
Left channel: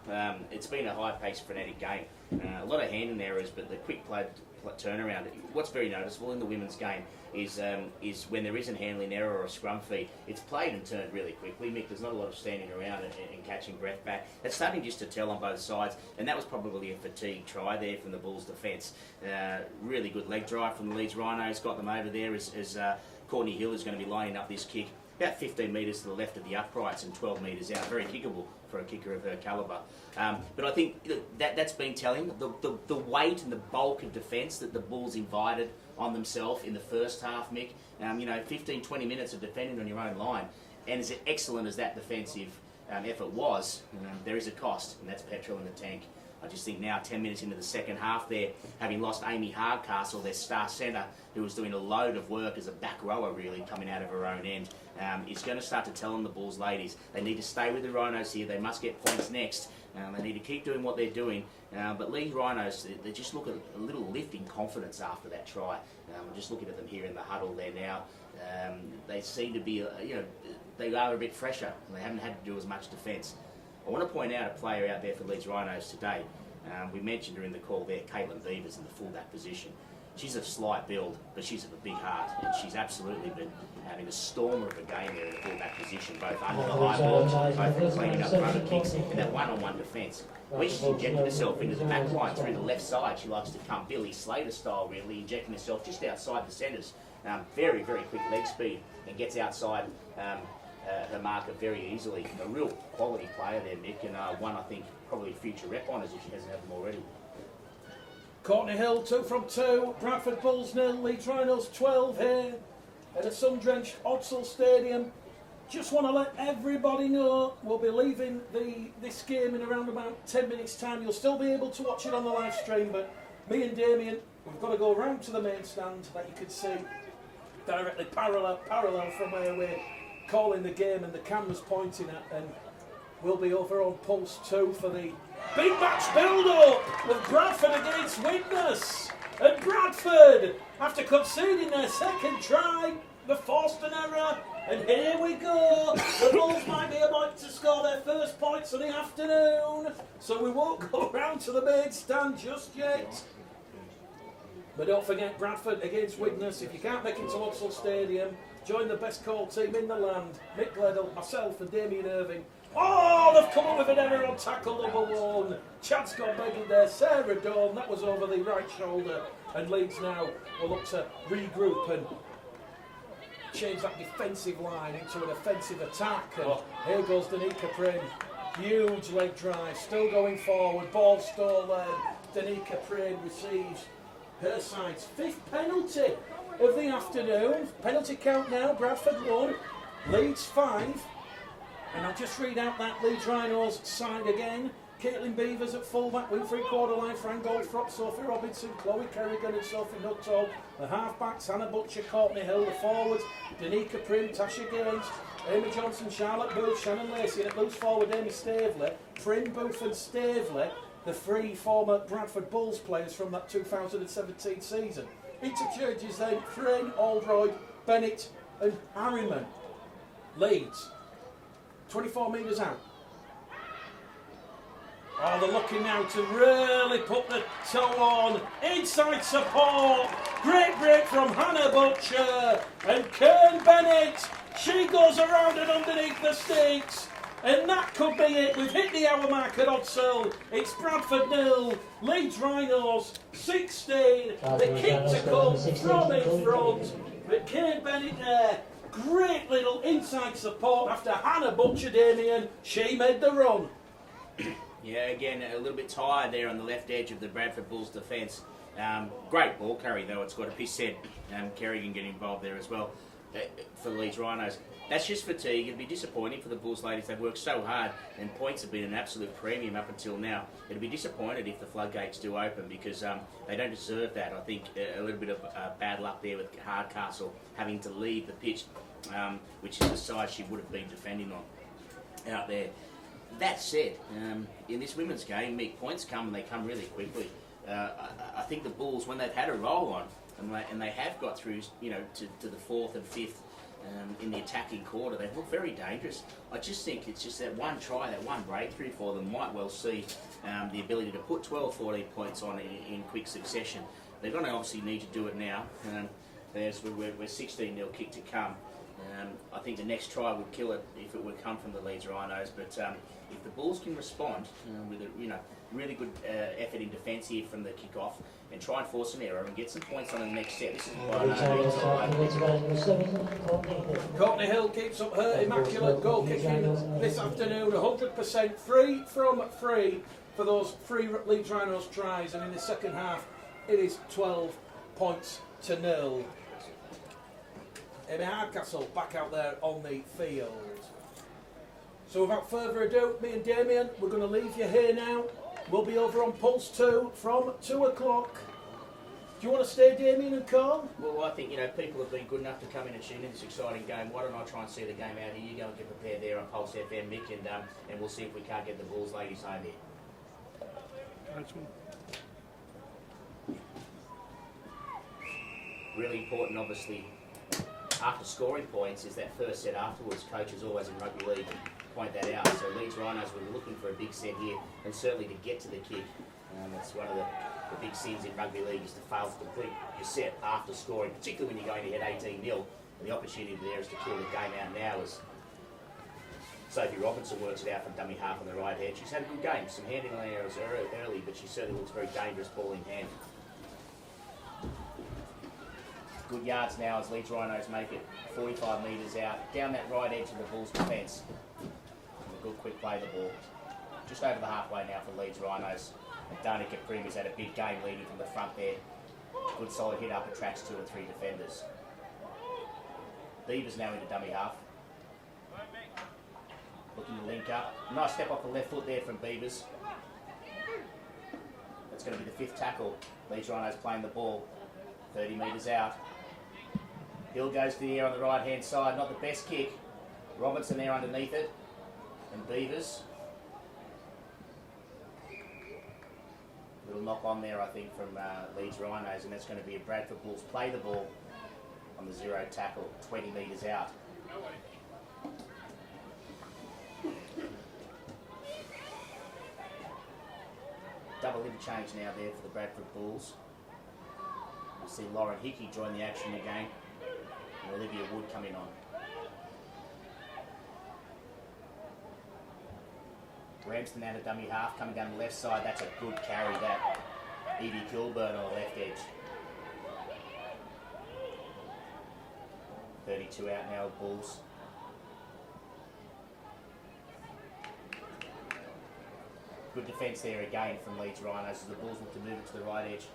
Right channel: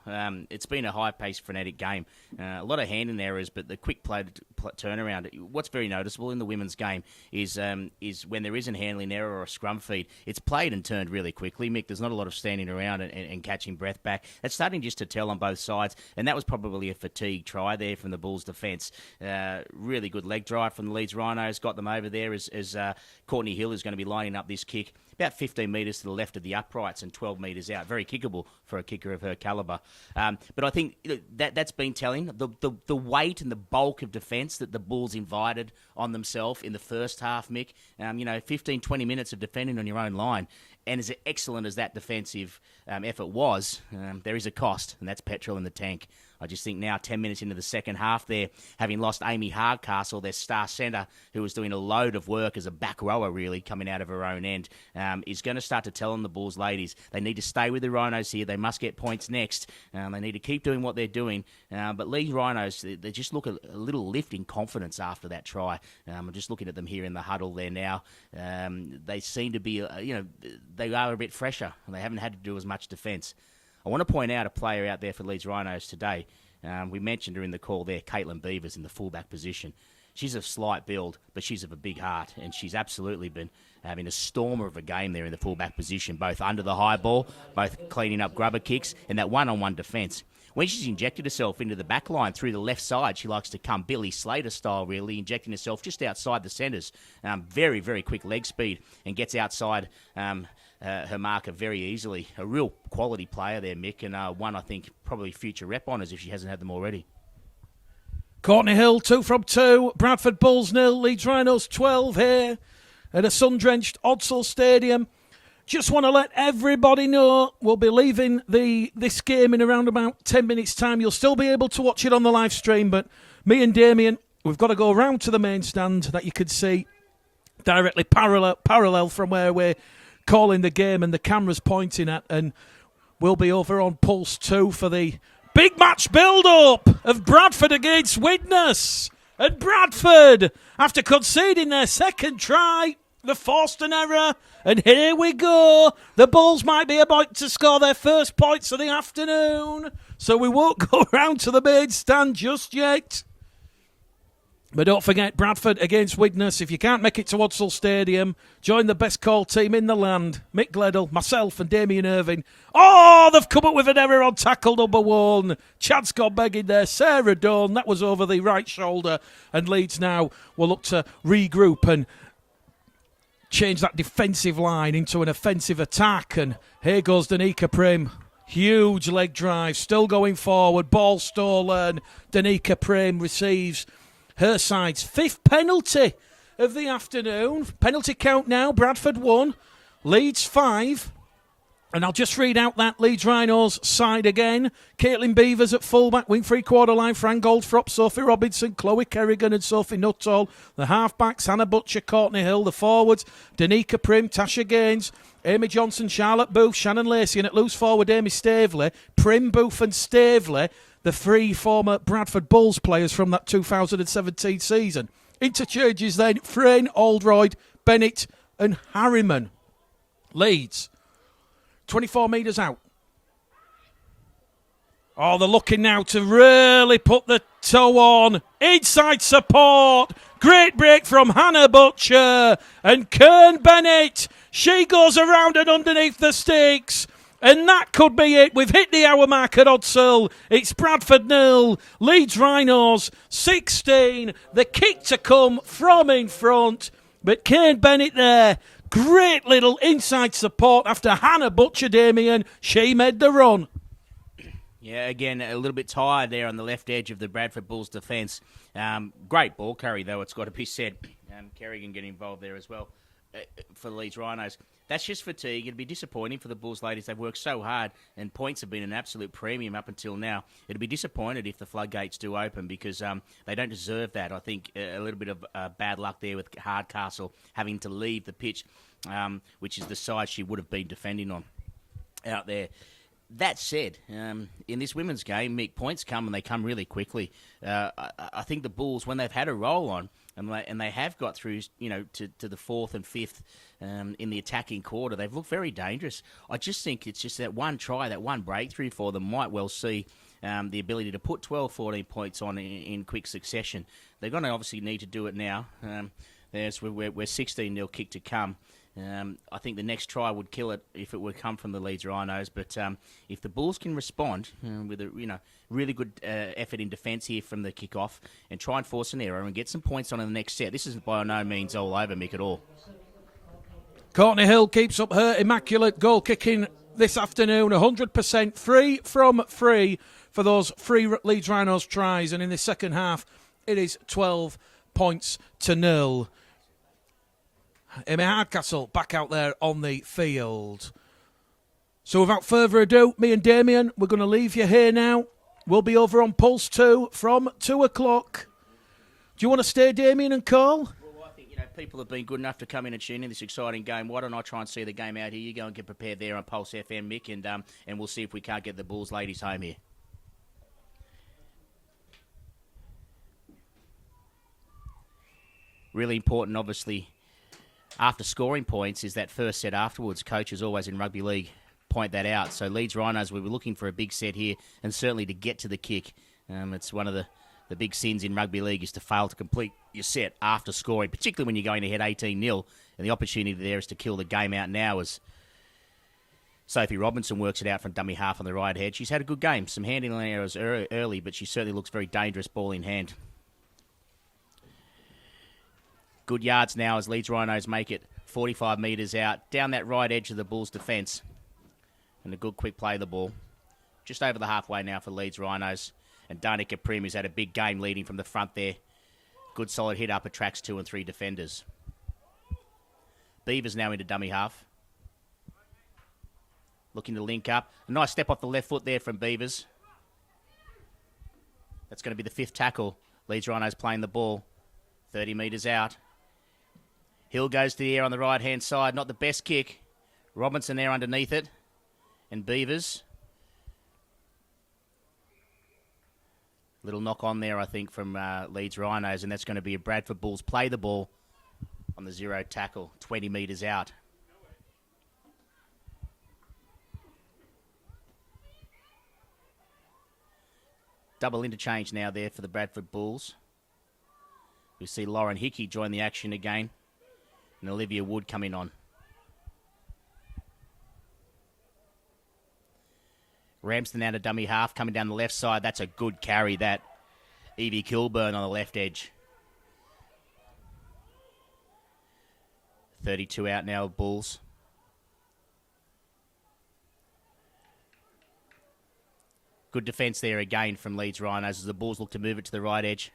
It's been a high-paced, frenetic game. A lot of handing errors, but the quick play turnaround. What's very noticeable in the women's game is when there is a handling error or a scrum feed, it's played and turned really quickly, Mick. There's not a lot of standing around and catching breath back. It's starting just to tell on both sides, and that was probably a fatigue try there from the Bulls' defence. Really good leg drive from the Leeds Rhinos, got them over there as Courtney Hill is going to be lining up this kick about 15 metres to the left of the uprights and 12 metres out. Very kickable for a kicker of her calibre. But I think that's been telling. The weight and the bulk of defence that the Bulls invited on themselves in the first half, Mick. 15, 20 minutes of defending on your own line. And as excellent as that defensive effort was, there is a cost, and that's petrol in the tank. I just think now, 10 minutes into the second half there, having lost Amy Hardcastle, their star centre, who was doing a load of work as a back rower, really, coming out of her own end, is going to start to tell on the Bulls ladies. They need to stay with the Rhinos here. They must get points next. They need to keep doing what they're doing. But Leeds Rhinos, they just look a little lift in confidence after that try. I'm just looking at them here in the huddle there now. They seem to be, they are a bit fresher, and they haven't had to do as much defence. I want to point out a player out there for Leeds Rhinos today. We mentioned her in the call there, Caitlin Beavers in the fullback position. She's of slight build, but she's of a big heart, and she's absolutely been having a stormer of a game there in the fullback position, both under the high ball, both cleaning up grubber kicks, and that one-on-one defence. When she's injected herself into the back line through the left side, she likes to come Billy Slater style, really, injecting herself just outside the centres. Very, very quick leg speed, and gets outside her marker very easily. A real quality player there, Mick, and one I think probably future rep honours if she hasn't had them already. Courtney Hill, 2 from 2. Bradford Bulls 0. Leeds Rhinos 12 here at a sun-drenched Odsall Stadium. Just want to let everybody know we'll be leaving this game in around about 10 minutes' time. You'll still be able to watch it on the live stream, but me and Damien, we've got to go round to the main stand that you could see directly parallel from where we're calling the game and the camera's pointing at, and we'll be over on Pulse 2 for the big match build-up of Bradford against Widnes. And Bradford, after conceding their second try, they forced an error, and here we go. The Bulls might be about to score their first points of the afternoon, so we won't go round to the main stand just yet. But don't forget, Bradford against Widnes. If you can't make it to Odsall Stadium, join the best call team in the land. Mick Gledell, myself and Damien Irving. Oh, they've come up with an error on tackle number 1. Chad's gone begging there. Sarah Dawn, that was over the right shoulder. And Leeds now will look to regroup and change that defensive line into an offensive attack. And here goes Danica Prim. Huge leg drive, still going forward. Ball stolen. Danica Prim receives her side's 5th penalty of the afternoon. Penalty count now, Bradford 1, Leeds 5. And I'll just read out that Leeds Rhinos side again. Caitlin Beavers at fullback, wing three-quarter line, Fran Goldfrop, Sophie Robinson, Chloe Kerrigan and Sophie Nuttall. The half-backs, Hannah Butcher, Courtney Hill. The forwards, Danica Prim, Tasha Gaines, Amy Johnson, Charlotte Booth, Shannon Lacey, and at loose forward, Amy Staveley. Prim, Booth and Staveley, the 3 former Bradford Bulls players from that 2017 season. Interchanges then, Frayne, Oldroyd, Bennett and Harriman. Leeds, 24 metres out. Oh, they're looking now to really put the toe on. Inside support. Great break from Hannah Butcher. And Kern Bennett. She goes around and underneath the sticks. And that could be it. We've hit the hour mark at Odsall. It's Bradford 0, Leeds Rhinos 16. The kick to come from in front. But Kern Bennett there. Great little inside support after Hannah Butcher, Damien. She made the run. Yeah, again, a little bit tired there on the left edge of the Bradford Bulls defence. Great ball carry, though, it's got to be said. Kerrigan getting involved there as well for the Leeds Rhinos. That's just fatigue. It'd be disappointing for the Bulls ladies. They've worked so hard, and points have been an absolute premium up until now. It'd be disappointed if the floodgates do open because they don't deserve that. I think a little bit of bad luck there with Hardcastle having to leave the pitch, which is the side she would have been defending on out there. That said, in this women's game, points come and they come really quickly. I think the Bulls, when they've had a roll on and they have got through, to the 4th and 5th in the attacking quarter, they've looked very dangerous. I just think it's just that one try, that one breakthrough for them might well see the ability to put 12, 14 points on in quick succession. They're going to obviously need to do it now. We're 16-0 kick to come. I think the next try would kill it if it would come from the Leeds Rhinos. But if the Bulls can respond with a really good effort in defence here from the kick-off and try and force an error and get some points on in the next set, this is by no means all over Mick at all. Courtney Hill keeps up her immaculate goal kicking this afternoon. 100% 3 from 3 for those 3 Leeds Rhinos tries. And in the second half, it is 12 points to 0. Amy Hardcastle back out there on the field. So without further ado, me and Damien, we're going to leave you here now. We'll be over on Pulse 2 from 2 o'clock. Do you want to stay, Damien and Carl? Well, I think, people have been good enough to come in and tune in this exciting game. Why don't I try and see the game out here? You go and get prepared there on Pulse FM, Mick, and we'll see if we can't get the Bulls ladies home here. Really important, obviously, after scoring points is that first set afterwards. Coaches always in rugby league point that out. So Leeds Rhinos will be looking for a big set here and certainly to get to the kick. It's one of the big sins in rugby league is to fail to complete your set after scoring, particularly when you're going ahead 18-0. And the opportunity there is to kill the game out now as Sophie Robinson works it out from dummy half on the right head. She's had a good game. Some handling errors early, but she certainly looks very dangerous ball in hand. Good yards now as Leeds Rhinos make it 45 metres out, down that right edge of the Bulls' defence. And a good quick play of the ball. Just over the halfway now for Leeds Rhinos. And Danica Prim has had a big game leading from the front there. Good solid hit up, attracts 2 and 3 defenders. Beavers now into dummy half. Looking to link up. Nice step off the left foot there from Beavers. That's going to be the 5th tackle. Leeds Rhinos playing the ball. 30 metres out. Hill goes to the air on the right-hand side. Not the best kick. Robinson there underneath it. And Beavers. Little knock on there, I think, from Leeds Rhinos. And that's going to be a Bradford Bulls play the ball on the 0 tackle. 20 metres out. Double interchange now there for the Bradford Bulls. We see Lauren Hickey join the action again. And Olivia Wood coming on. Ramsden out of dummy half, coming down the left side. That's a good carry, that. Evie Kilburn on the left edge. 32 out now, Bulls. Good defence there again from Leeds Rhinos as the Bulls look to move it to the right edge.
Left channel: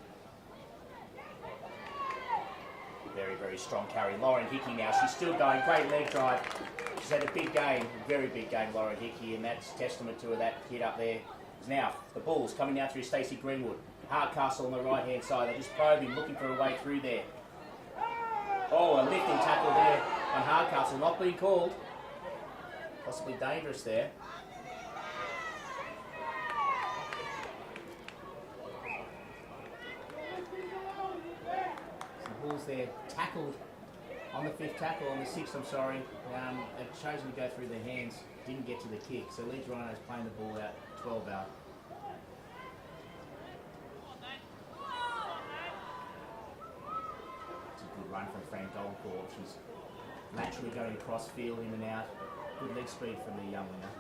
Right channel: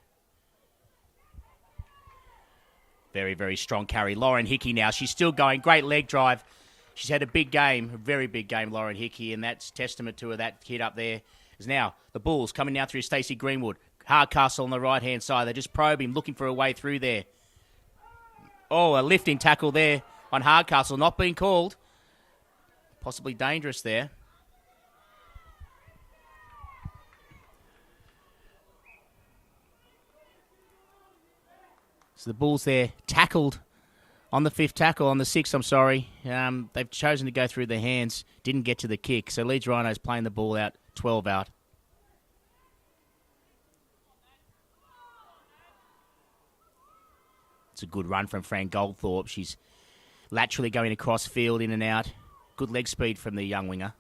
Very, very strong carry. Lauren Hickey now. She's still going. Great leg drive. She's had a big game, a very big game, Lauren Hickey, and that's testament to her. That kid up there is now the Bulls coming now through Stacey Greenwood. Hardcastle on the right-hand side. They're just probing, looking for a way through there. Oh, a lifting tackle there on Hardcastle. Not being called. Possibly dangerous there. So the Bulls there tackled on the fifth tackle, on the sixth, I'm sorry. They've chosen to go through their hands. Didn't get to the kick. So Leeds Rhinos playing the ball out, 12 out. It's a good run from Fran Goldthorpe. She's laterally going across field, in and out. Good leg speed from the young winger.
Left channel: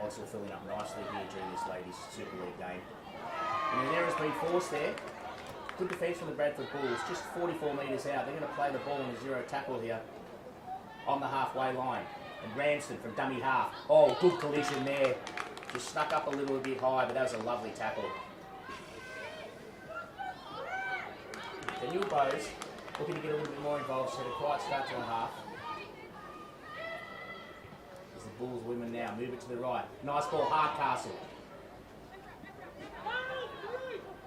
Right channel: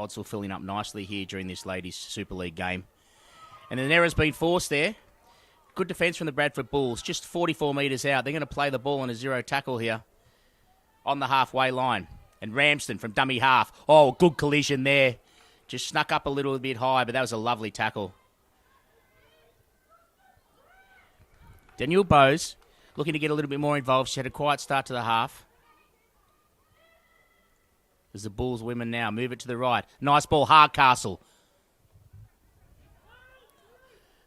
Odds filling up nicely here during this ladies Super League game. And an error's been forced there. Good defence from the Bradford Bulls. Just 44 metres out. They're going to play the ball on a zero tackle here on the halfway line. And Ramsden from dummy half. Oh, good collision there. Just snuck up a little bit high, but that was a lovely tackle. Danielle Bowes looking to get a little bit more involved. She had a quiet start to the half. As the Bulls women now move it to the right. Nice ball, Hardcastle.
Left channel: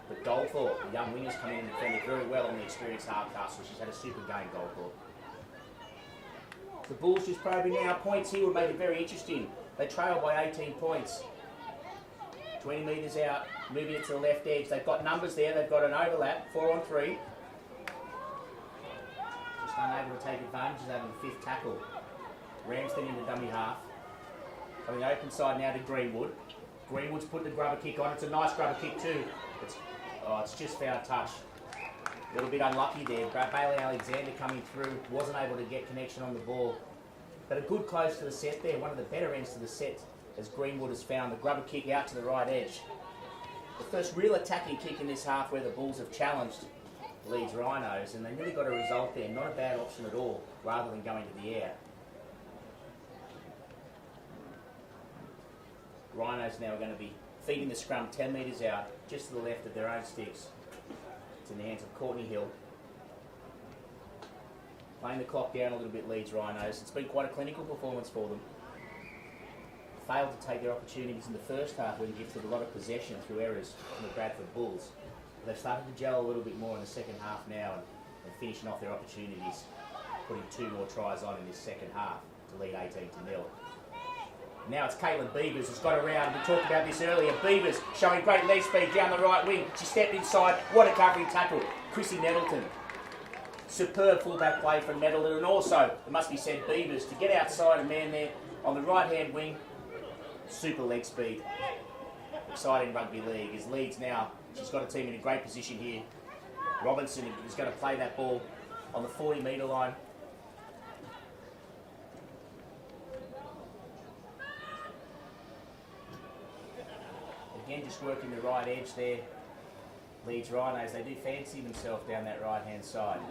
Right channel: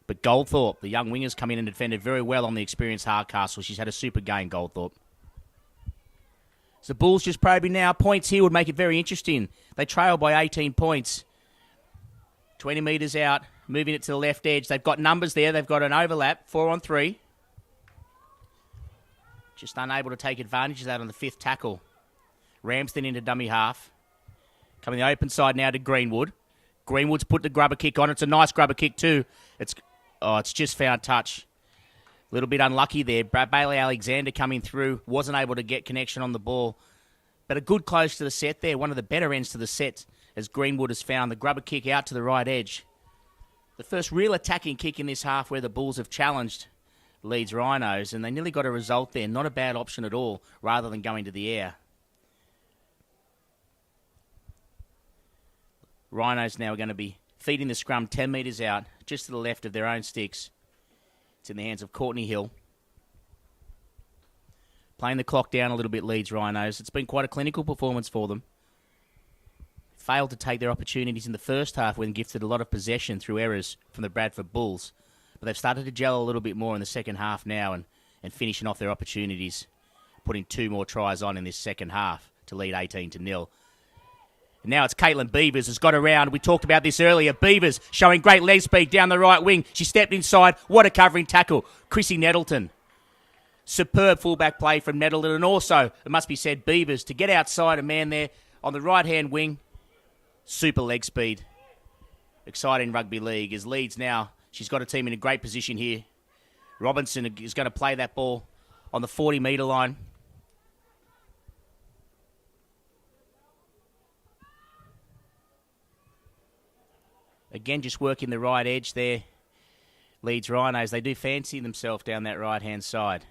But Goldthorpe, the young wingers, come in and defended very well on the experienced Hardcastle. She's had a super game, Goldthorpe. So the Bulls just probing now. Points here would make it very interesting. They trail by 18 points. 20 metres out, moving it to the left edge. They've got numbers there. They've got an overlap, 4-on-3. Just unable to take advantage of that on the fifth tackle. Ramsden into dummy half. Coming the open side now to Greenwood. Greenwood's put the grubber kick on. It's a nice grubber kick too. It's just found touch. A little bit unlucky there. Bailey Alexander coming through. Wasn't able to get connection on the ball. But a good close to the set there. One of the better ends to the set as Greenwood has found the grubber kick out to the right edge. The first real attacking kick in this half where the Bulls have challenged Leeds Rhinos, and they nearly got a result there. Not a bad option at all, rather than going to the air. Rhinos now are going to be feeding the scrum 10 metres out, just to the left of their own sticks. It's in the hands of Courtney Hill. Playing the clock down a little bit, Leeds Rhinos. It's been quite a clinical performance for them. Failed to take their opportunities in the first half when gifted a lot of possession through errors from the Bradford Bulls. But they've started to gel a little bit more in the second half now and finishing off their opportunities, putting 2 more tries on in this second half to lead 18-0. Now it's Caitlin Beavers who's got around. We talked about this earlier. Beavers showing great leg speed down the right wing. She stepped inside. What a covering tackle. Chrissy Nettleton. Superb fullback play from Nettleton. And also, it must be said, Beavers to get outside a man there on the right-hand wing. Super leg speed. Exciting rugby league as Leeds now. She's got a team in a great position here. Robinson is going to play that ball on the 40-metre line. Again, just working the right edge there. Leeds Rhinos, they do fancy themselves down that right-hand side.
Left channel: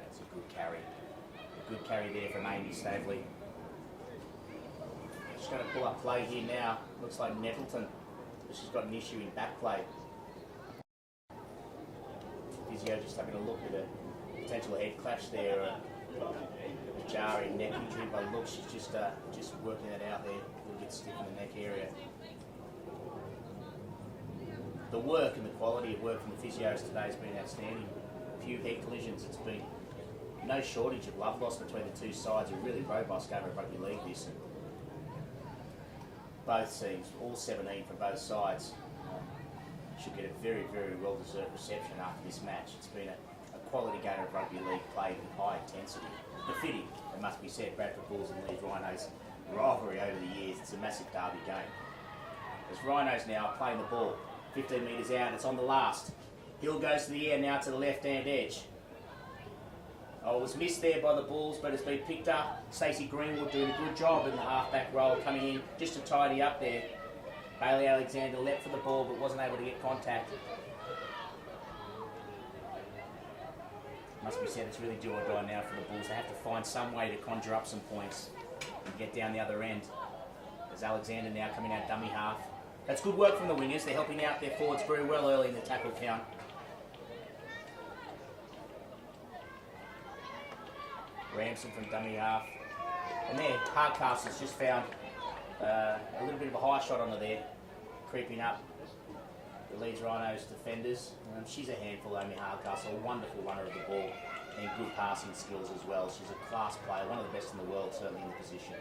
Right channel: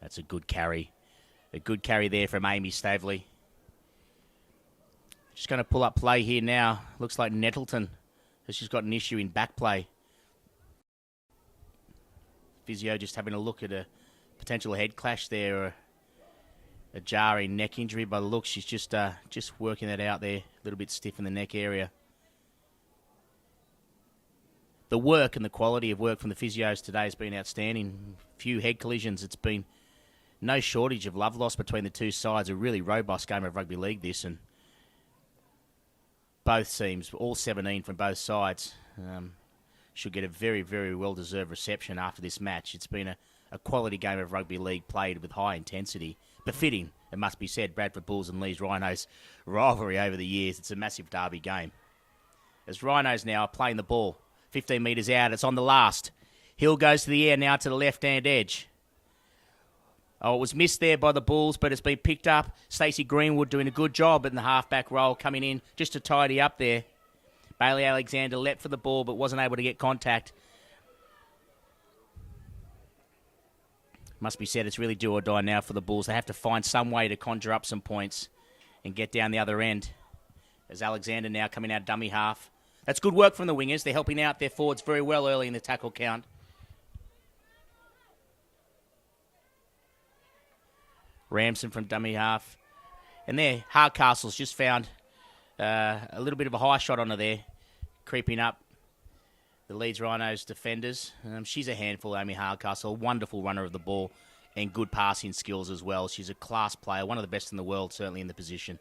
That's a good carry. A good carry there from Amy Staveley. Just going to pull up play here now. Looks like Nettleton. She's got an issue in back play. Physio just having a look at a potential head clash there. Or a jarring neck injury. By the look, she's just working that out there. A little bit stiff in the neck area. The work and the quality of work from the physios today has been outstanding. Few head collisions. It's been no shortage of love lost between the two sides. A really robust game of rugby league this, and both teams, all 17 from both sides, should get a very, very well-deserved reception after this match. It's been a quality game of rugby league played with high intensity. Befitting, it must be said, Bradford Bulls and Leeds Rhinos rivalry over the years. It's a massive derby game. As Rhinos now are playing the ball 15 metres out, it's on the last. Hill goes to the air now to the left-hand edge. Oh, it was missed there by the Bulls, but it's been picked up. Stacey Greenwood doing a good job in the half-back role, coming in just to tidy up there. Bailey Alexander leapt for the ball, but wasn't able to get contact. Must be said, it's really do or die now for the Bulls. They have to find some way to conjure up some points and get down the other end. As Alexander now coming out dummy half. That's good work from the wingers. They're helping out their forwards very well early in the tackle count. Ramson from dummy half. And there, Hardcastle's just found a little bit of a high shot onto there, creeping up the Leeds Rhinos defenders. She's a handful, Amy Hardcastle, wonderful runner of the ball and good passing skills as well. She's a class player, one of the best in the world, certainly in the position.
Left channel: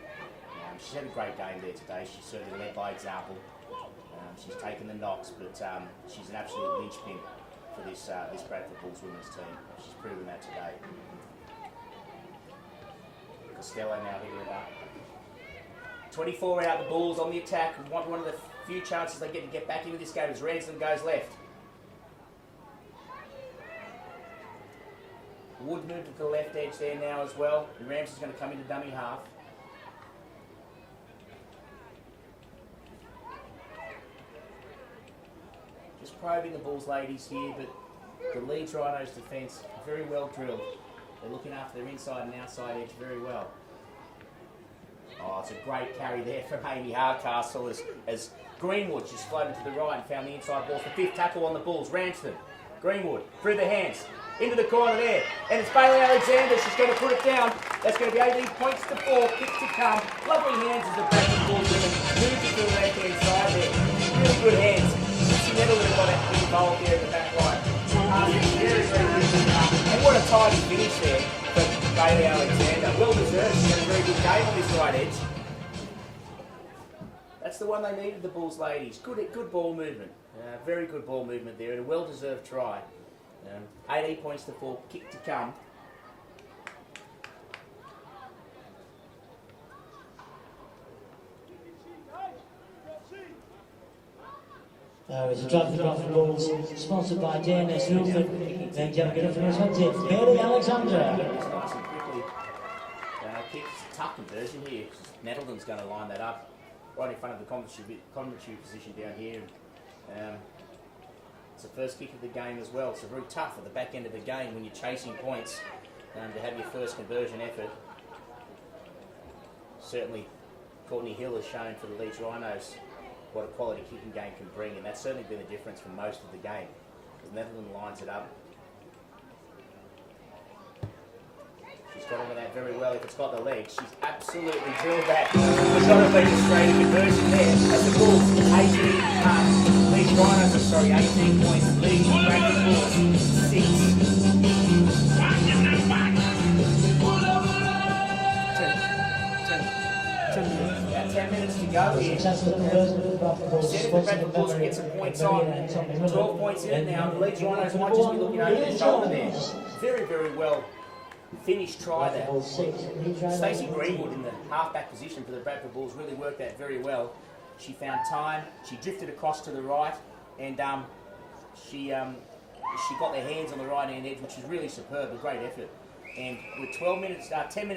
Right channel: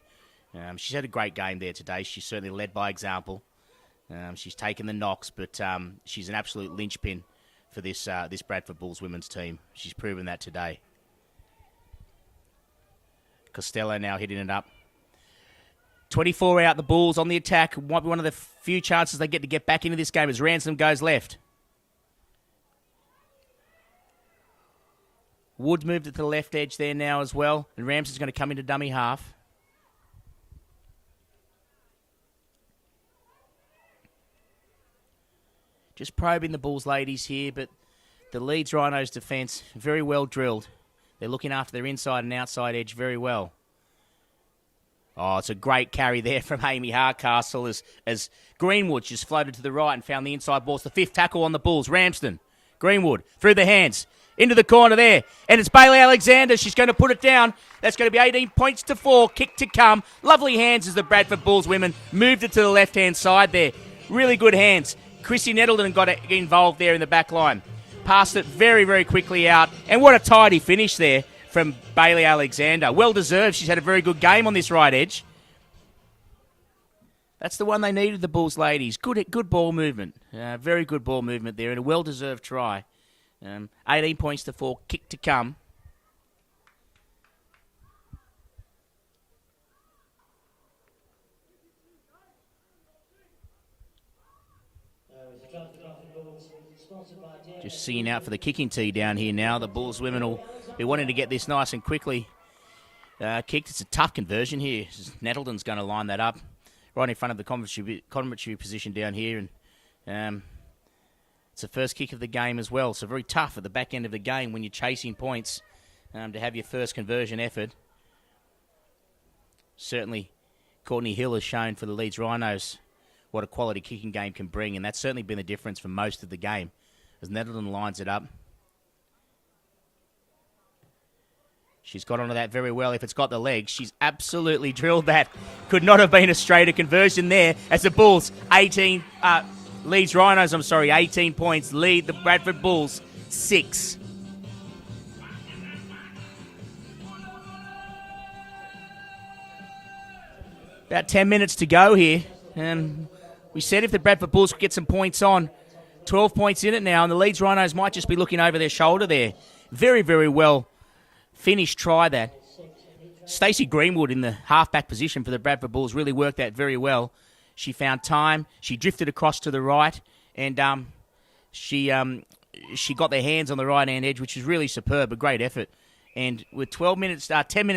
She's had a great game there today. She's certainly led by example. She's taken the knocks, but she's an absolute linchpin for this Bradford Bulls women's team. She's proven that today. Costello now hitting it up. 24 out, the Bulls on the attack. Might be one of the few chances they get to get back into this game as Ransom goes left. Wood moved to the left edge there now as well. And Ramson's going to come into dummy half. Just probing the Bulls ladies here, but the Leeds Rhinos defence, very well drilled. They're looking after their inside and outside edge very well. Oh, it's a great carry there from Amy Hardcastle as Greenwood just floated to the right and found the inside ball. It's the fifth tackle on the Bulls. Ramsden, Greenwood, through the hands, into the corner there. And it's Bailey Alexander. She's going to put it down. That's going to be 18 points to 4. Kick to come. Lovely hands as the Bradford Bulls women moved it to the left-hand side there. Really good hands. Chrissy Nettleton got involved there in the back line. Passed it very, very quickly out. And what a tidy finish there from Bailey Alexander. Well deserved. She's had a very good game on this right edge. That's the one they needed, the Bulls ladies. Good ball movement. Very good ball movement there and a well-deserved try. 18 points to 4. Kick to come. Singing out for the kicking tee down here now. The Bulls women will be wanting to get this nice and quickly kicked. It's a tough conversion here. Nettleton's going to line that up right in front of the commentary position down here. And it's the first kick of the game as well. So very tough at the back end of the game when you're chasing points to have your first conversion effort. Certainly, Courtney Hill has shown for the Leeds Rhinos what a quality kicking game can bring, and that's certainly been the difference for most of the game as Nettleton lines it up. She's got onto that very well. If it's got the legs, she's absolutely drilled that. Could not have been a straighter conversion there as the Bulls, Leeds Rhinos, 18 points, lead the Bradford Bulls 6. About 10 minutes to go here. We said if the Bradford Bulls could get some points on, 12 points in it now, and the Leeds Rhinos might just be looking over their shoulder there. Very, very well finished try there. Stacey Greenwood in the halfback position for the Bradford Bulls really worked that very well. She found time, she drifted across to the right, and she got their hands on the right-hand edge, which is really superb, a great effort. And with 10 minutes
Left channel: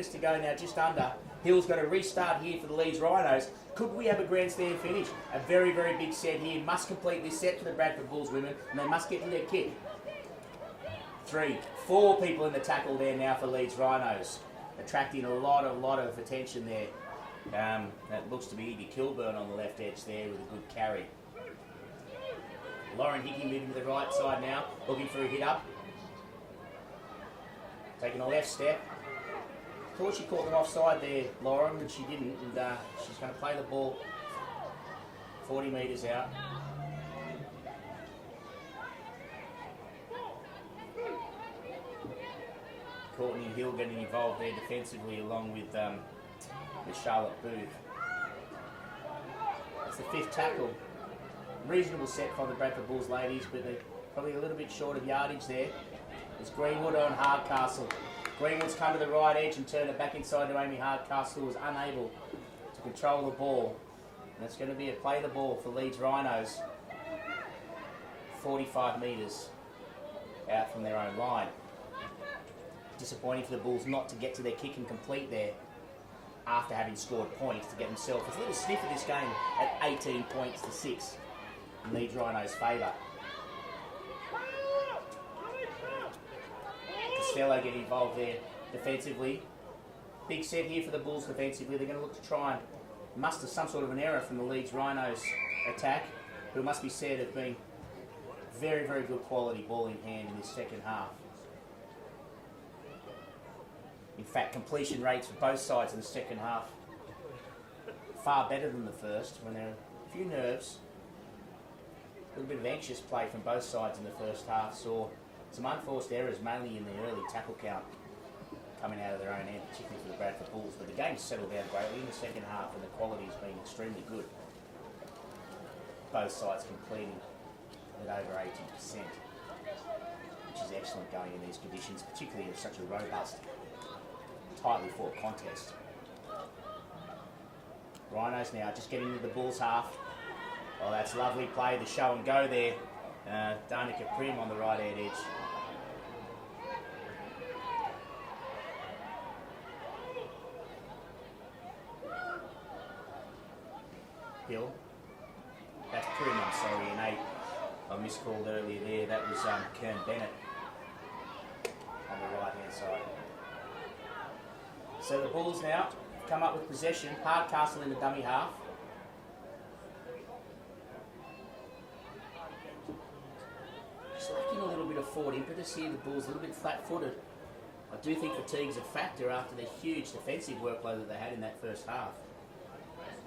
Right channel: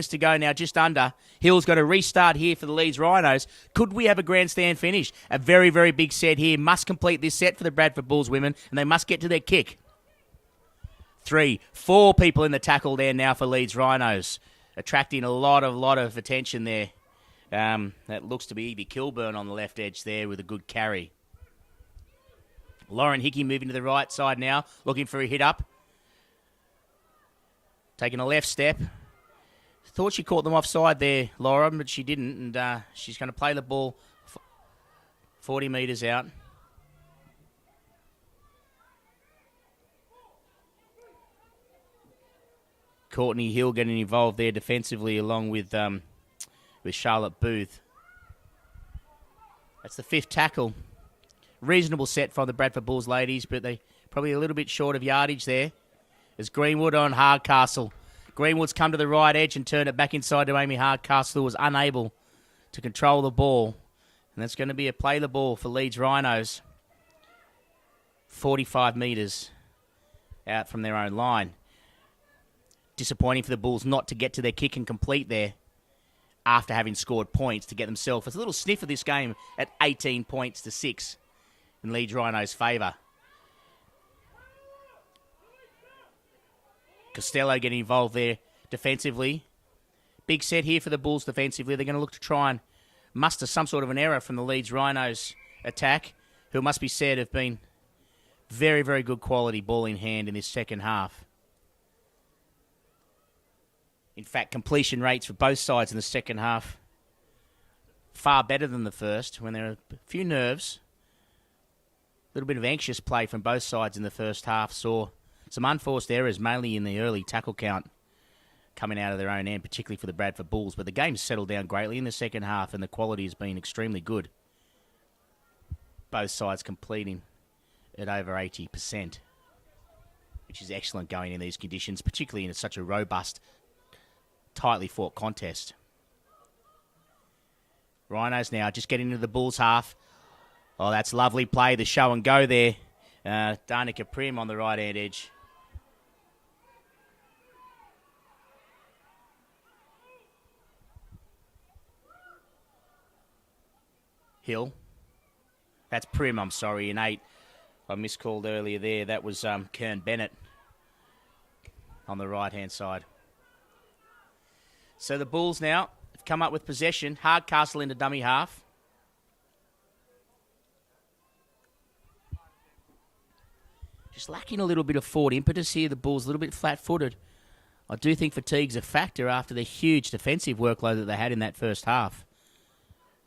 to go now, just under, Hill's got to restart here for the Leeds Rhinos. Could we have a grandstand finish? A very, very big set here. Must complete this set for the Bradford Bulls women, and they must get to their kick. 3, 4 people in the tackle there now for Leeds Rhinos, attracting a lot of attention there. That looks to be Evie Kilburn on the left edge there with a good carry. Lauren Hickey moving to the right side now, looking for a hit up. Taking a left step. Thought she caught them offside there, Lauren, but she didn't, and she's going to play the ball 40 metres out. Courtney Hill getting involved there defensively along with Charlotte Booth. That's the 5th tackle. Reasonable set for the Bradford Bulls ladies, but they probably a little bit short of yardage there. There's Greenwood on Hardcastle. Greenwood's come to the right edge and turned it back inside to Amy Hardcastle, who was unable to control the ball. And that's going to be a play the ball for Leeds Rhinos. 45 metres out from their own line. Disappointing for the Bulls not to get to their kick and complete there after having scored points to get themselves a little sniff of this game at 18 points to 6 in Leeds Rhinos' favour. Costello getting involved there defensively. Big set here for the Bulls defensively. They're going to look to try and muster some sort of an error from the Leeds Rhinos attack, who must be said have been very, very good quality ball in hand in this second half. In fact, completion rates for both sides in the second half far better than the first, when there are a few nerves. A little bit of anxious play from both sides in the first half. Saw some unforced errors, mainly in the early tackle count, coming out of their own end, particularly for the Bradford Bulls. But the game's settled down greatly in the second half, and the quality has been extremely good. Both sides completing at over 80%, which is excellent going in these conditions, particularly in such a robust, tightly fought contest. Rhinos now just getting into the Bulls half. Oh, that's lovely play, the show and go there. Danica Prim on the right-hand edge. Hill. That's Prim, I'm sorry, in 8. I miscalled earlier there. That was Kern Bennett on the right-hand side. So the Bulls now come up with possession. Hardcastle into dummy half. Just lacking a little bit of forward impetus here. The Bulls a little bit flat-footed. I do think fatigue's a factor after the huge defensive workload that they had in that first half.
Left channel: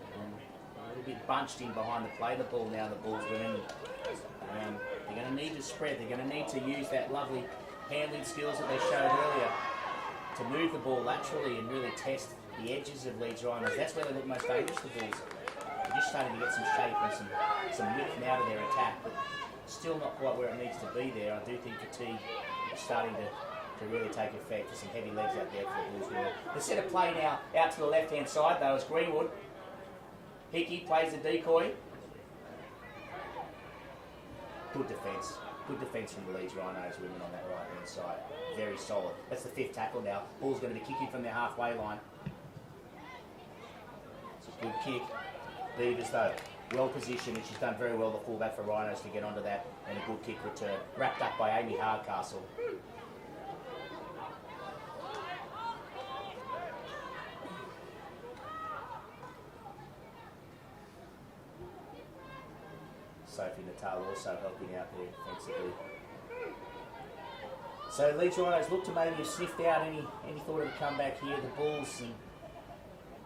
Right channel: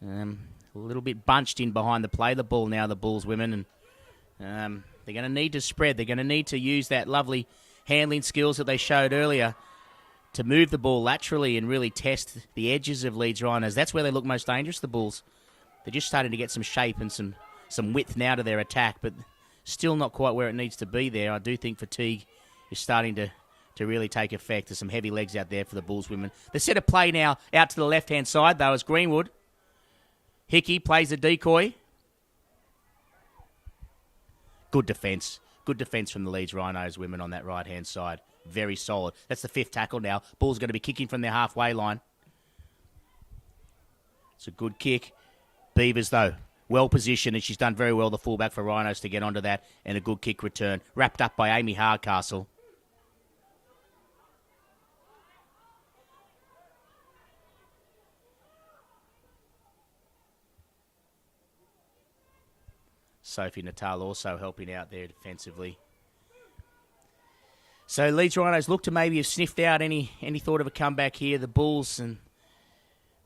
A little bit bunched in behind the play the ball now, the Bulls women. And they're going to need to spread. They're going to need to use that lovely handling skills that they showed earlier to move the ball laterally and really test the edges of Leeds Rhinos. That's where they look most dangerous, the Bulls. They're just starting to get some shape and some width now to their attack, but still not quite where it needs to be there. I do think fatigue is starting to really take effect. There's some heavy legs out there for the Bulls women. The set of play now out to the left-hand side, though, is Greenwood. Hickey plays the decoy. Good defence. Good defence from the Leeds Rhinos women on that right-hand side. Very solid. That's the 5th tackle now. Bull's going to be kicking from their halfway line. It's a good kick. Beavers, though, well positioned, and she's done very well, the fullback for Rhinos, to get onto that, and a good kick return. Wrapped up by Amy Hardcastle. Sophie Natal also helping out there defensively. So Leeds Rhinos look to maybe have sniffed out any thought of a comeback here. The Bulls, and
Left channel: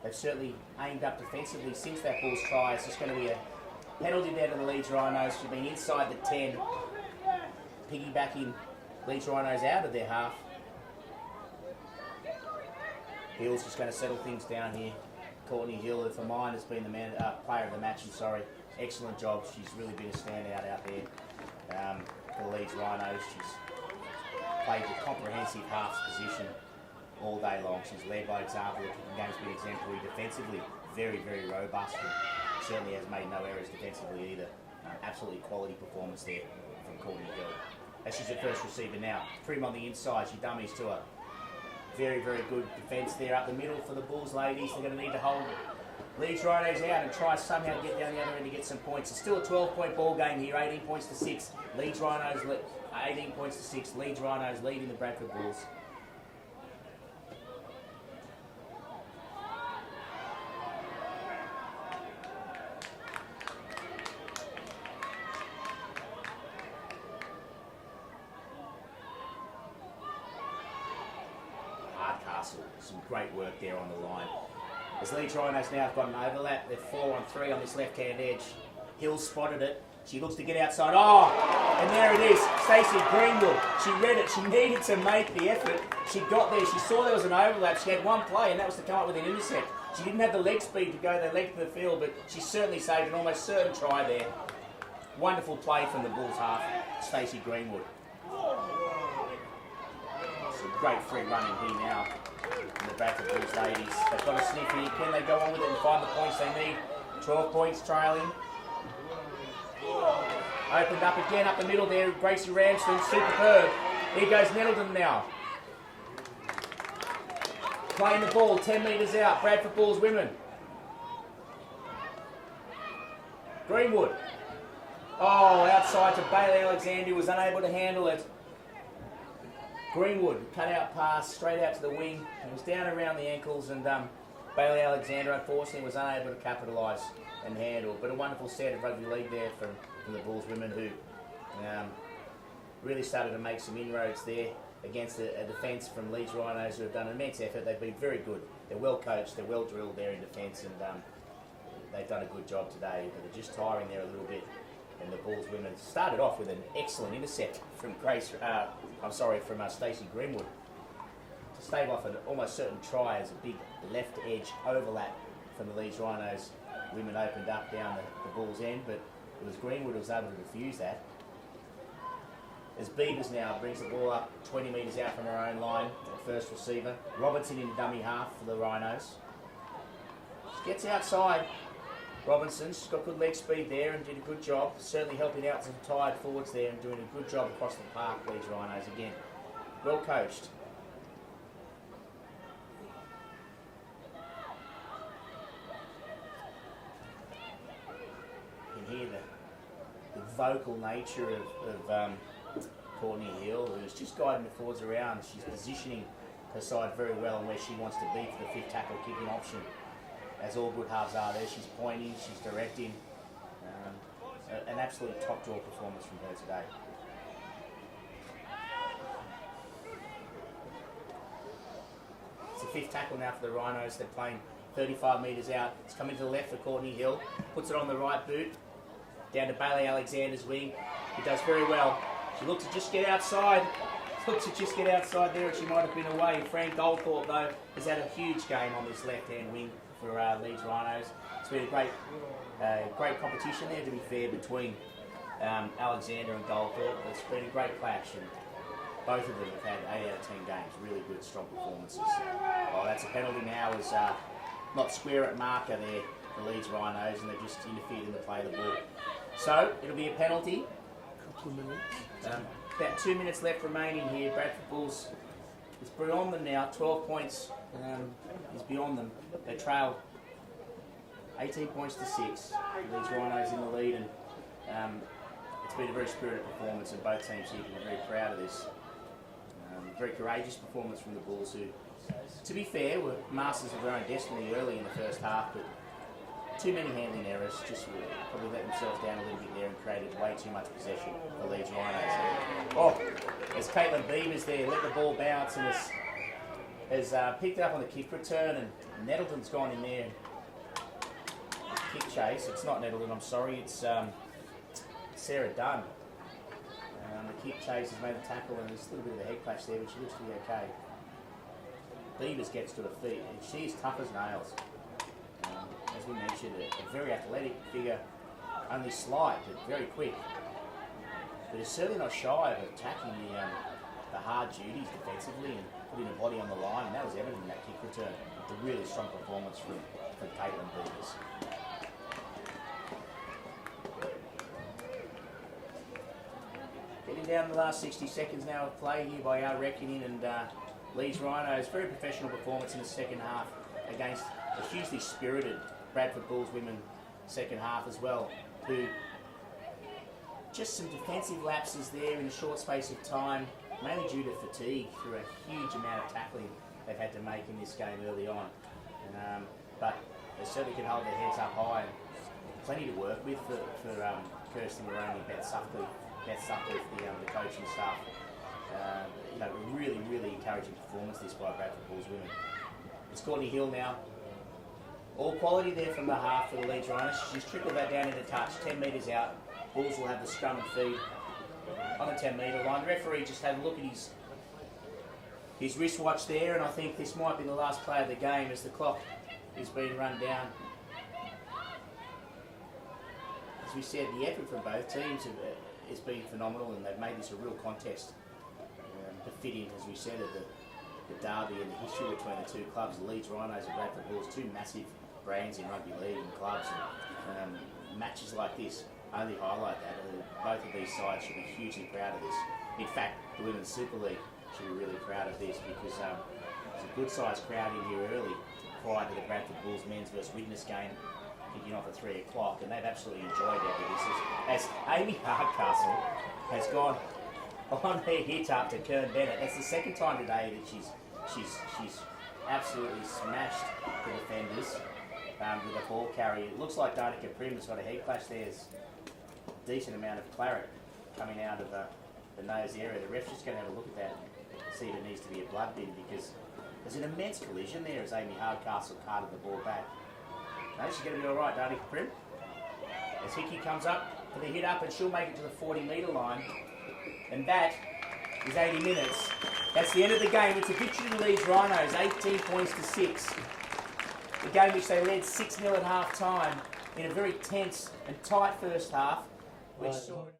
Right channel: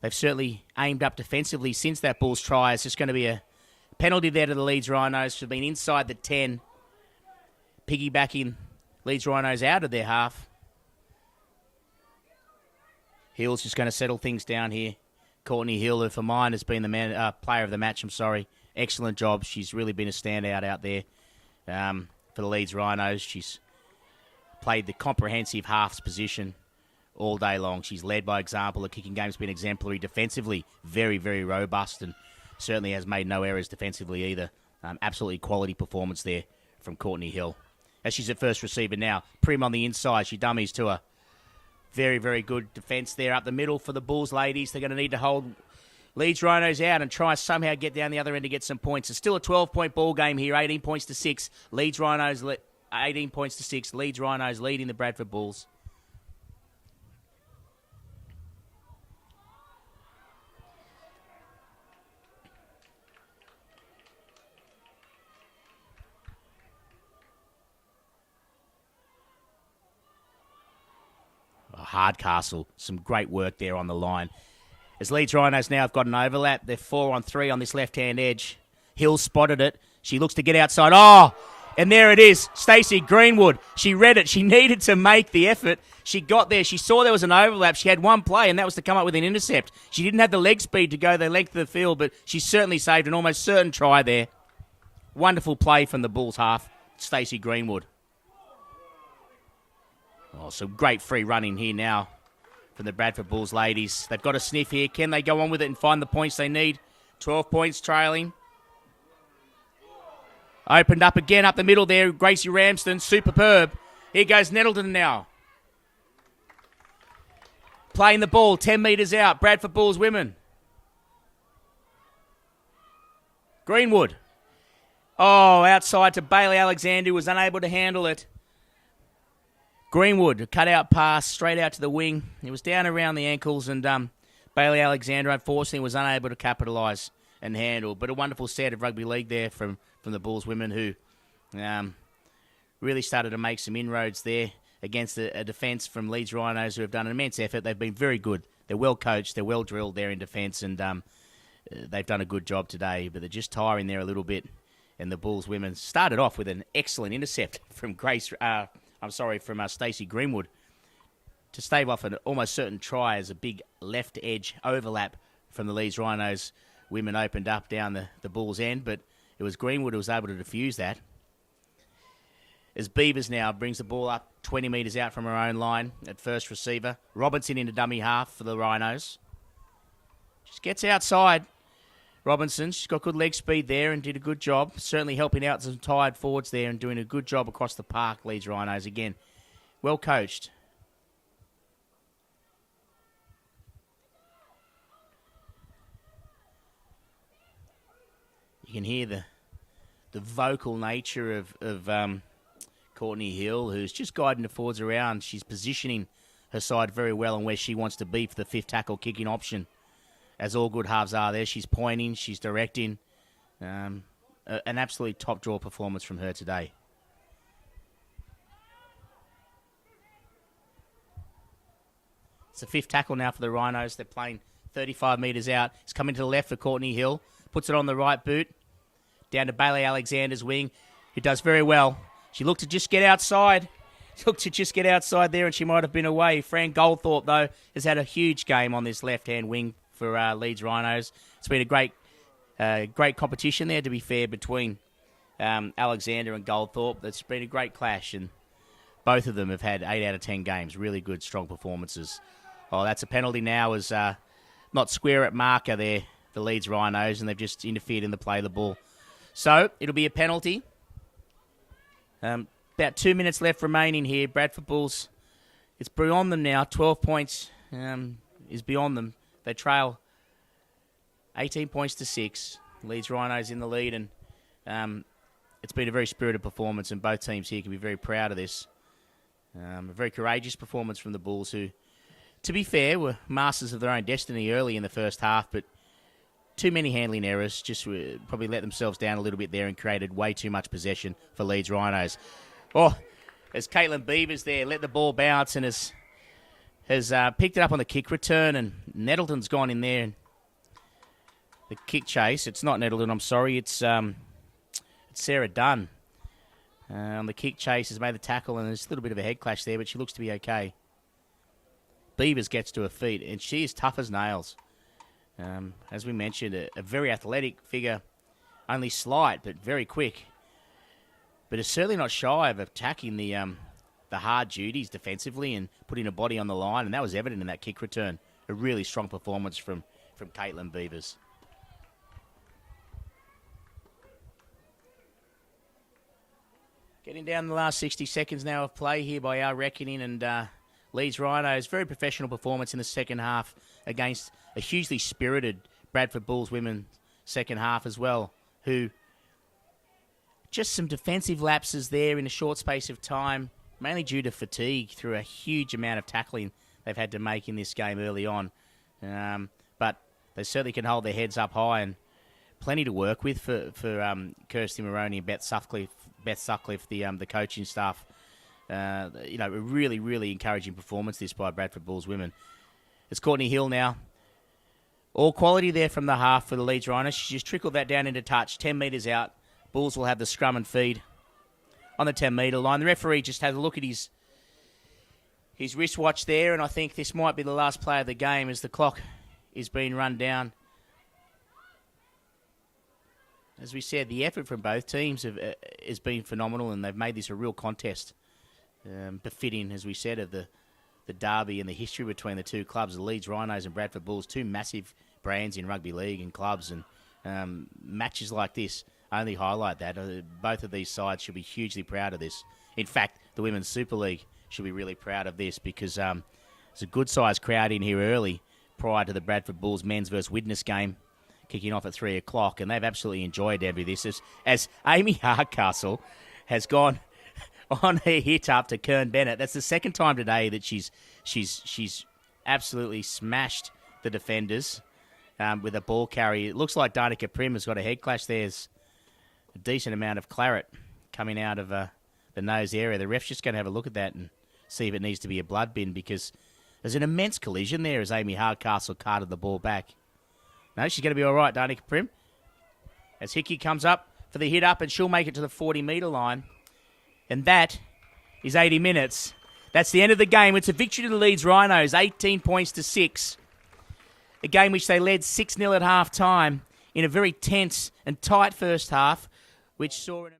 they've certainly aimed up defensively since that Bulls try. It's just going to be a penalty there to the Leeds Rhinos for being inside the 10, piggybacking Leeds Rhinos out of their half. Hill's just going to settle things down here. Courtney Hill, who for mine has been the player of the match, Excellent job. She's really been a standout out there for the Leeds Rhinos. She's played the comprehensive halves position all day long. She's led by example. The kicking game's been exemplary defensively. Very, very robust, and certainly has made no errors defensively either. Absolutely quality performance there from Courtney Hill. As she's at first receiver now. Prim on the inside. She dummies to her. Very, very good defence there up the middle for the Bulls ladies. They're going to need to hold Leeds Rhinos out and try somehow get down the other end to get some points. It's still a 12-point ball game here, 18 points to 6. Leeds Rhinos 18 points to 6. Leeds Rhinos leading the Bradford Bulls. Hardcastle, some great work there on the line. As Leeds Rhinos now have got an overlap, they're 4-on-3 on this left-hand edge. Hill spotted it. She looks to get outside. Oh, and there it is. Stacey Greenwood. She read it. She needed to make the effort. She got there. She saw there was an overlap. She had one play, and that was to come up with an intercept. She didn't have the leg speed to go the length of the field, but she certainly saved an almost certain try there. Wonderful play from the Bulls half. Stacey Greenwood. Oh, some great free running here now for the Bradford Bulls ladies. They've got a sniff here. Can they go on with it and find the points they need? 12 points trailing. Opened up again up the middle there. Gracie Ramsden, superb. Here goes Nettleton now. Playing the ball, 10 metres out. Bradford Bulls women. Greenwood. Oh, outside to Bailey Alexander, who was unable to handle it. Greenwood, cut out pass, straight out to the wing. It was down around the ankles, and Bailey Alexander, unfortunately, was unable to capitalise and handle. But a wonderful set of rugby league there from the Bulls women, who really started to make some inroads there against a defence from Leeds Rhinos, who have done an immense effort. They've been very good. They're well coached, they're well drilled there in defence, and they've done a good job today, but they're just tiring there a little bit. And the Bulls women started off with an excellent intercept from Stacey Greenwood to stave off an almost certain try as a big left edge overlap from the Leeds Rhinos. Women opened up down the Bulls end, but it was Greenwood who was able to defuse that. As Beavers now brings the ball up 20 metres out from her own line at first receiver. Robinson in a dummy half for the Rhinos. She gets outside. Robinson, she's got good leg speed there and did a good job. Certainly helping out some tired forwards there and doing a good job across the park, Leeds Rhinos again. Well coached. You can hear the vocal nature of Courtney Hill, who's just guiding the forwards around. She's positioning her side very well on where she wants to be for the fifth tackle kicking option. As all good halves are there, she's pointing, she's directing. An absolute top draw performance from her today. It's the fifth tackle now for the Rhinos. They're playing 35 metres out. It's coming to the left for Courtney Hill. Puts it on the right boot. Down to Bailey Alexander's wing. He does very well. She looked to just get outside. There, and she might have been away. Fran Goldthorpe, though, has had a huge game on this left-hand wing for Leeds Rhinos. It's been a great competition there, to be fair, between Alexander and Goldthorpe. It's been a great clash, and both of them have had 8 out of 10 games. Really good, strong performances. Oh, that's a penalty now, as not square at marker there, the Leeds Rhinos, and they've just interfered in the play of the ball. So, it'll be a penalty. About 2 minutes left remaining here. Bradford Bulls, it's beyond them now. 12 points is beyond them. They trail 18 points to 6. Leeds Rhinos in the lead, and it's been a very spirited performance, and both teams here can be very proud of this. Very courageous performance from the Bulls, who, to be fair, were masters of their own destiny early in the first half, but too many handling errors, just probably let themselves down a little bit there and created way too much possession for Leeds Rhinos. Oh, as Caitlin Beavers there let the ball bounce and has picked it up on the kick return, and Nettleton's gone in there. The kick chase, it's not Nettleton, I'm sorry, it's Sarah Dunn. On the kick chase has made the tackle, and there's a little bit of a head clash there, but she looks to be okay. Beavers gets to her feet, and she is tough as nails. As we mentioned, a very athletic figure, only slight, but very quick. But is certainly not shy of attacking the hard duties defensively and putting her body on the line, and that was evident in that kick return. A really strong performance from Caitlin Beavers. Getting down the last 60 seconds now of play here by our reckoning, and Leeds Rhinos, very professional performance in the second half against a hugely spirited Bradford Bulls women second half as well, who just some defensive lapses there in a short space of time, mainly due to fatigue through a huge amount of tackling they've had to make in this game early on. But they certainly can hold their heads up high, and plenty to work with for Kirsty Moroney and Beth Sutcliffe, the coaching staff. A really, really encouraging performance this by Bradford Bulls women. It's Courtney Hill now. All quality there from the half for the Leeds Rhinos. She just trickled that down into touch, 10 metres out. Bulls will have the scrum and feed on the 10-metre line. The referee just had a look at his wristwatch there, and I think this might be the last play of the game as the clock is being run down. As we said, the effort from both teams has been phenomenal, and they've made this a real contest, befitting, as we said, of the derby and the history between the two clubs, the Leeds Rhinos and Bradford Bulls, two massive brands in rugby league and clubs, and matches like this only highlight that. Both of these sides should be hugely proud of this. In fact, the Women's Super League should be really proud of this, because there's a good-sized crowd in here early prior to the Bradford Bulls men's versus Widnes game kicking off at 3 o'clock, and they've absolutely enjoyed every this. As Amy Hardcastle has gone on her hit up to Kern Bennett. That's the second time today that she's absolutely smashed the defenders with a ball carry. It looks like Danica Prim has got a head clash. There's a decent amount of claret coming out of the nose area. The ref's just going to have a look at that and see if it needs to be a blood bin, because there's an immense collision there as Amy Hardcastle carted the ball back. No, she's going to be all right, Danica Prim. As Hickey comes up for the hit up, and she'll make it to the 40-metre line. And that is 80 minutes. That's the end of the game. It's a victory to the Leeds Rhinos, 18 points to 6. A game which they led 6-0 at half-time in a very tense and tight first half, which saw...